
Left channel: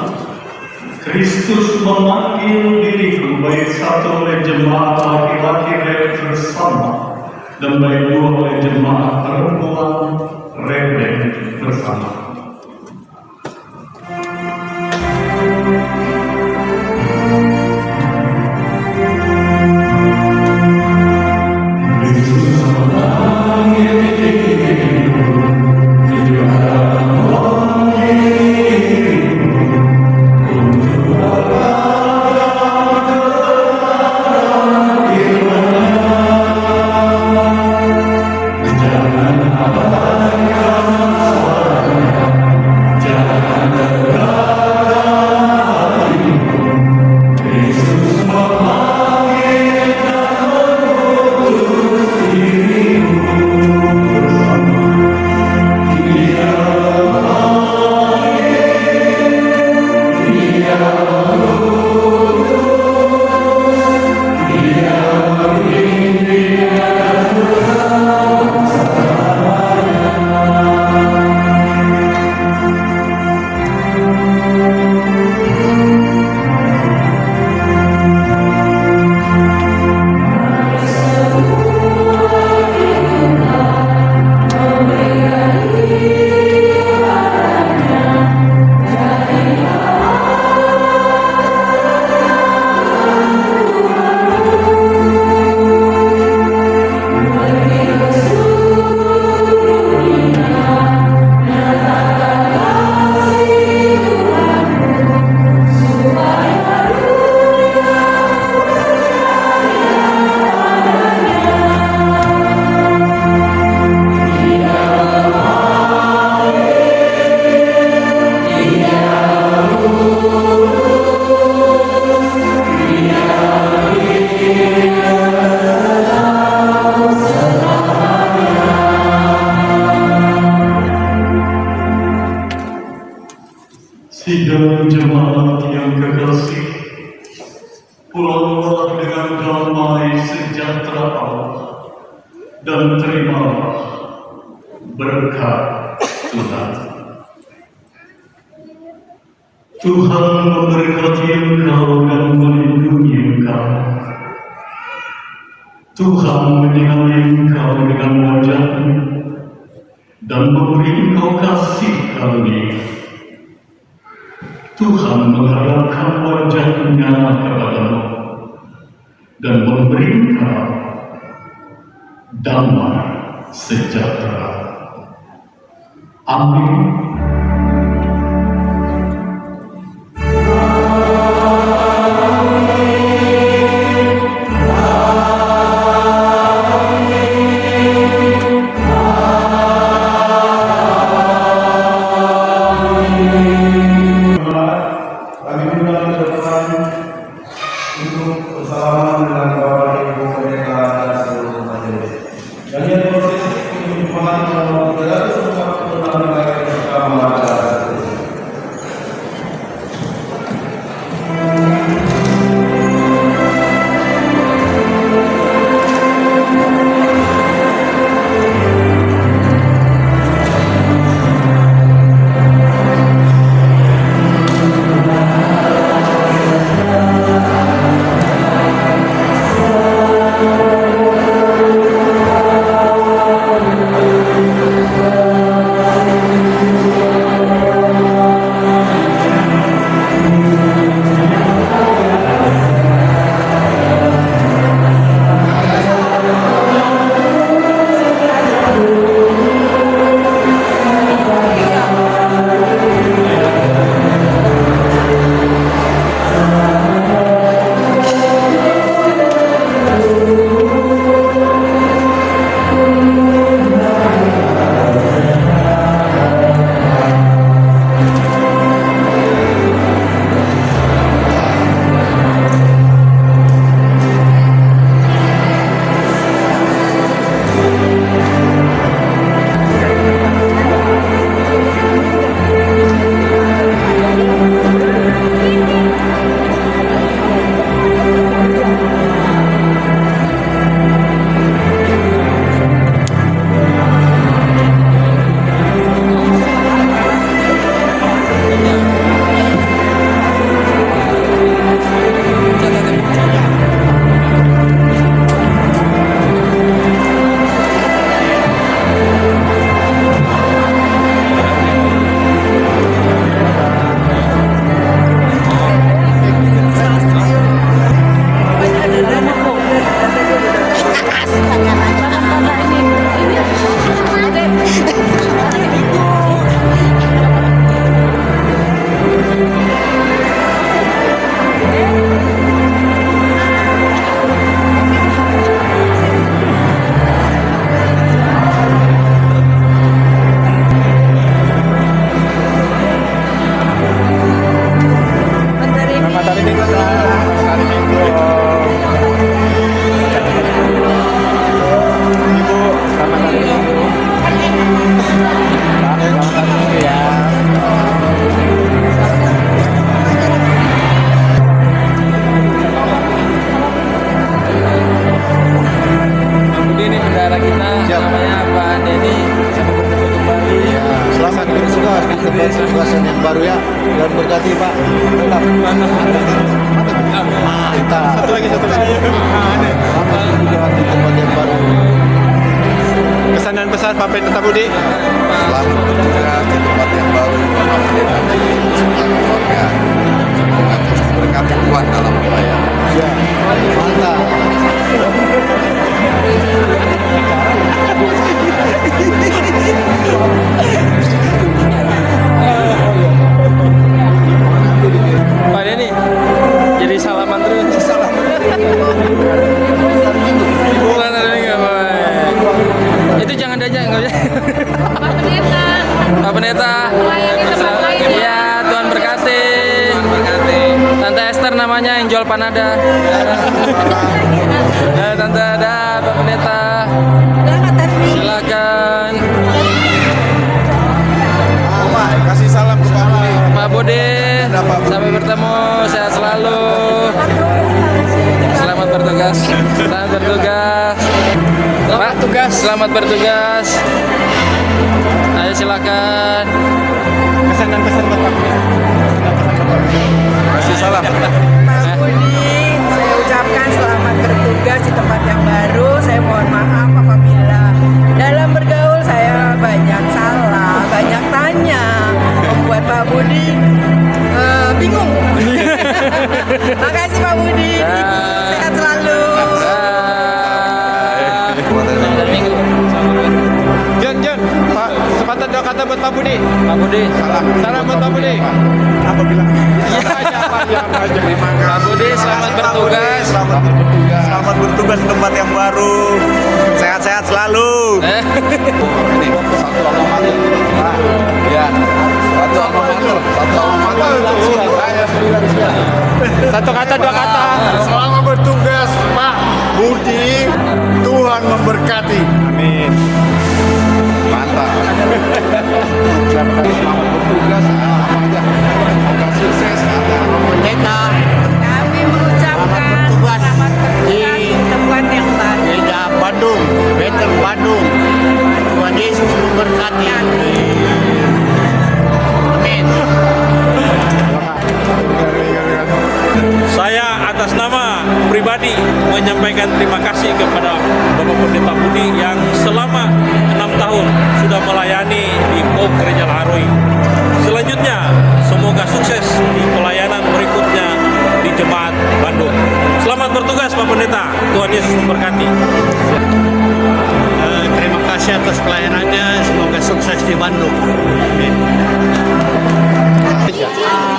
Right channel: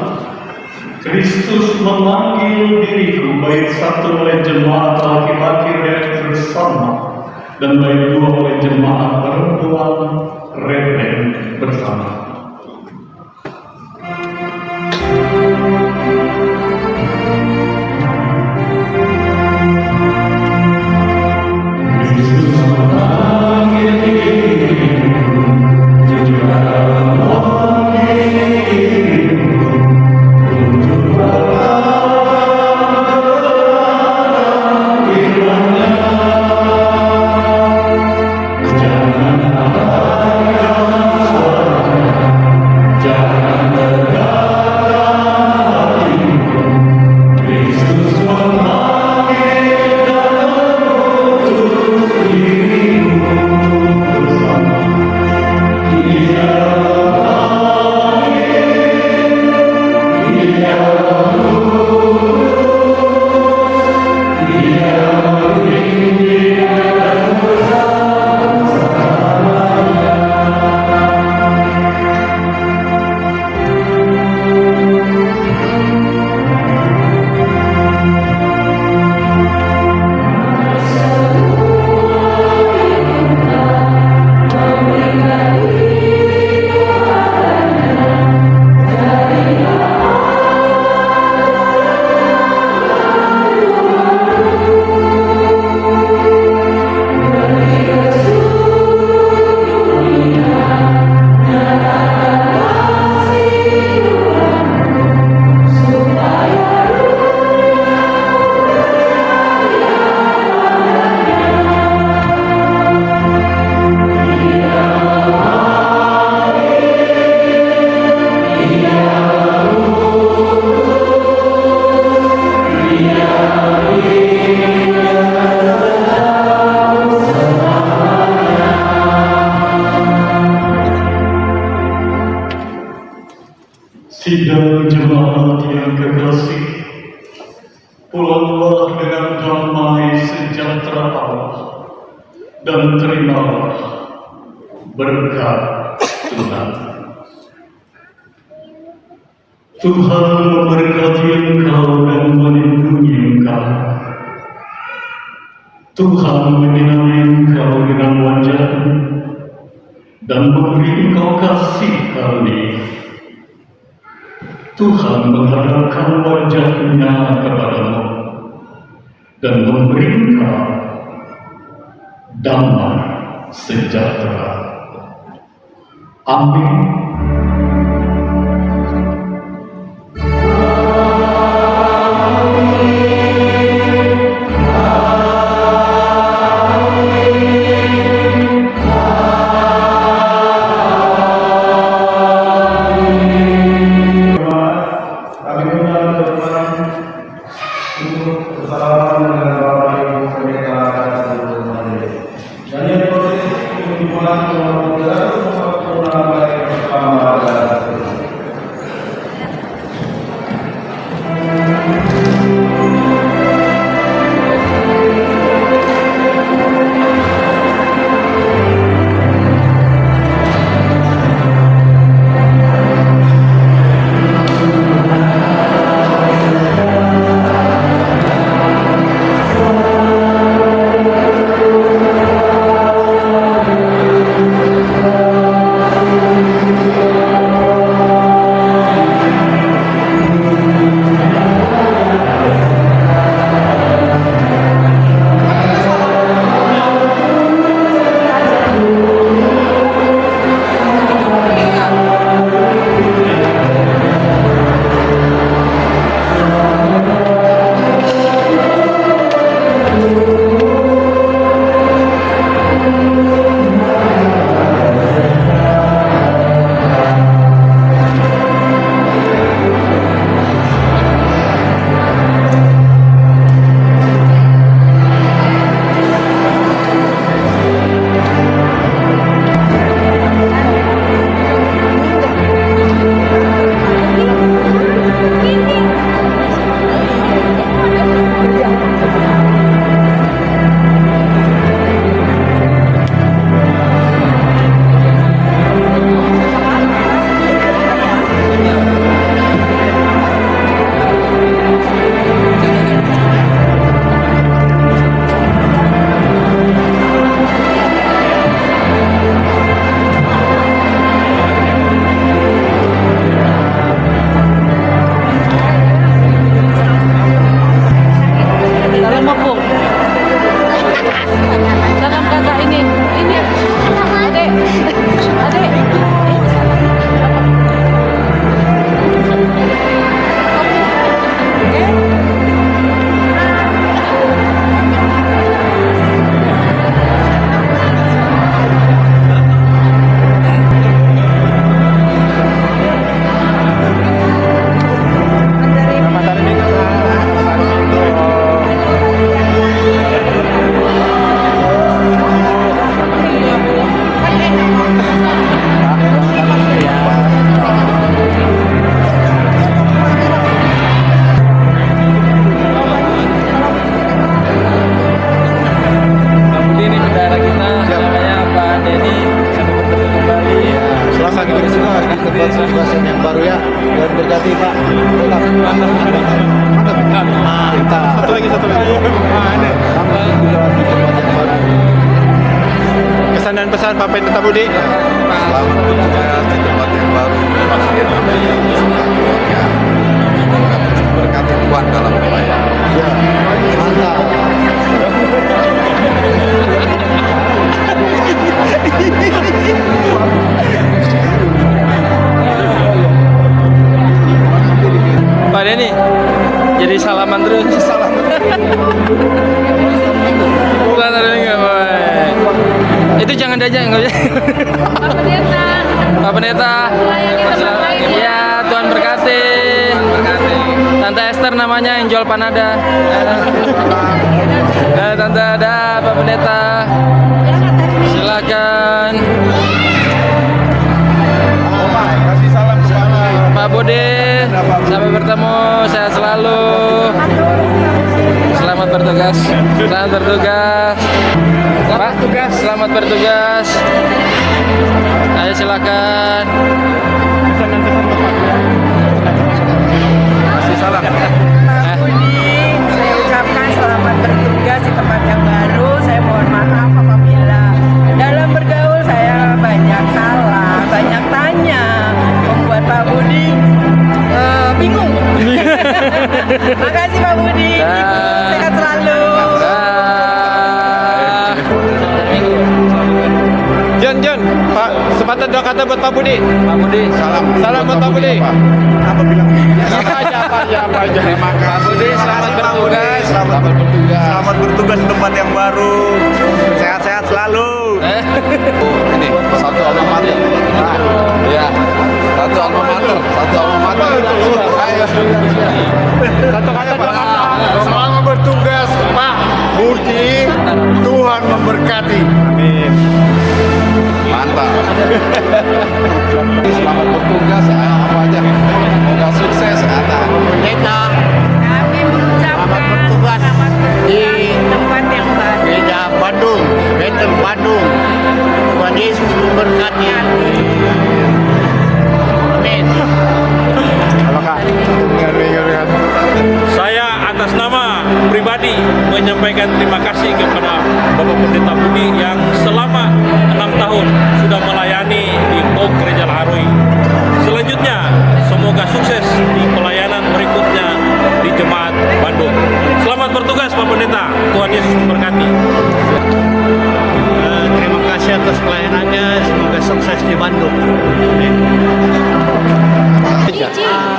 Kristus memanggil diriku baik satu oleh jemaat laki-laki rebek bersama dan baik dua oleh jemaat perempuan rebek bersama. Sidang jemaat yang kekasih, pulanglah dengan damai sejahtera Allah dan terimalah berkat Tuhan. Tuhan memberkati engkau dan melindungi engkau. Tuhan menyinari engkau dengan wajah-Nya dan memberi engkau kasih karunia. Tuhan menghadapkan wajah-Nya kepadamu dan memberi engkau damai sejahtera. Amin. Kami mengundang Tuhan untuk bersalaman dengan Bapak Ibu Pendeta dan seluruh majelis. Nyanyian proses untuk dimulai dengan 346 baik bersama tugasan yang baru ya. Tuhan berkati Pak. Mantap. Satu lagi. Selamat juga di tempat yang baru. Kesan dan pesan Pak Pendeta Budi. Selamat bertugas di tempat yang baru. Terima kasih ya kami beserta keluarga. Semoga terus berkati Tuhan dalam pelayanan. Ya, mantap. Pak Denny jadi salaman terus. Itu jangan diajak nggak bisa. Pak Pendeta. Pak Pendeta. Melayani tempat lain ya. Ya, Tuhan berkati. Tante Esther namanya yang jual panada. Tante ada Pak Pendeta. Silakan. Kasih salam Pak Budi, sampai bertemu, sehat selalu. Selamat bertugas. Selamat bertugas. Pak, selamat bertugas. Ayo silakan. Kesan dan pesan Bapak. Kasih salam. Pak Budi, saya ucapkan selamat bertugas di tempat yang baru. Saya mohon maaf apabila dalam bergaul saya banyak salah, banyak tanya, membuat Pak Budi bingung. Makasih Pak Budi, sehat selalu. Jon, Pak, kesempatan dua kata buat Pak Budi. Pak Budi. Salam buat Pak Budi. Apa bilang? Apa aja. Pak Budi, Makasih Pak Budi. Selamat bertugas di tempat yang baru. Sehat-sehat selalu. ini satu alma mater. Ya, satu alma mater. Satu alma mater. Satu kata dua kata. Selamat bertugas Pak Budi. Tuhan memberkati. Amin. Mantap. Bertugas apa aja. Semoga sukses anak. Pendeta Kami mengucapkan selamat bertugas di tempat yang baru. Gereja Bandung, Bethel Bandung. Tuhan Yesus memberkati. Amin. Saya atas nama pribadi menyampaikan terima kasih kepada Bapak Pendeta Budi yang selama 6 tahun sudah melayani di POP Gereja Laharoi. Selanjutnya, semoga sukses di pelayanan berikutnya di Jemaat Bandung. Selamat bertugas Pak Pendeta, Tuhan Yesus memberkati. Terima kasih atas pelayanannya. Semoga sukses di Bandung.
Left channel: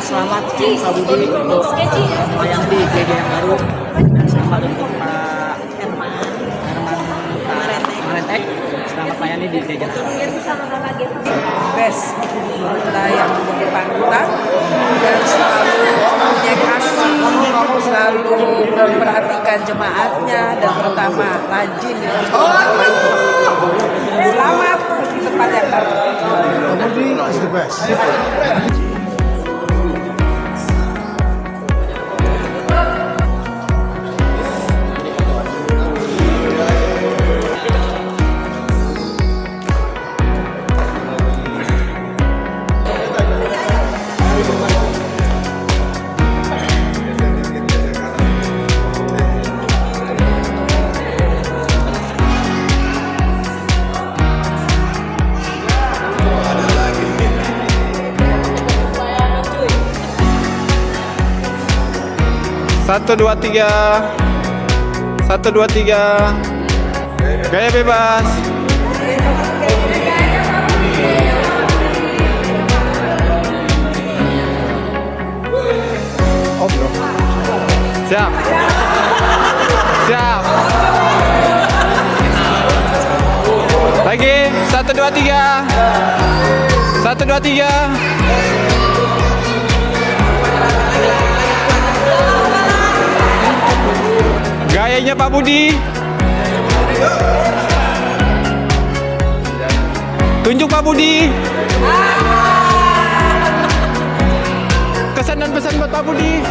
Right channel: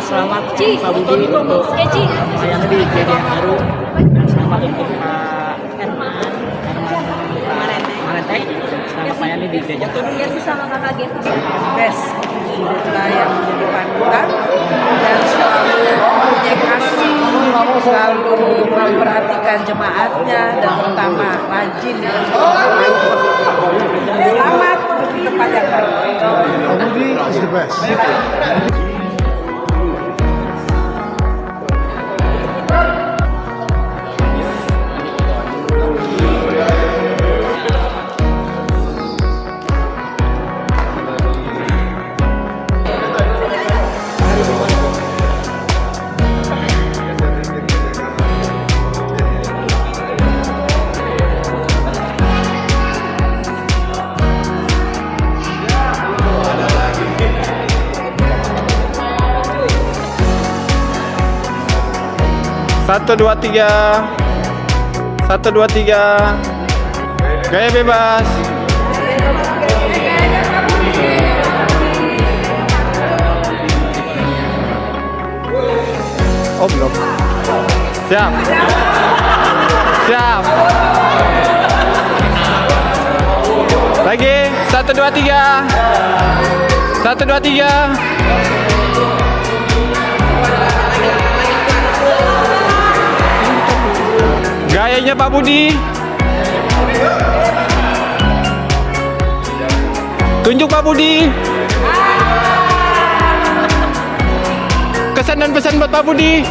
Selamat Pak Budi untuk melayani di gereja yang baru, dan selamat untuk Pak Herman Marentek selamat melayani di gereja baru. Best kita yang menjadi panutan dan selalu punya kasih, selalu memperhatikan jemaatnya dan terutama rajin selamat di tempat yang baru. Pak Budi is the best. Satu, dua, tiga. Satu, dua, tiga. Gaya bebas. Siap. Siap. Lagi. Satu, dua, tiga. Satu, dua, tiga. Gayanya Pak Budi. Tunjuk Pak Budi. Kesan dan pesan buat Pak Budi.